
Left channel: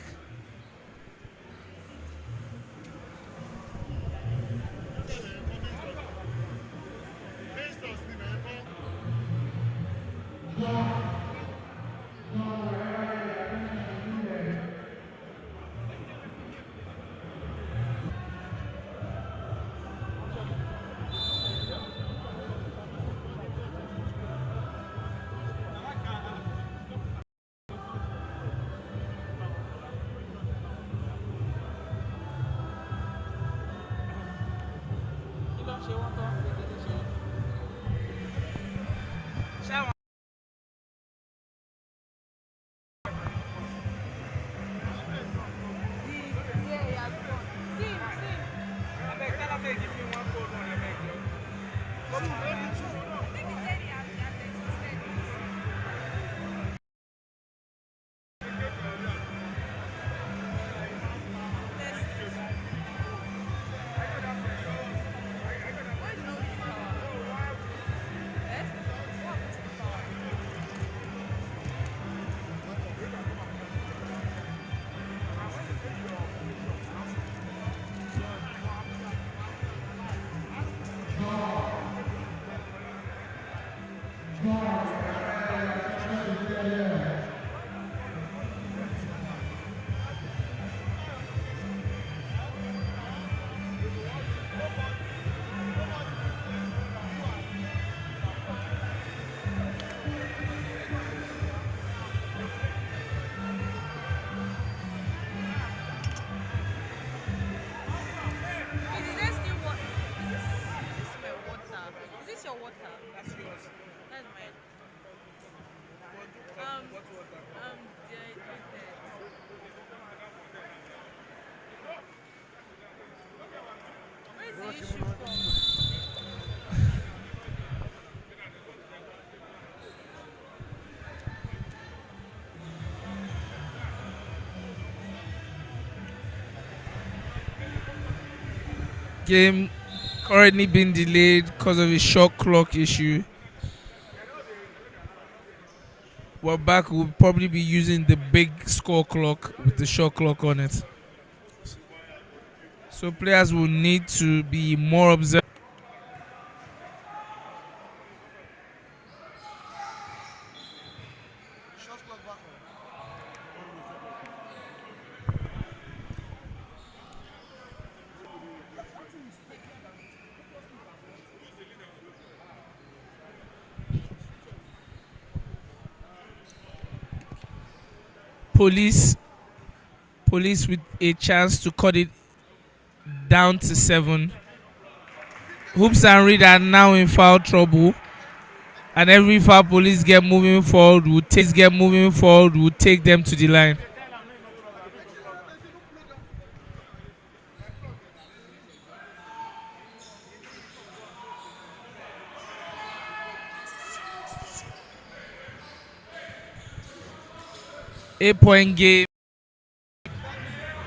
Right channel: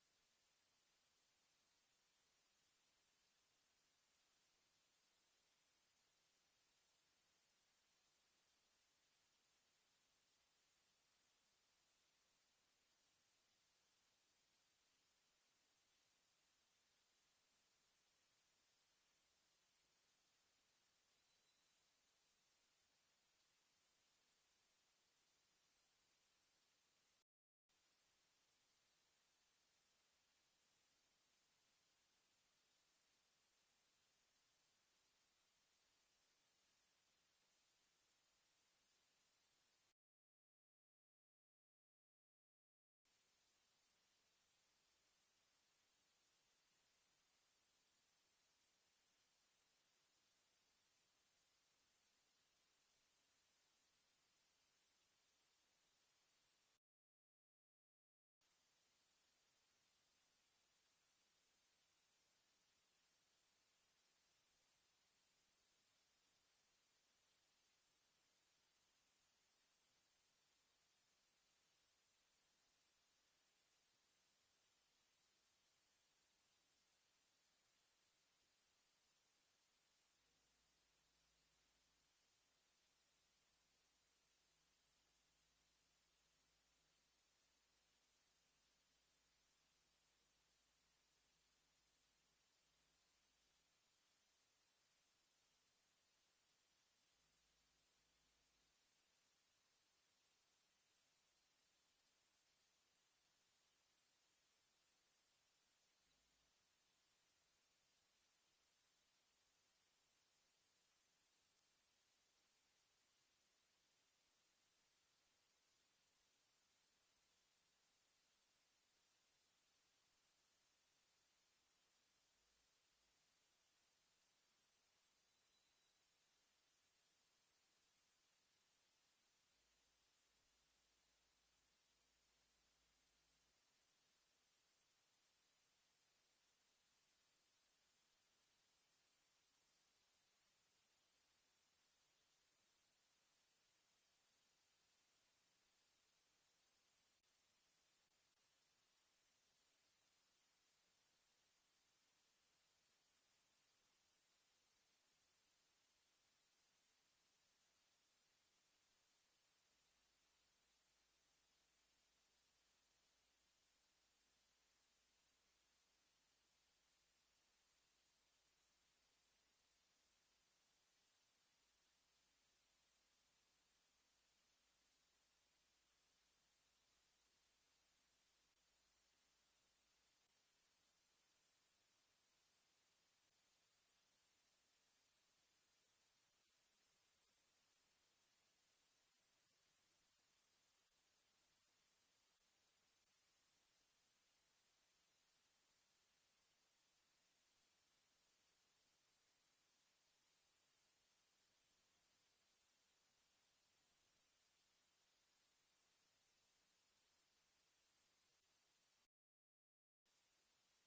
Game currently being delayed because of a shot clock issue. We're back. We'll probably be using the big score clock with the shot clock on it. So players will need to be more observant. Police with a chance to cut it down to 7. Hoops and Reed are now in foul trouble, and every foul police get moving forward will take them to the line. Eight-point game.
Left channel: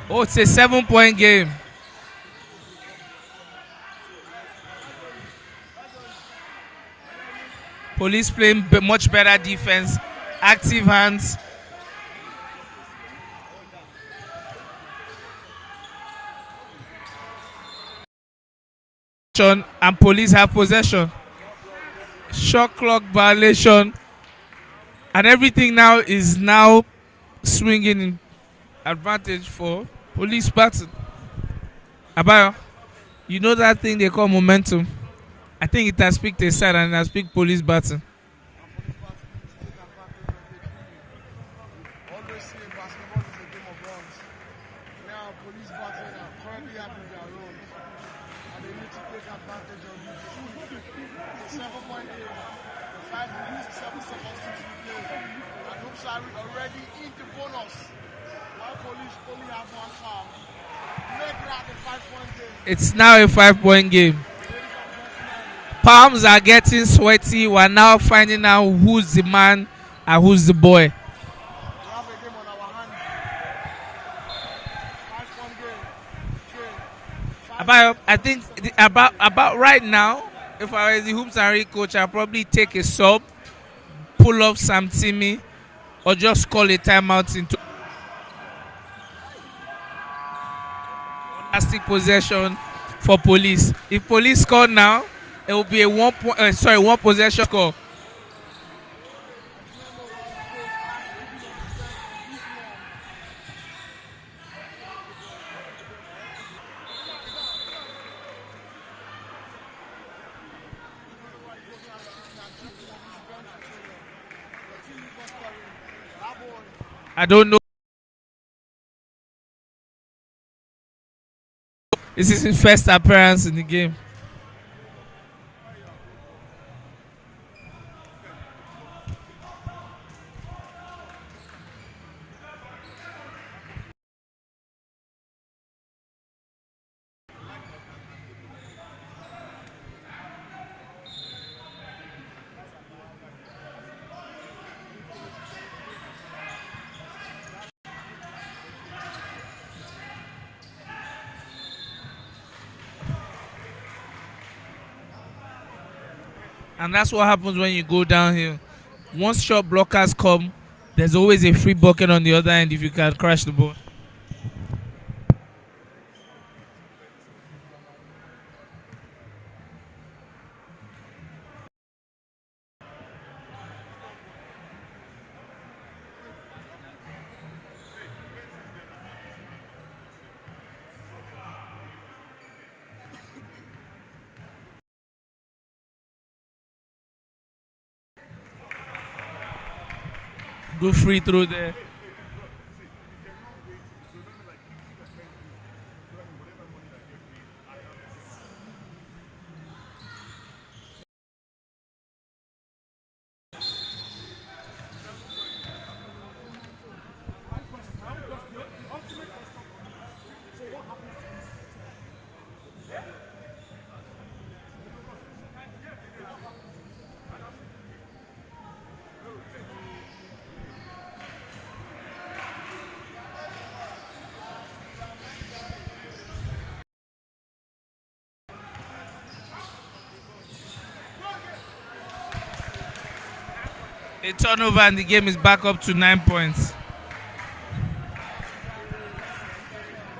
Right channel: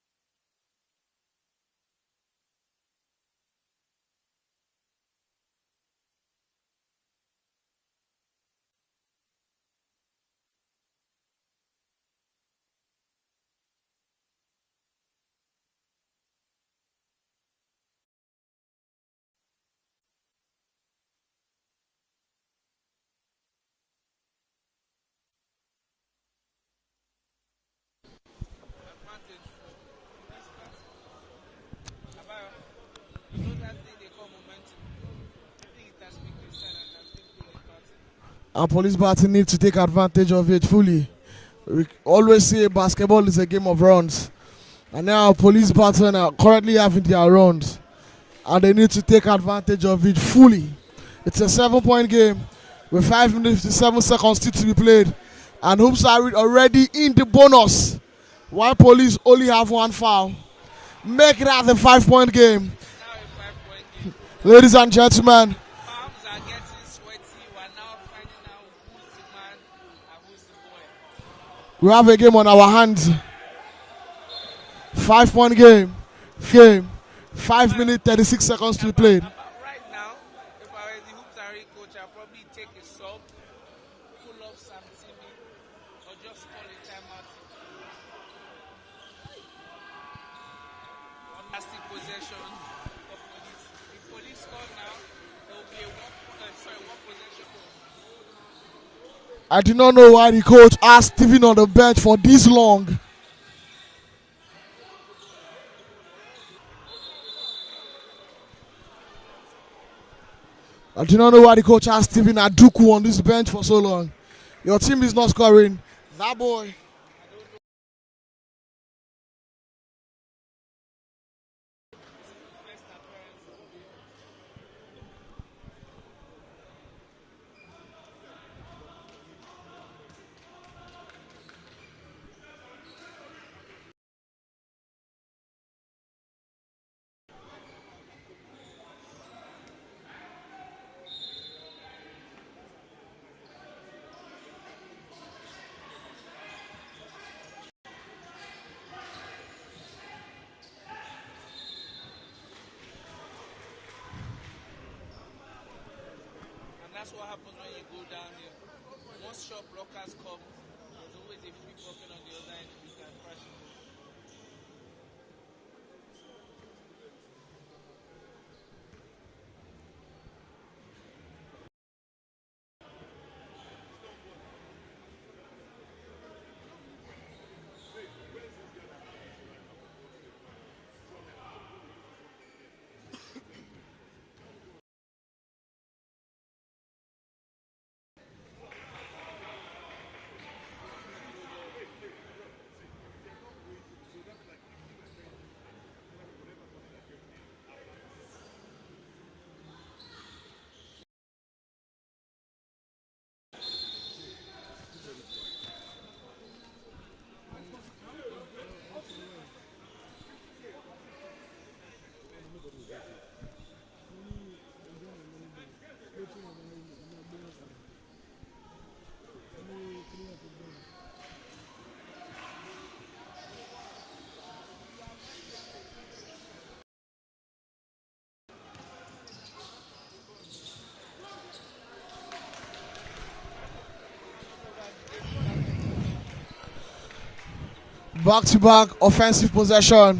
Oh, it's a 7-point game. Police playing much better defense, active hands. And police have possession. Shot clock violation, and everything now is swinging in advantage for police BATON. Abayo, you know that thing they call momentum? I think it has picked a side and it has picked police BATON. And police BATON need to take advantage of it fully. We always say basketball is a game of runs. And now police BATON are currently having their runs. And they need to take advantage of it fully. It's a 7-point game with 5 minutes 57 seconds still to be played. And Hoops are already in the bonus. While police only have 1 foul. Make that a 5-point game. It's now a 5-point game. Ladies and gentlemen, palms are getting sweaty. We're now finding out who's the man and who's the boy. We have a game on our hands. 5-point game. 5 minutes 36 seconds to be played. About right now, if I was the Hoops and Reed coach, I'd probably take a sub, pull off Sam Timmy, or just call a timeout into fantastic possession for police. If police score now, it will be a one possession score. I do not know why the coach asked Steven on the bench for this long. I do not know why the coach asked Steven Aduku on this bench for so long. Your team is not scoring. That boy. I don't know. This is his first appearance in the game. And that's what happens when you go downhill. Once shot blockers come, there's always a free bucket on the other end if you can crash the ball. Good free throw there. A turnover and the game is back up to 9 points. Back-to-back offensive possession,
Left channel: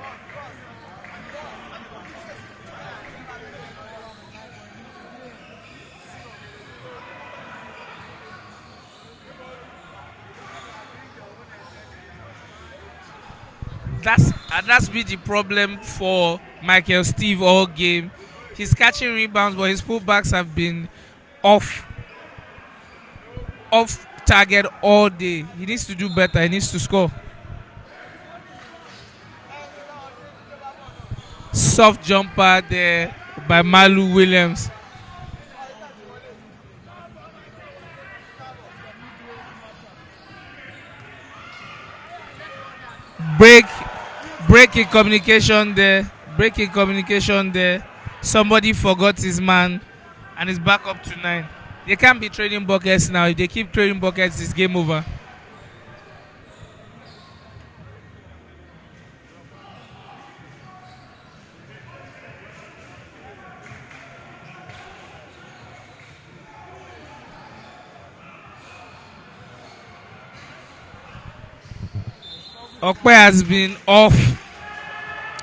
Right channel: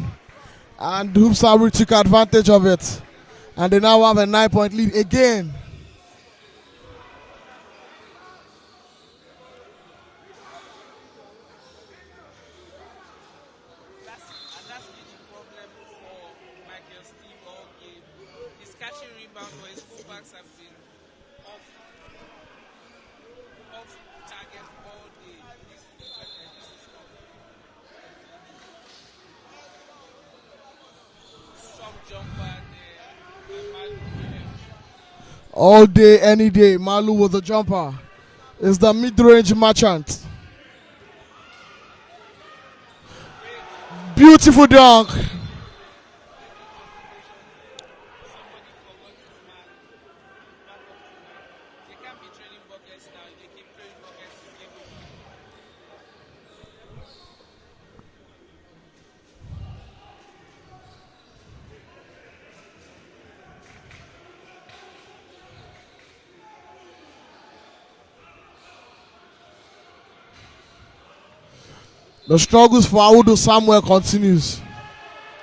and Hoops took advantage of it, and they now have a 9-point lead again. That's been the problem for Michael Steve all game. He's catching rebounds, but his pullbacks have been off target all day. He needs to do better. He needs to score. Soft jumper there by Malu Williams. All day, any day, Malu with the jumper is the mid-range merchant. Beautiful dunk. Breaking communication there. Somebody forgot his man, and it's back up to 9. They can't be trading buckets now. If they keep trading buckets, it's game over. The struggles for Audu Samuel continues.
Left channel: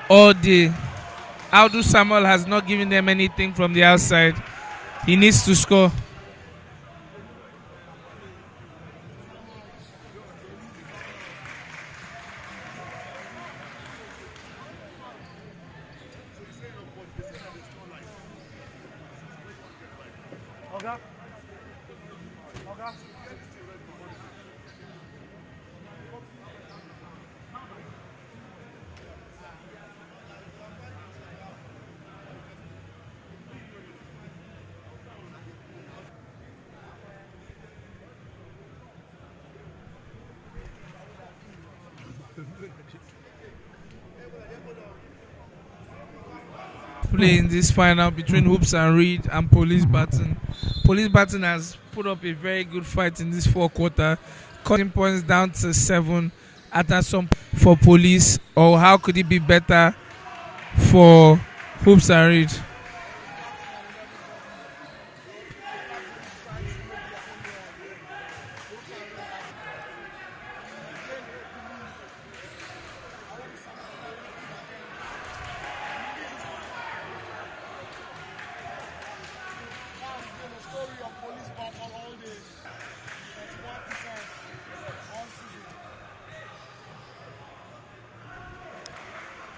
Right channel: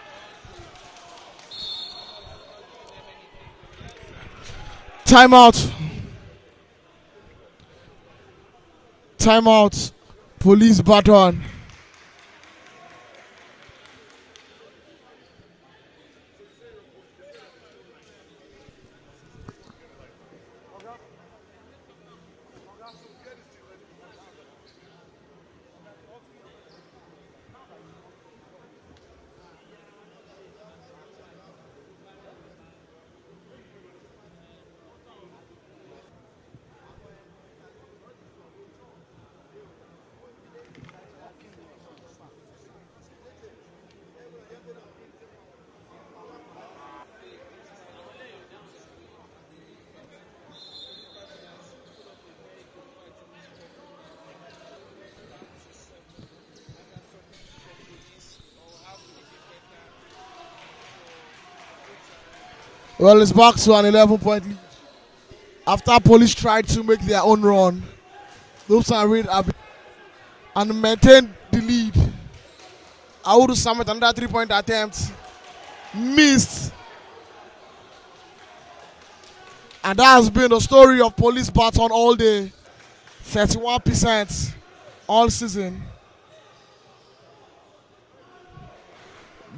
All day. Audu Samuel has not given them anything from the outside. He Timeout. needs to score. Timeout. Police baton. Play in this final between Hoops and Reed and Police Baton. Police Baton has put up a very good fight in this fourth quarter, cutting points down to 7 after some for Police. Or how could it be better for Hoops and Reed? Well, it's back to an 11-point lead. After Police tried to make their own run, Hoops and Reed have and maintained the lead. Audu Samuel, another 3-point attempt, missed. And that has been the story of Police Baton all day. 31% all season.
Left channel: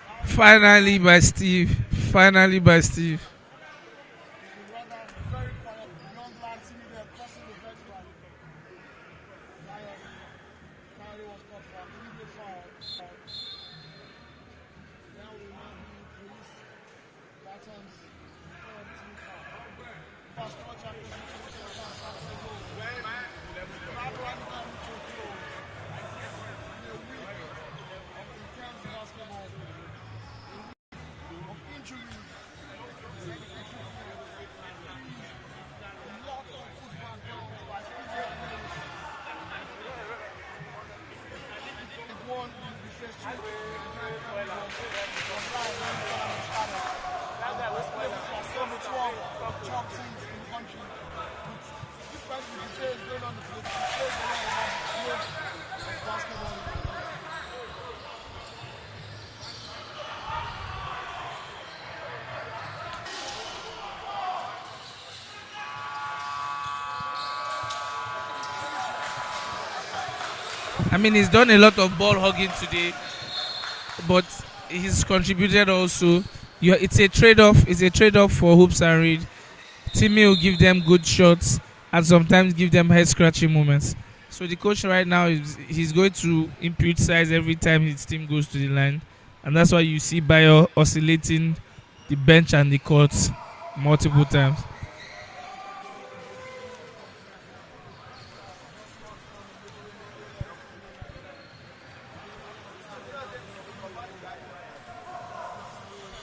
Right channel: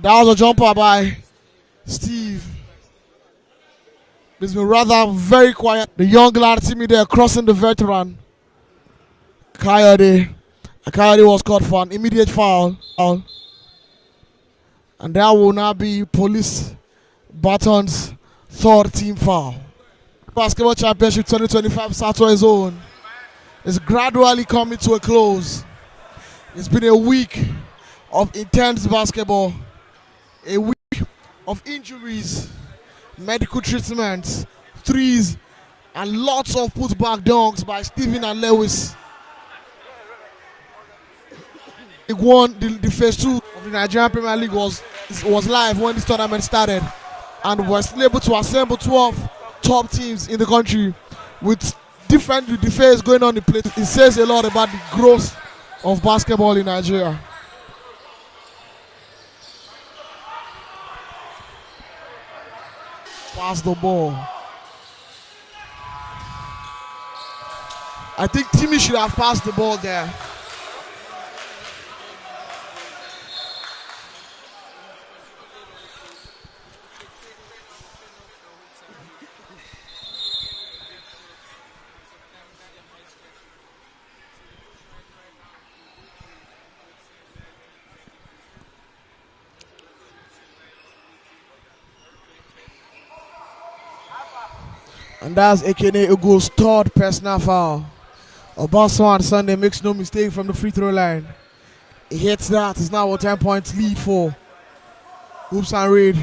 That was a jumper by Steve. Finally by Steve. It's been rather very quiet. The young lad see me there crossing the veteran. Coyote. Coyote was caught for an immediate foul. And that will now be Police Baton's third team foul. Basketball Championship 2025 Southwest Zone is gradually coming to a close. It's been a week of intense basketball, a week of injuries, medical treatments, threes, and lots of putback dunks by Stephen and Lewis. League One, the phase 2 of the Nigerian Premier League was live when this tournament started, and was able to assemble 12 top teams in the country with the phase going on in play. It says a lot about the growth of basketball in Nigeria. Pass the ball. I think Timmy should have passed the ball there. I mean, he's done a lot of ball hugging today, but he's contributed also. It's a trade-off. It's a trade-off for Hoops and Reed. Timmy will give them good shots and sometimes give them head-scratching moments. So the coach right now he's going to impute size every time his team goes to the line, and that's why you see Bayo oscillating the bench and the courts multiple times. And that's Ekene Ugo's third personal foul. Obaso on Sunday makes no mistake from the free throw line. He hits that. It's now a 10-point lead for Hoops and Reed.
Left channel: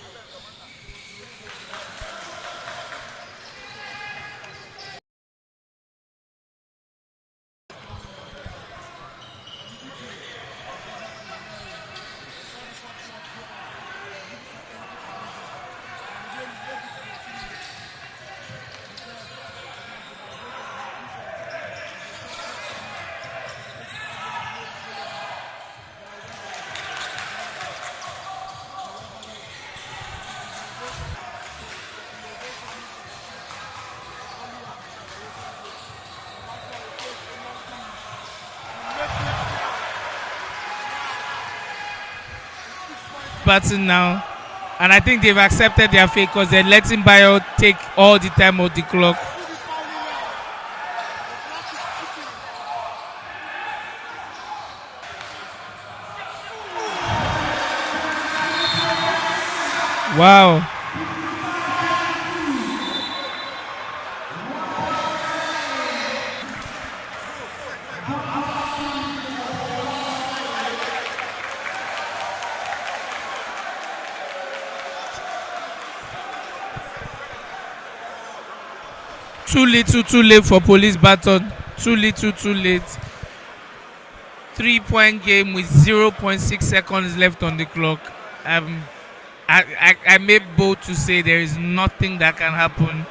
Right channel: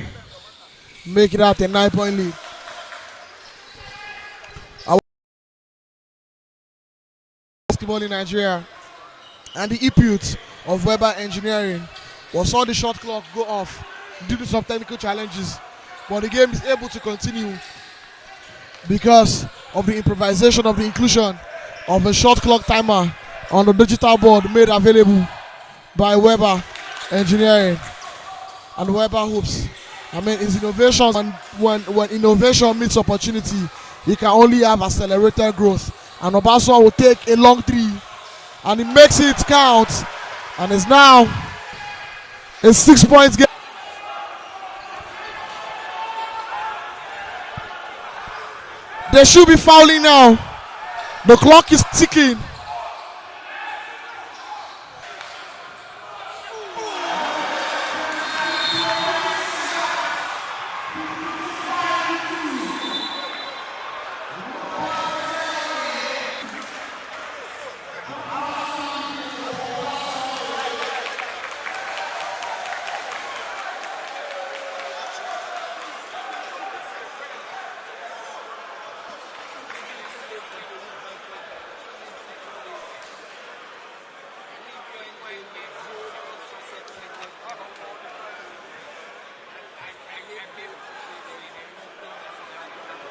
Make it out a 9-point lead. Basketball in Nigeria, and the impute of Weber Engineering was saw the shot clock go off due to some technical challenges, but the game is able to continue because of the improvisation of the inclusion of a shot clock timer on the digital board made available by Weber Engineering and Weber Hoops. I mean, it's innovation, and when innovation meets opportunity, you can only have accelerated growth. And Obaso will take a long three, and he makes it count, and it's now a 6 points game. BATON now, and I think they've accepted their fate because they're letting Bayo take all the time of the clock. They should be fouling now. The clock is ticking. Wow. Too little, too late for Police BATON. Too little, too late. 3-point game with 0.6 seconds left on the clock. I may bold to say there is nothing that can happen.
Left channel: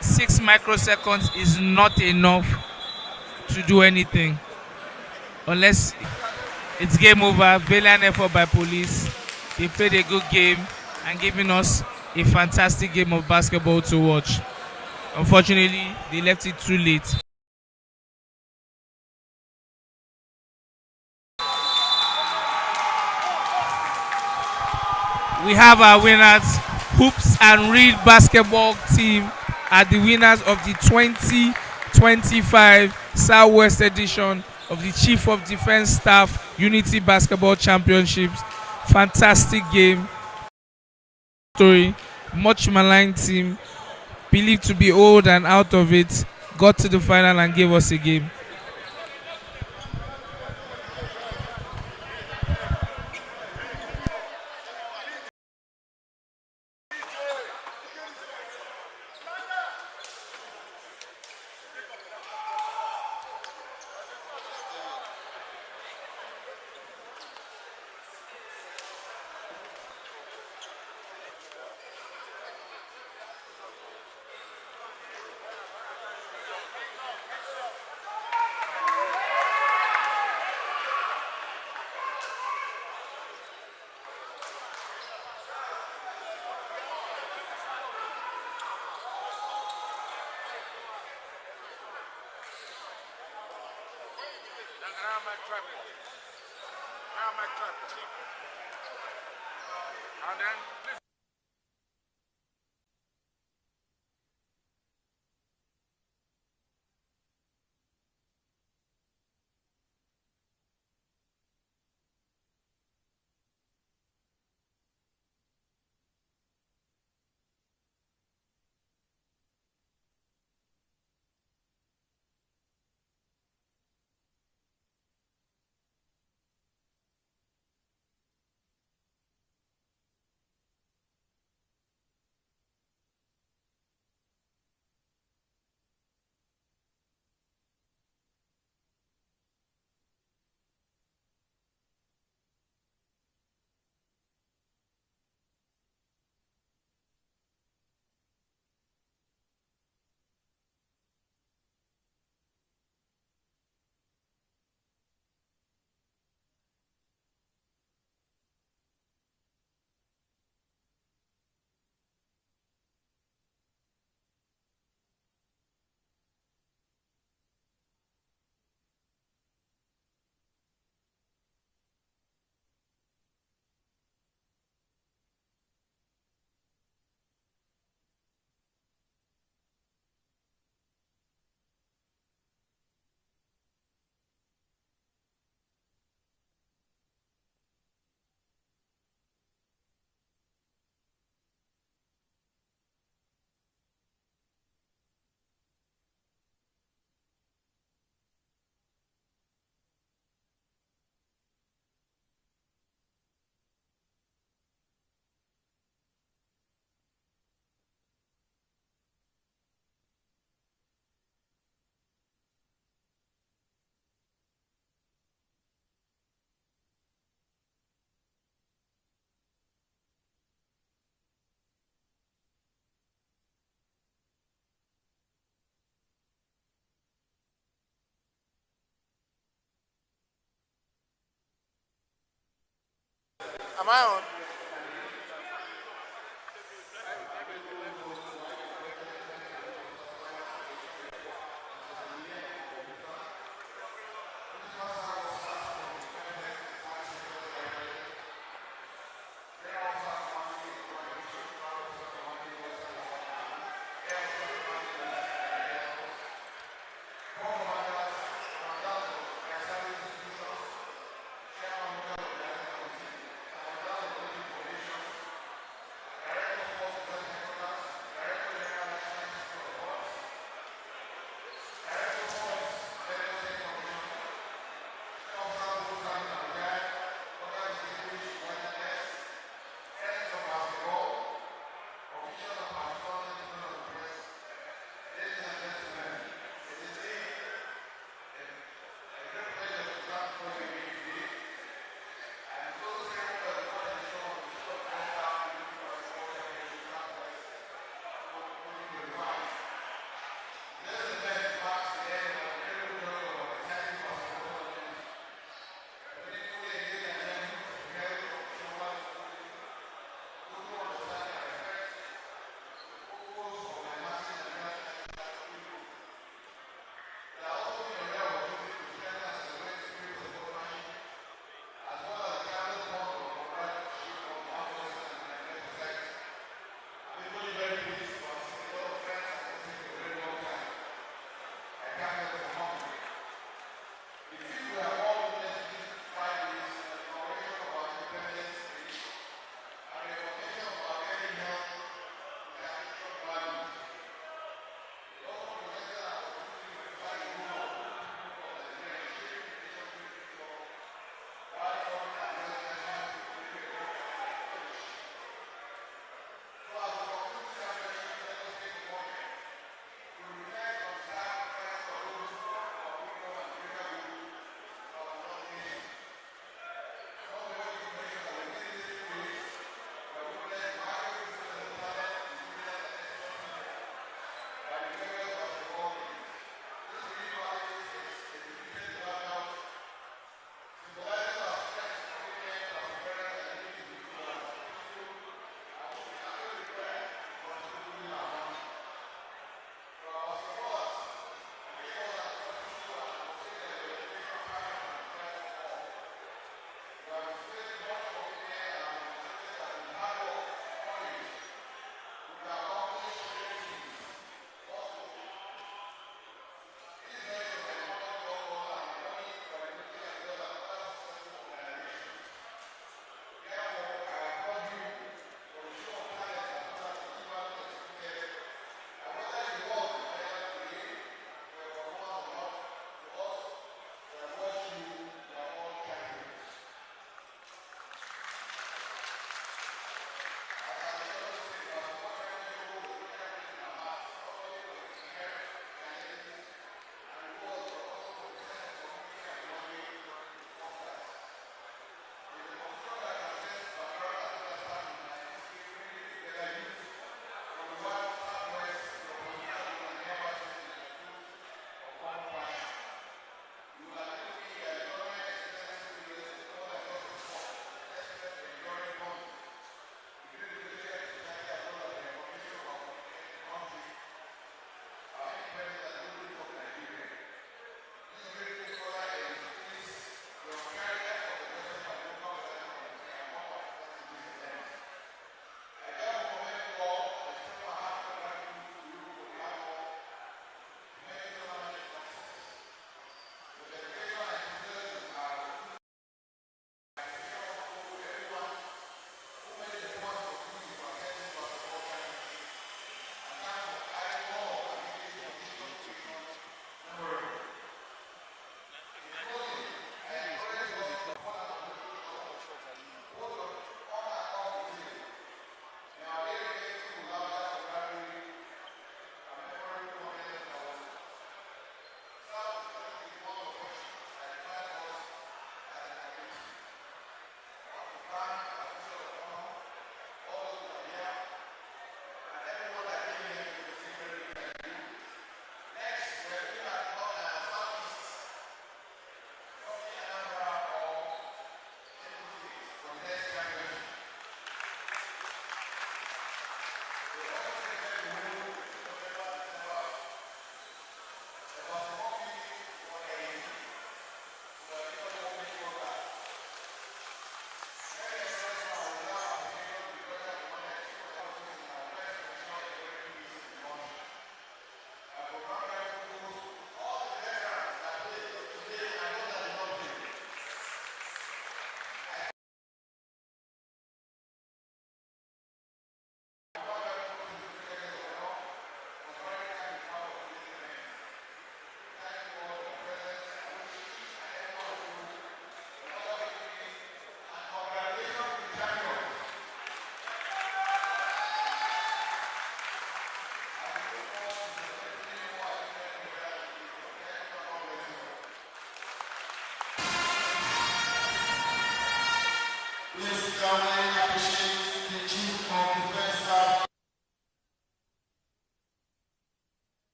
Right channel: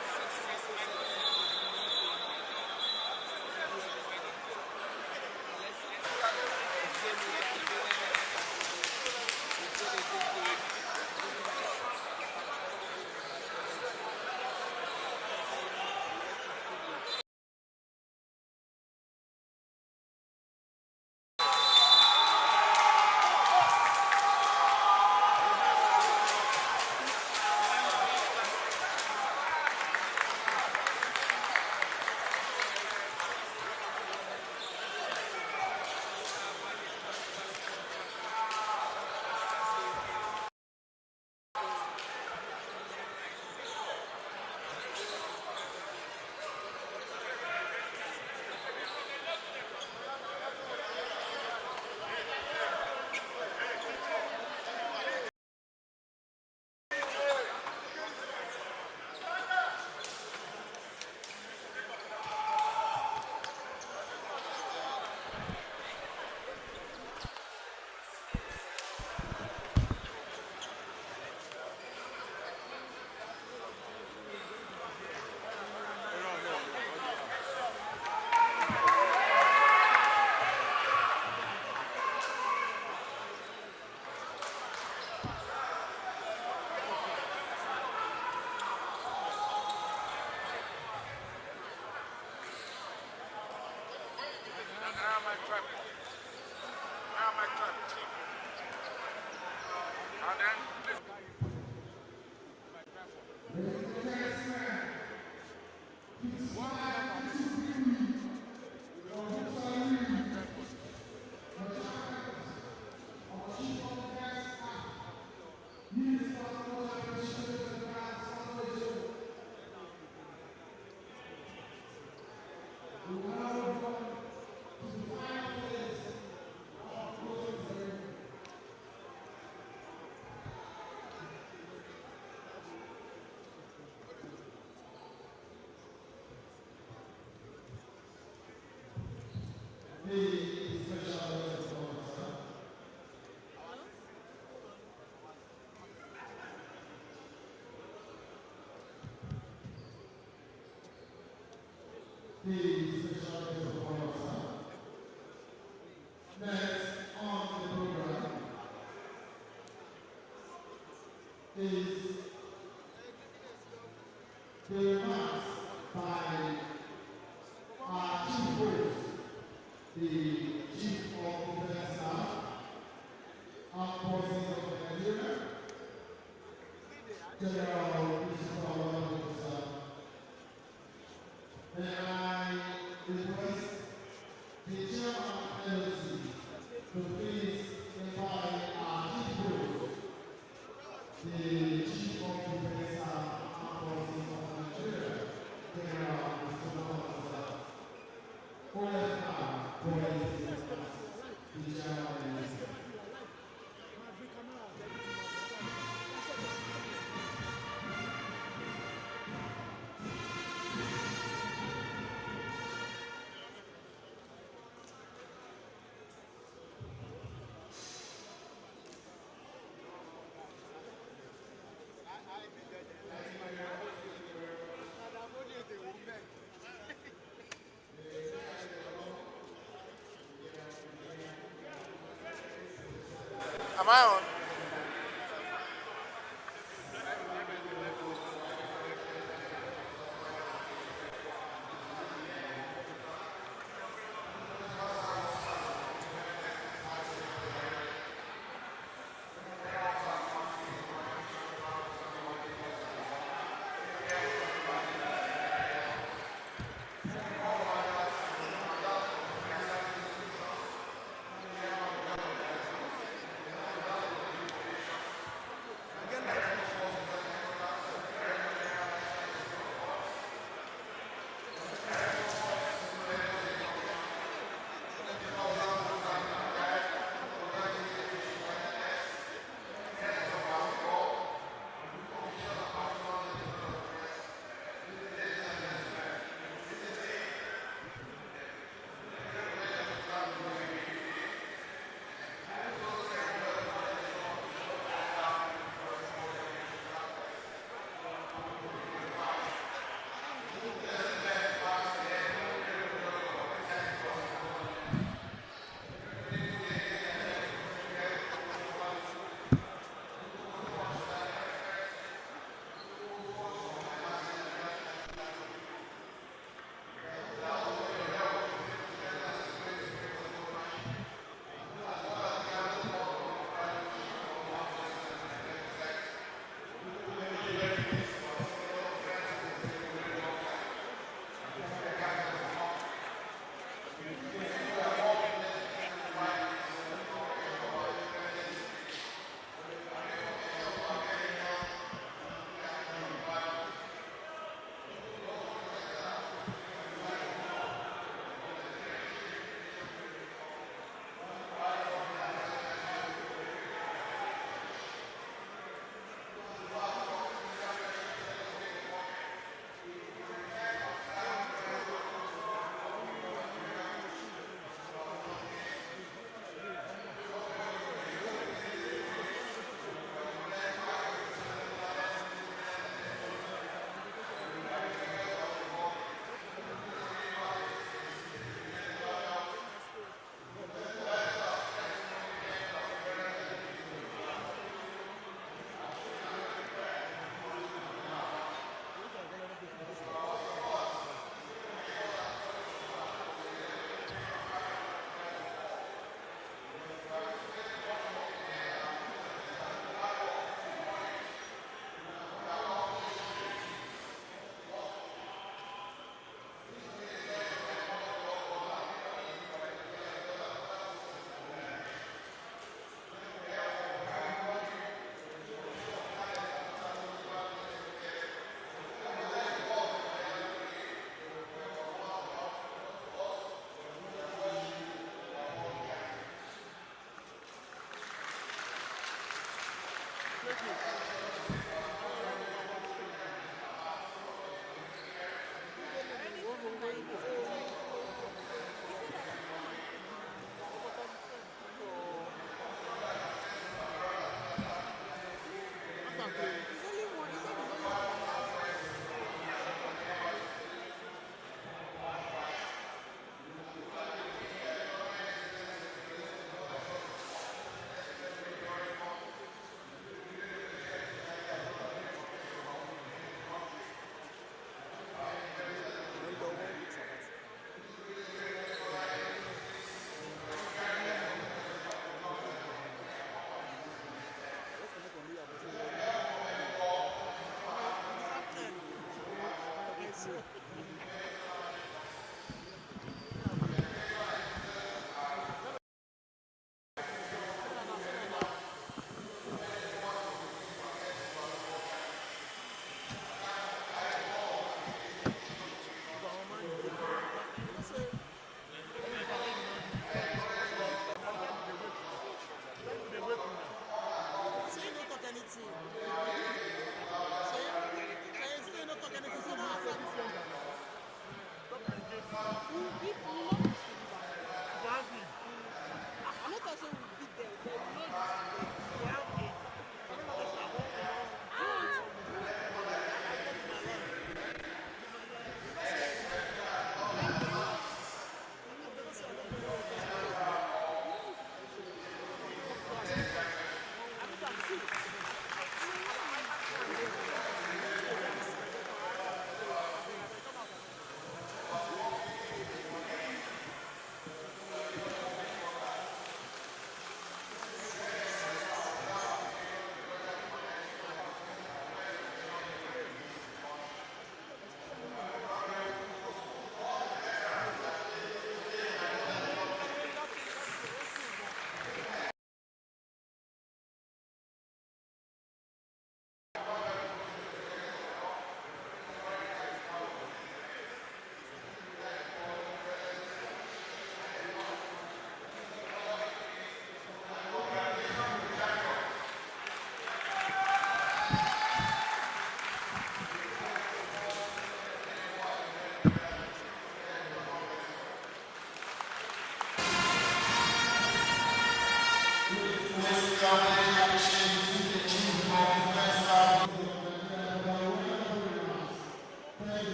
6 microseconds is not enough to do anything. Unless it's game over. Valiant effort by Police. They played a good game and giving us a fantastic game of basketball to watch. Unfortunately, they left it too late. We have our winners. Hoops and Reed basketball team are the winners of the 2025 Southwest edition of the Chief of Defense Staff Unity Basketball Championships. Fantastic game. Story. Much maligned team, believed to be old and out of it, got to the final and gave us a game. Am I on?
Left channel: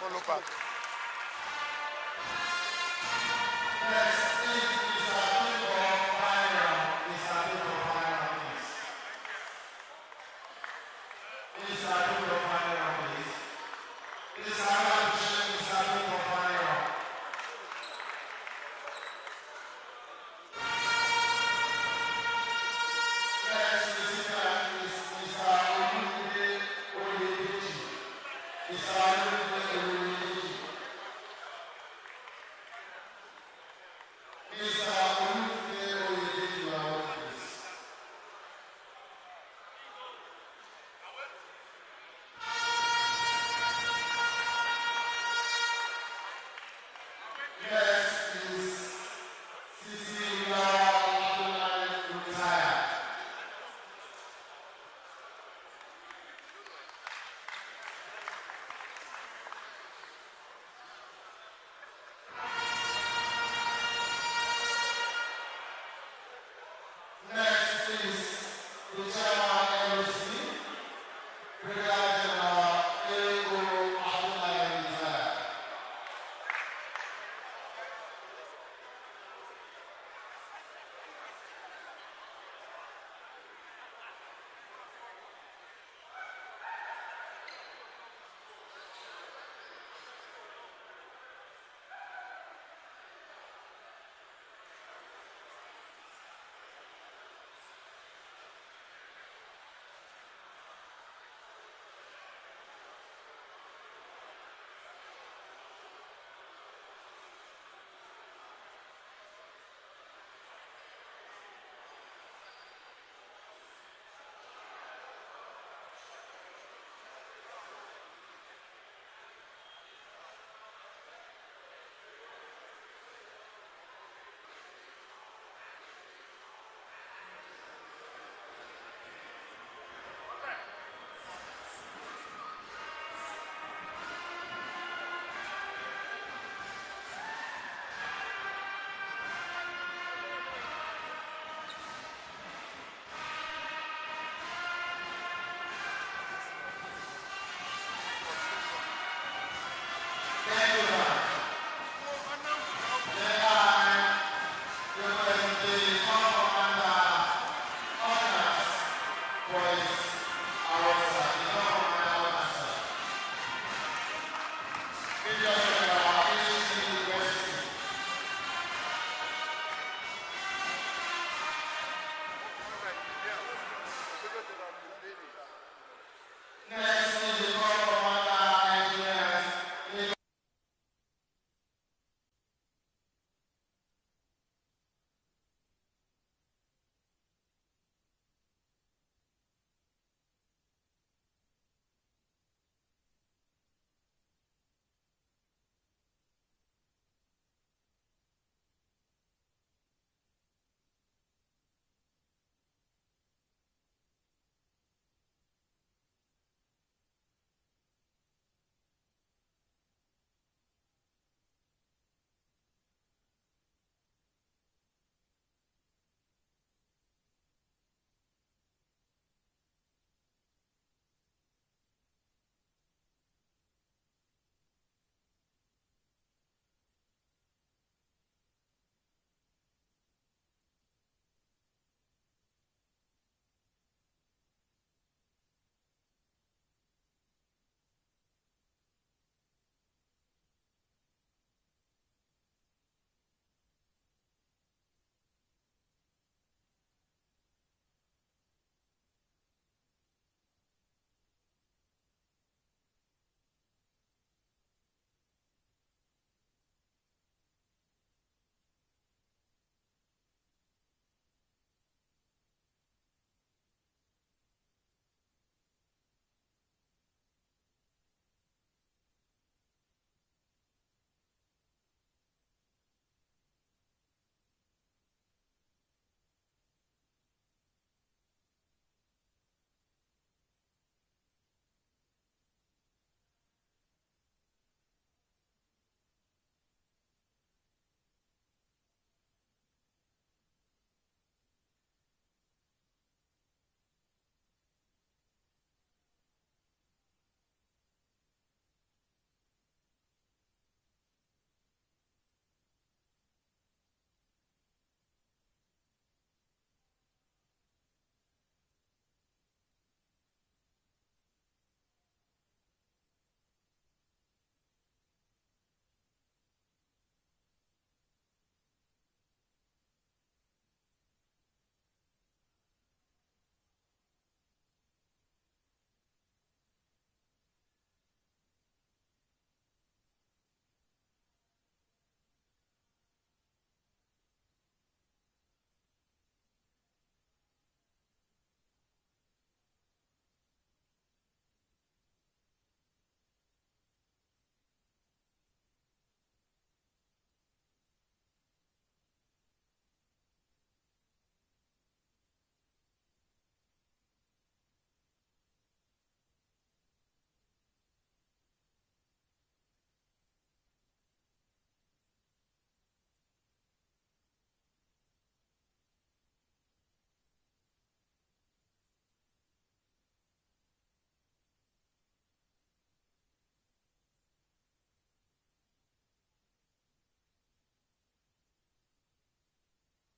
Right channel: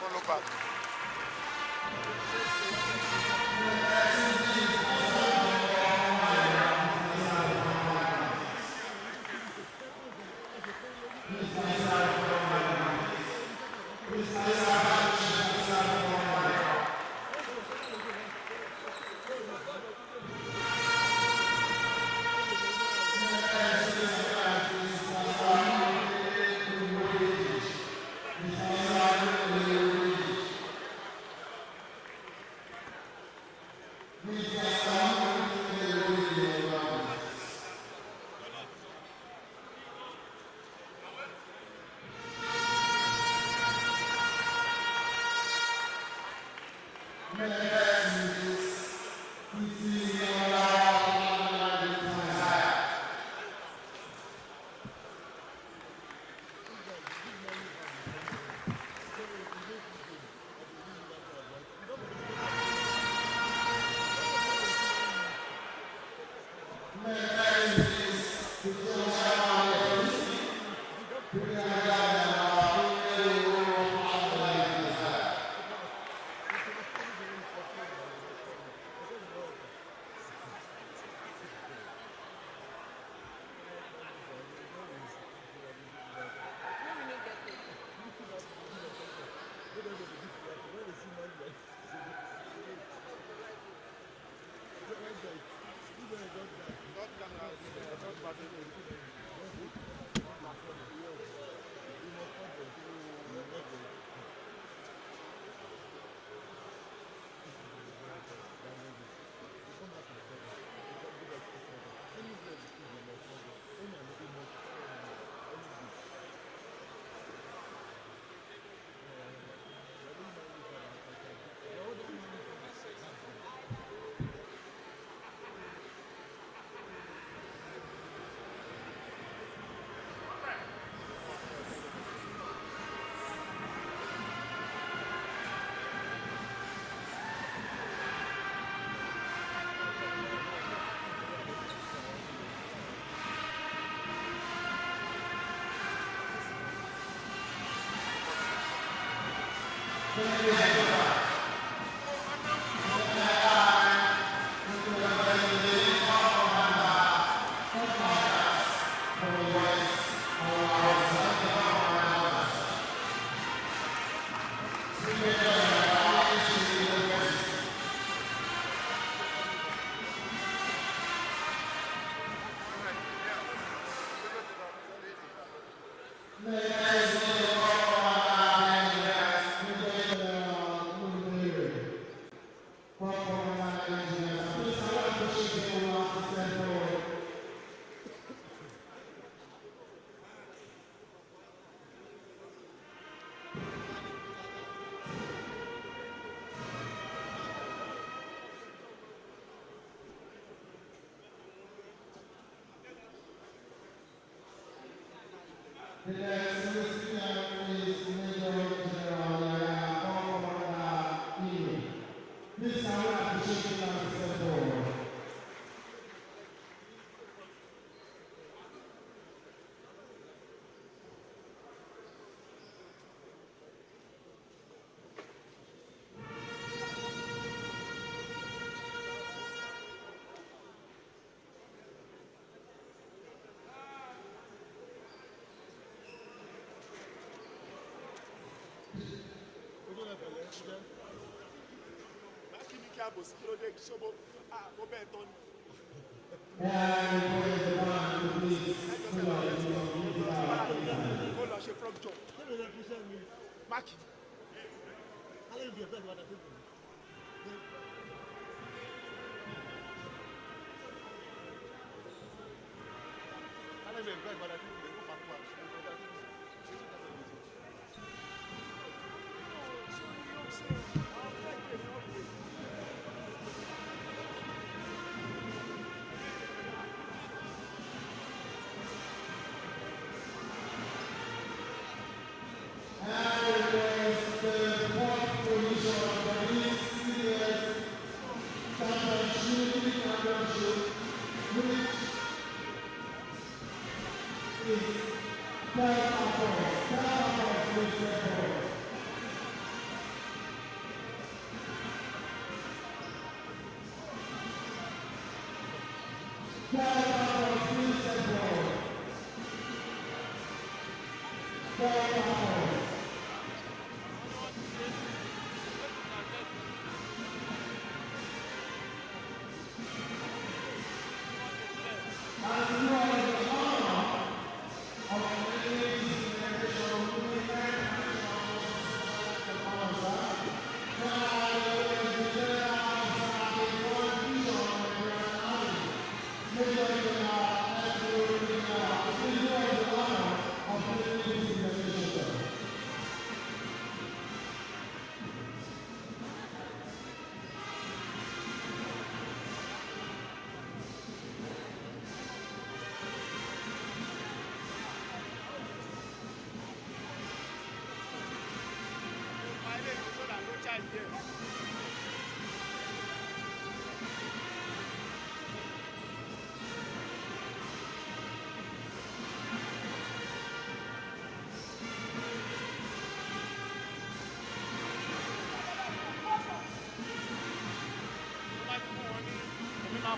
Follow back.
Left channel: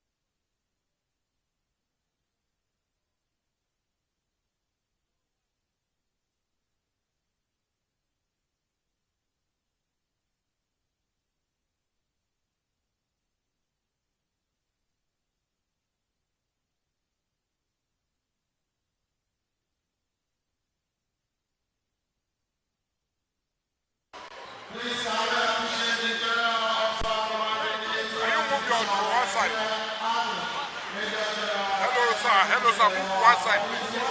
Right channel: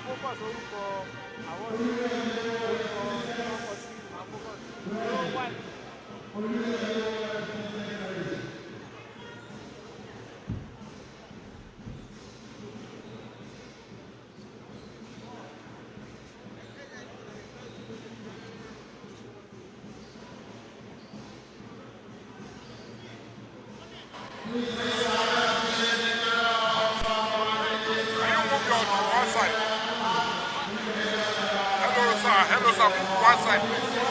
focus orúkọ àwọn orúkọ ọkọ̀ sí máa focus lọ́wọ́ white. Hello, sir. Move one side, please.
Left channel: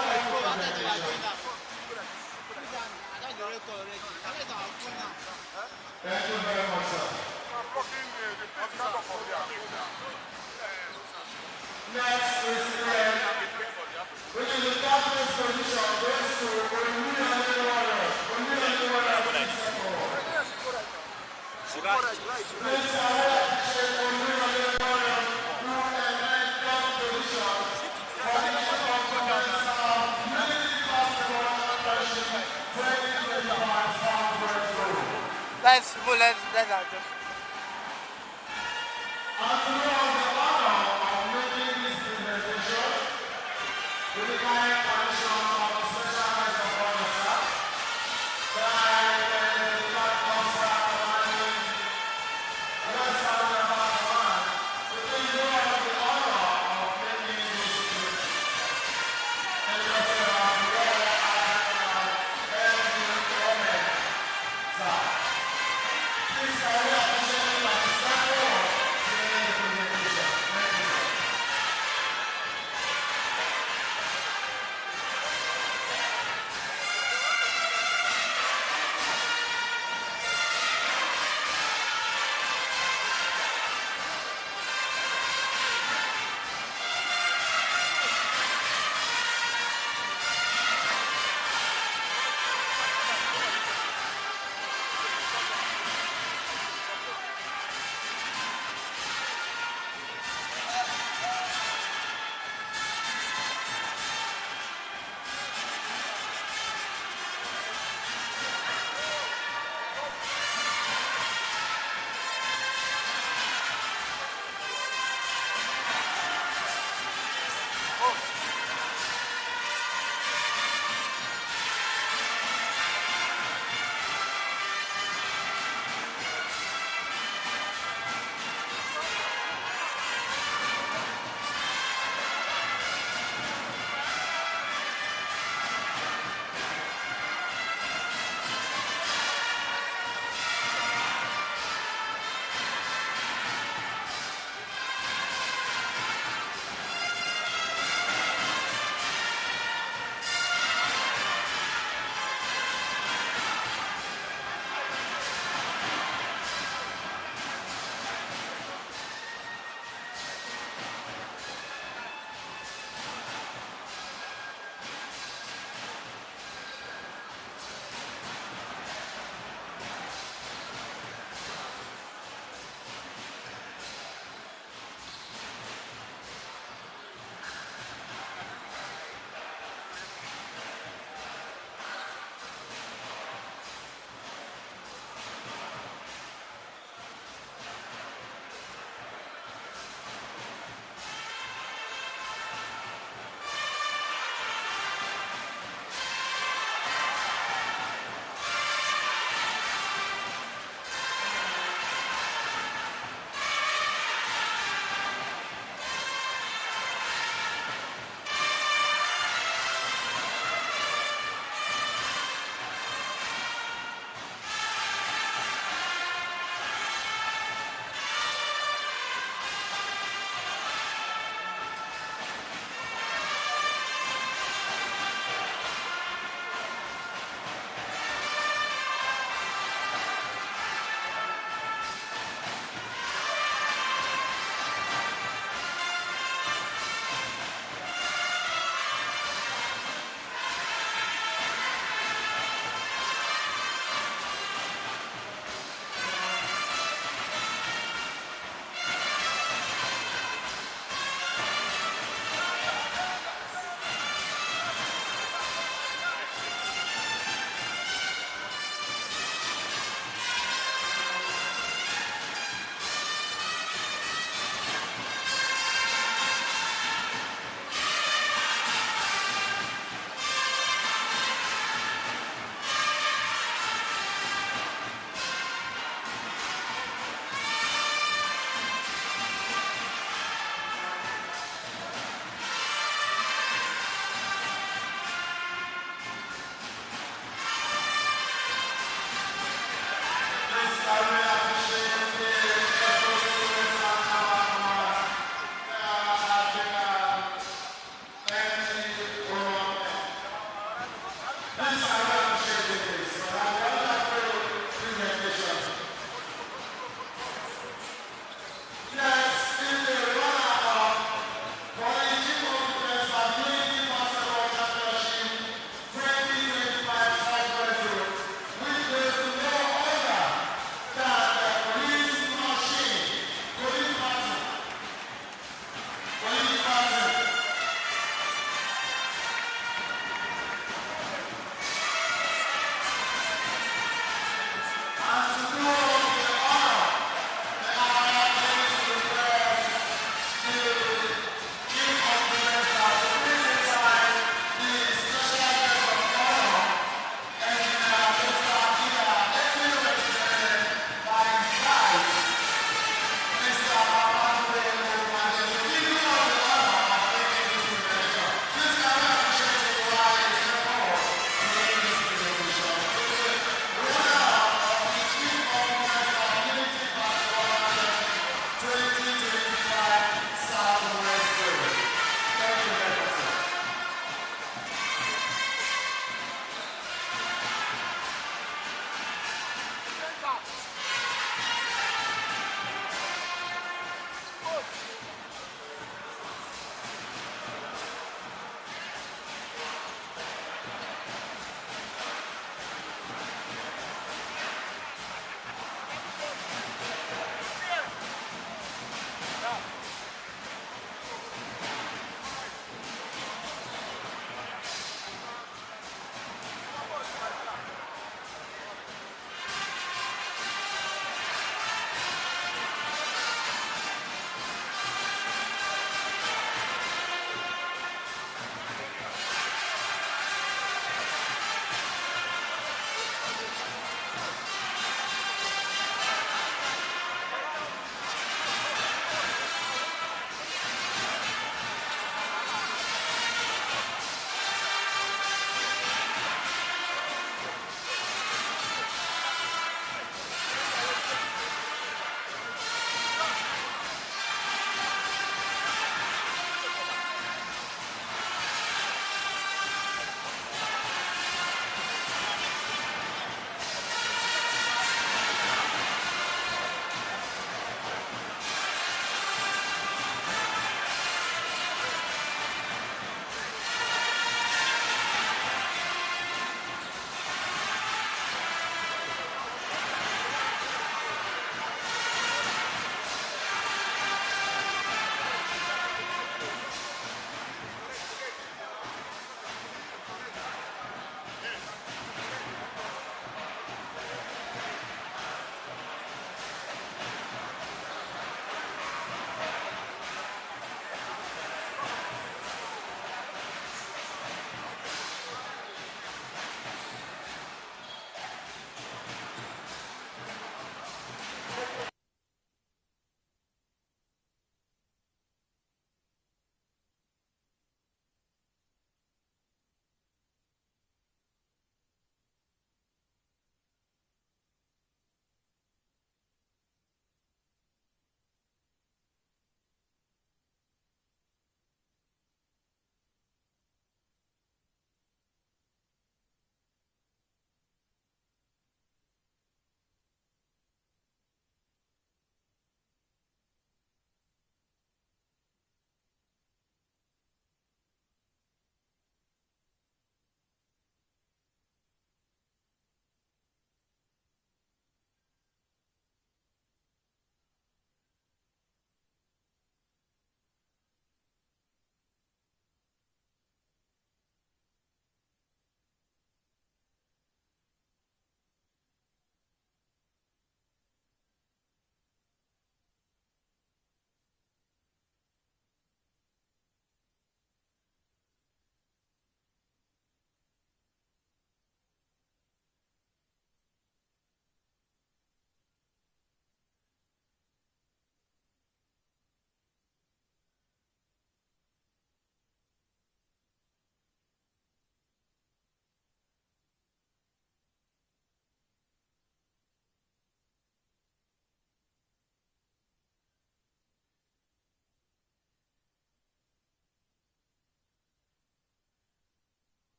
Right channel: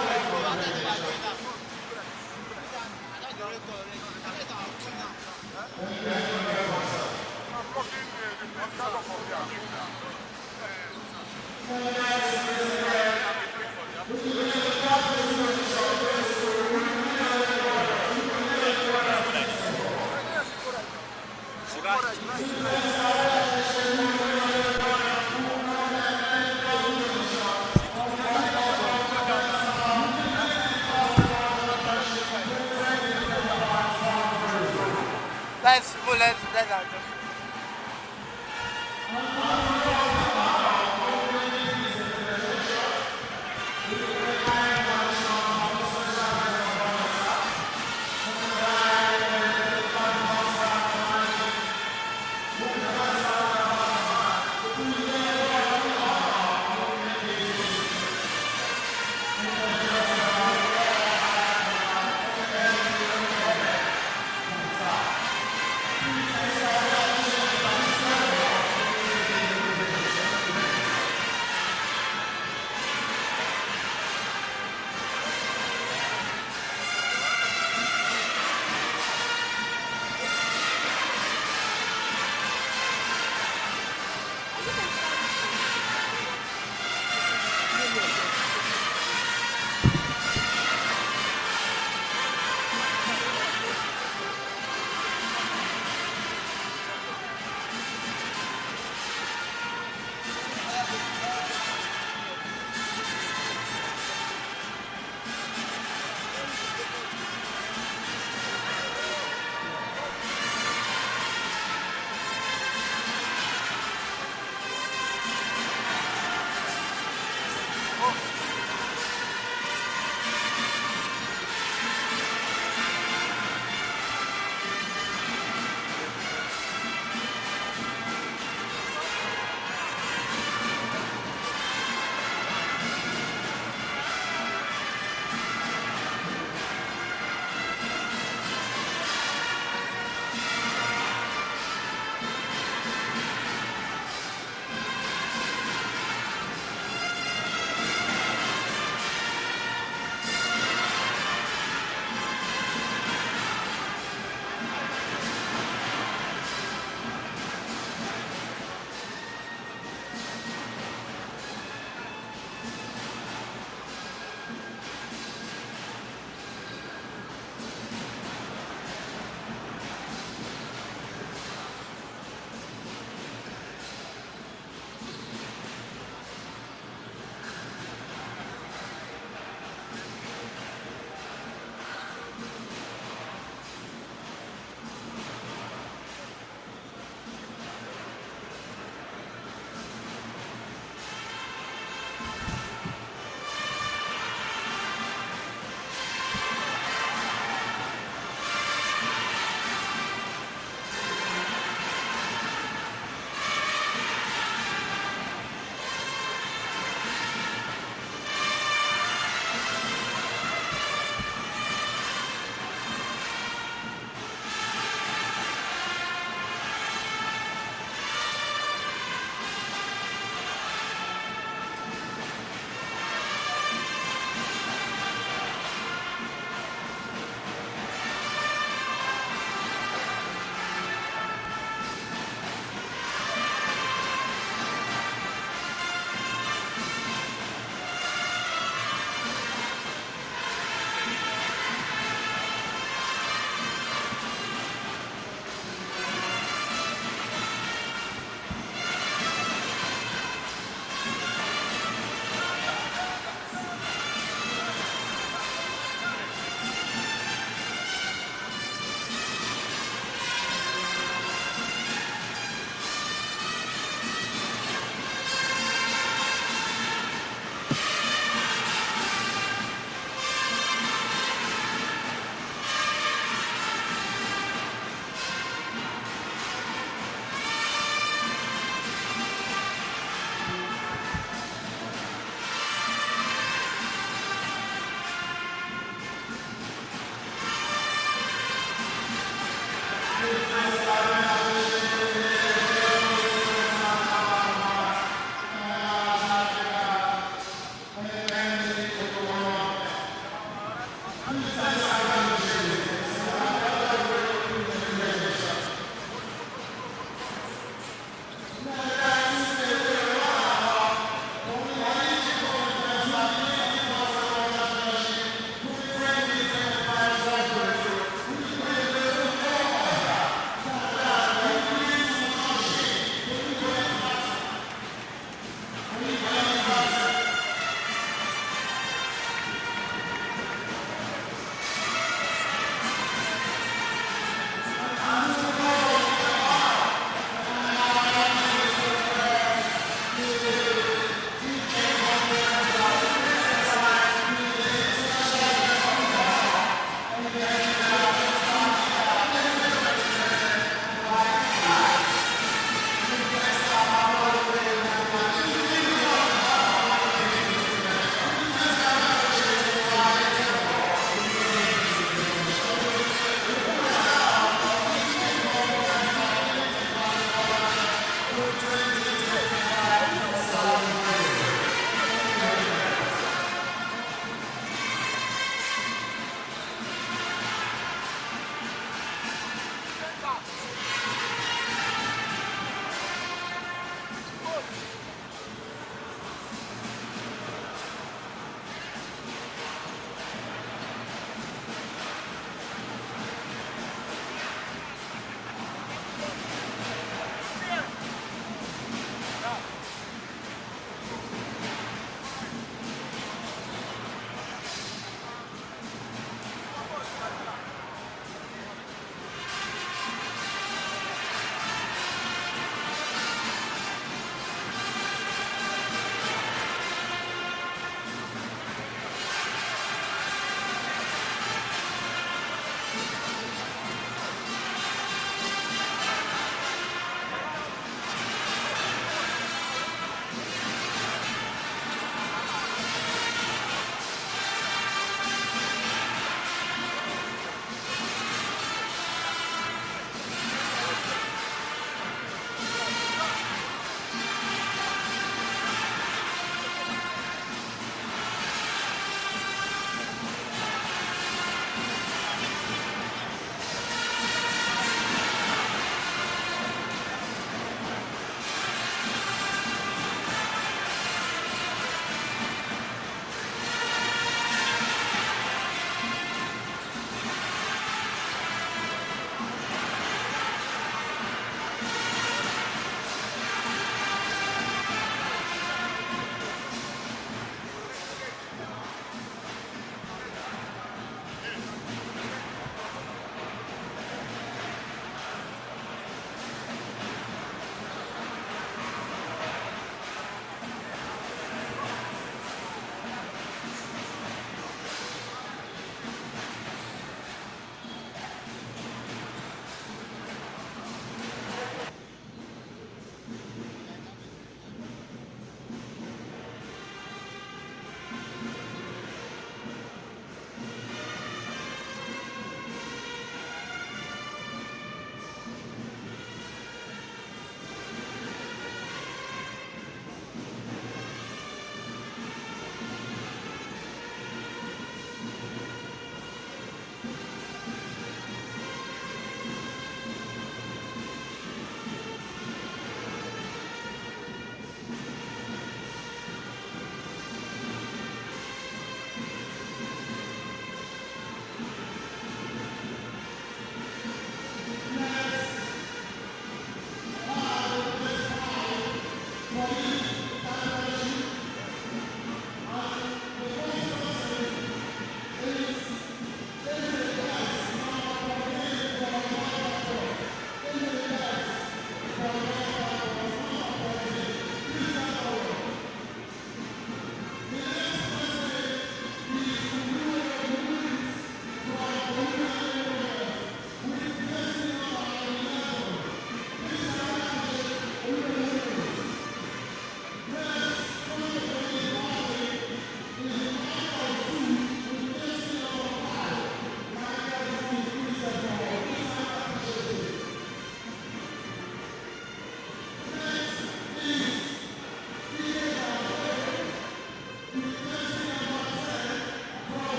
let's adjust.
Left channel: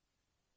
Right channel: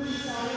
Please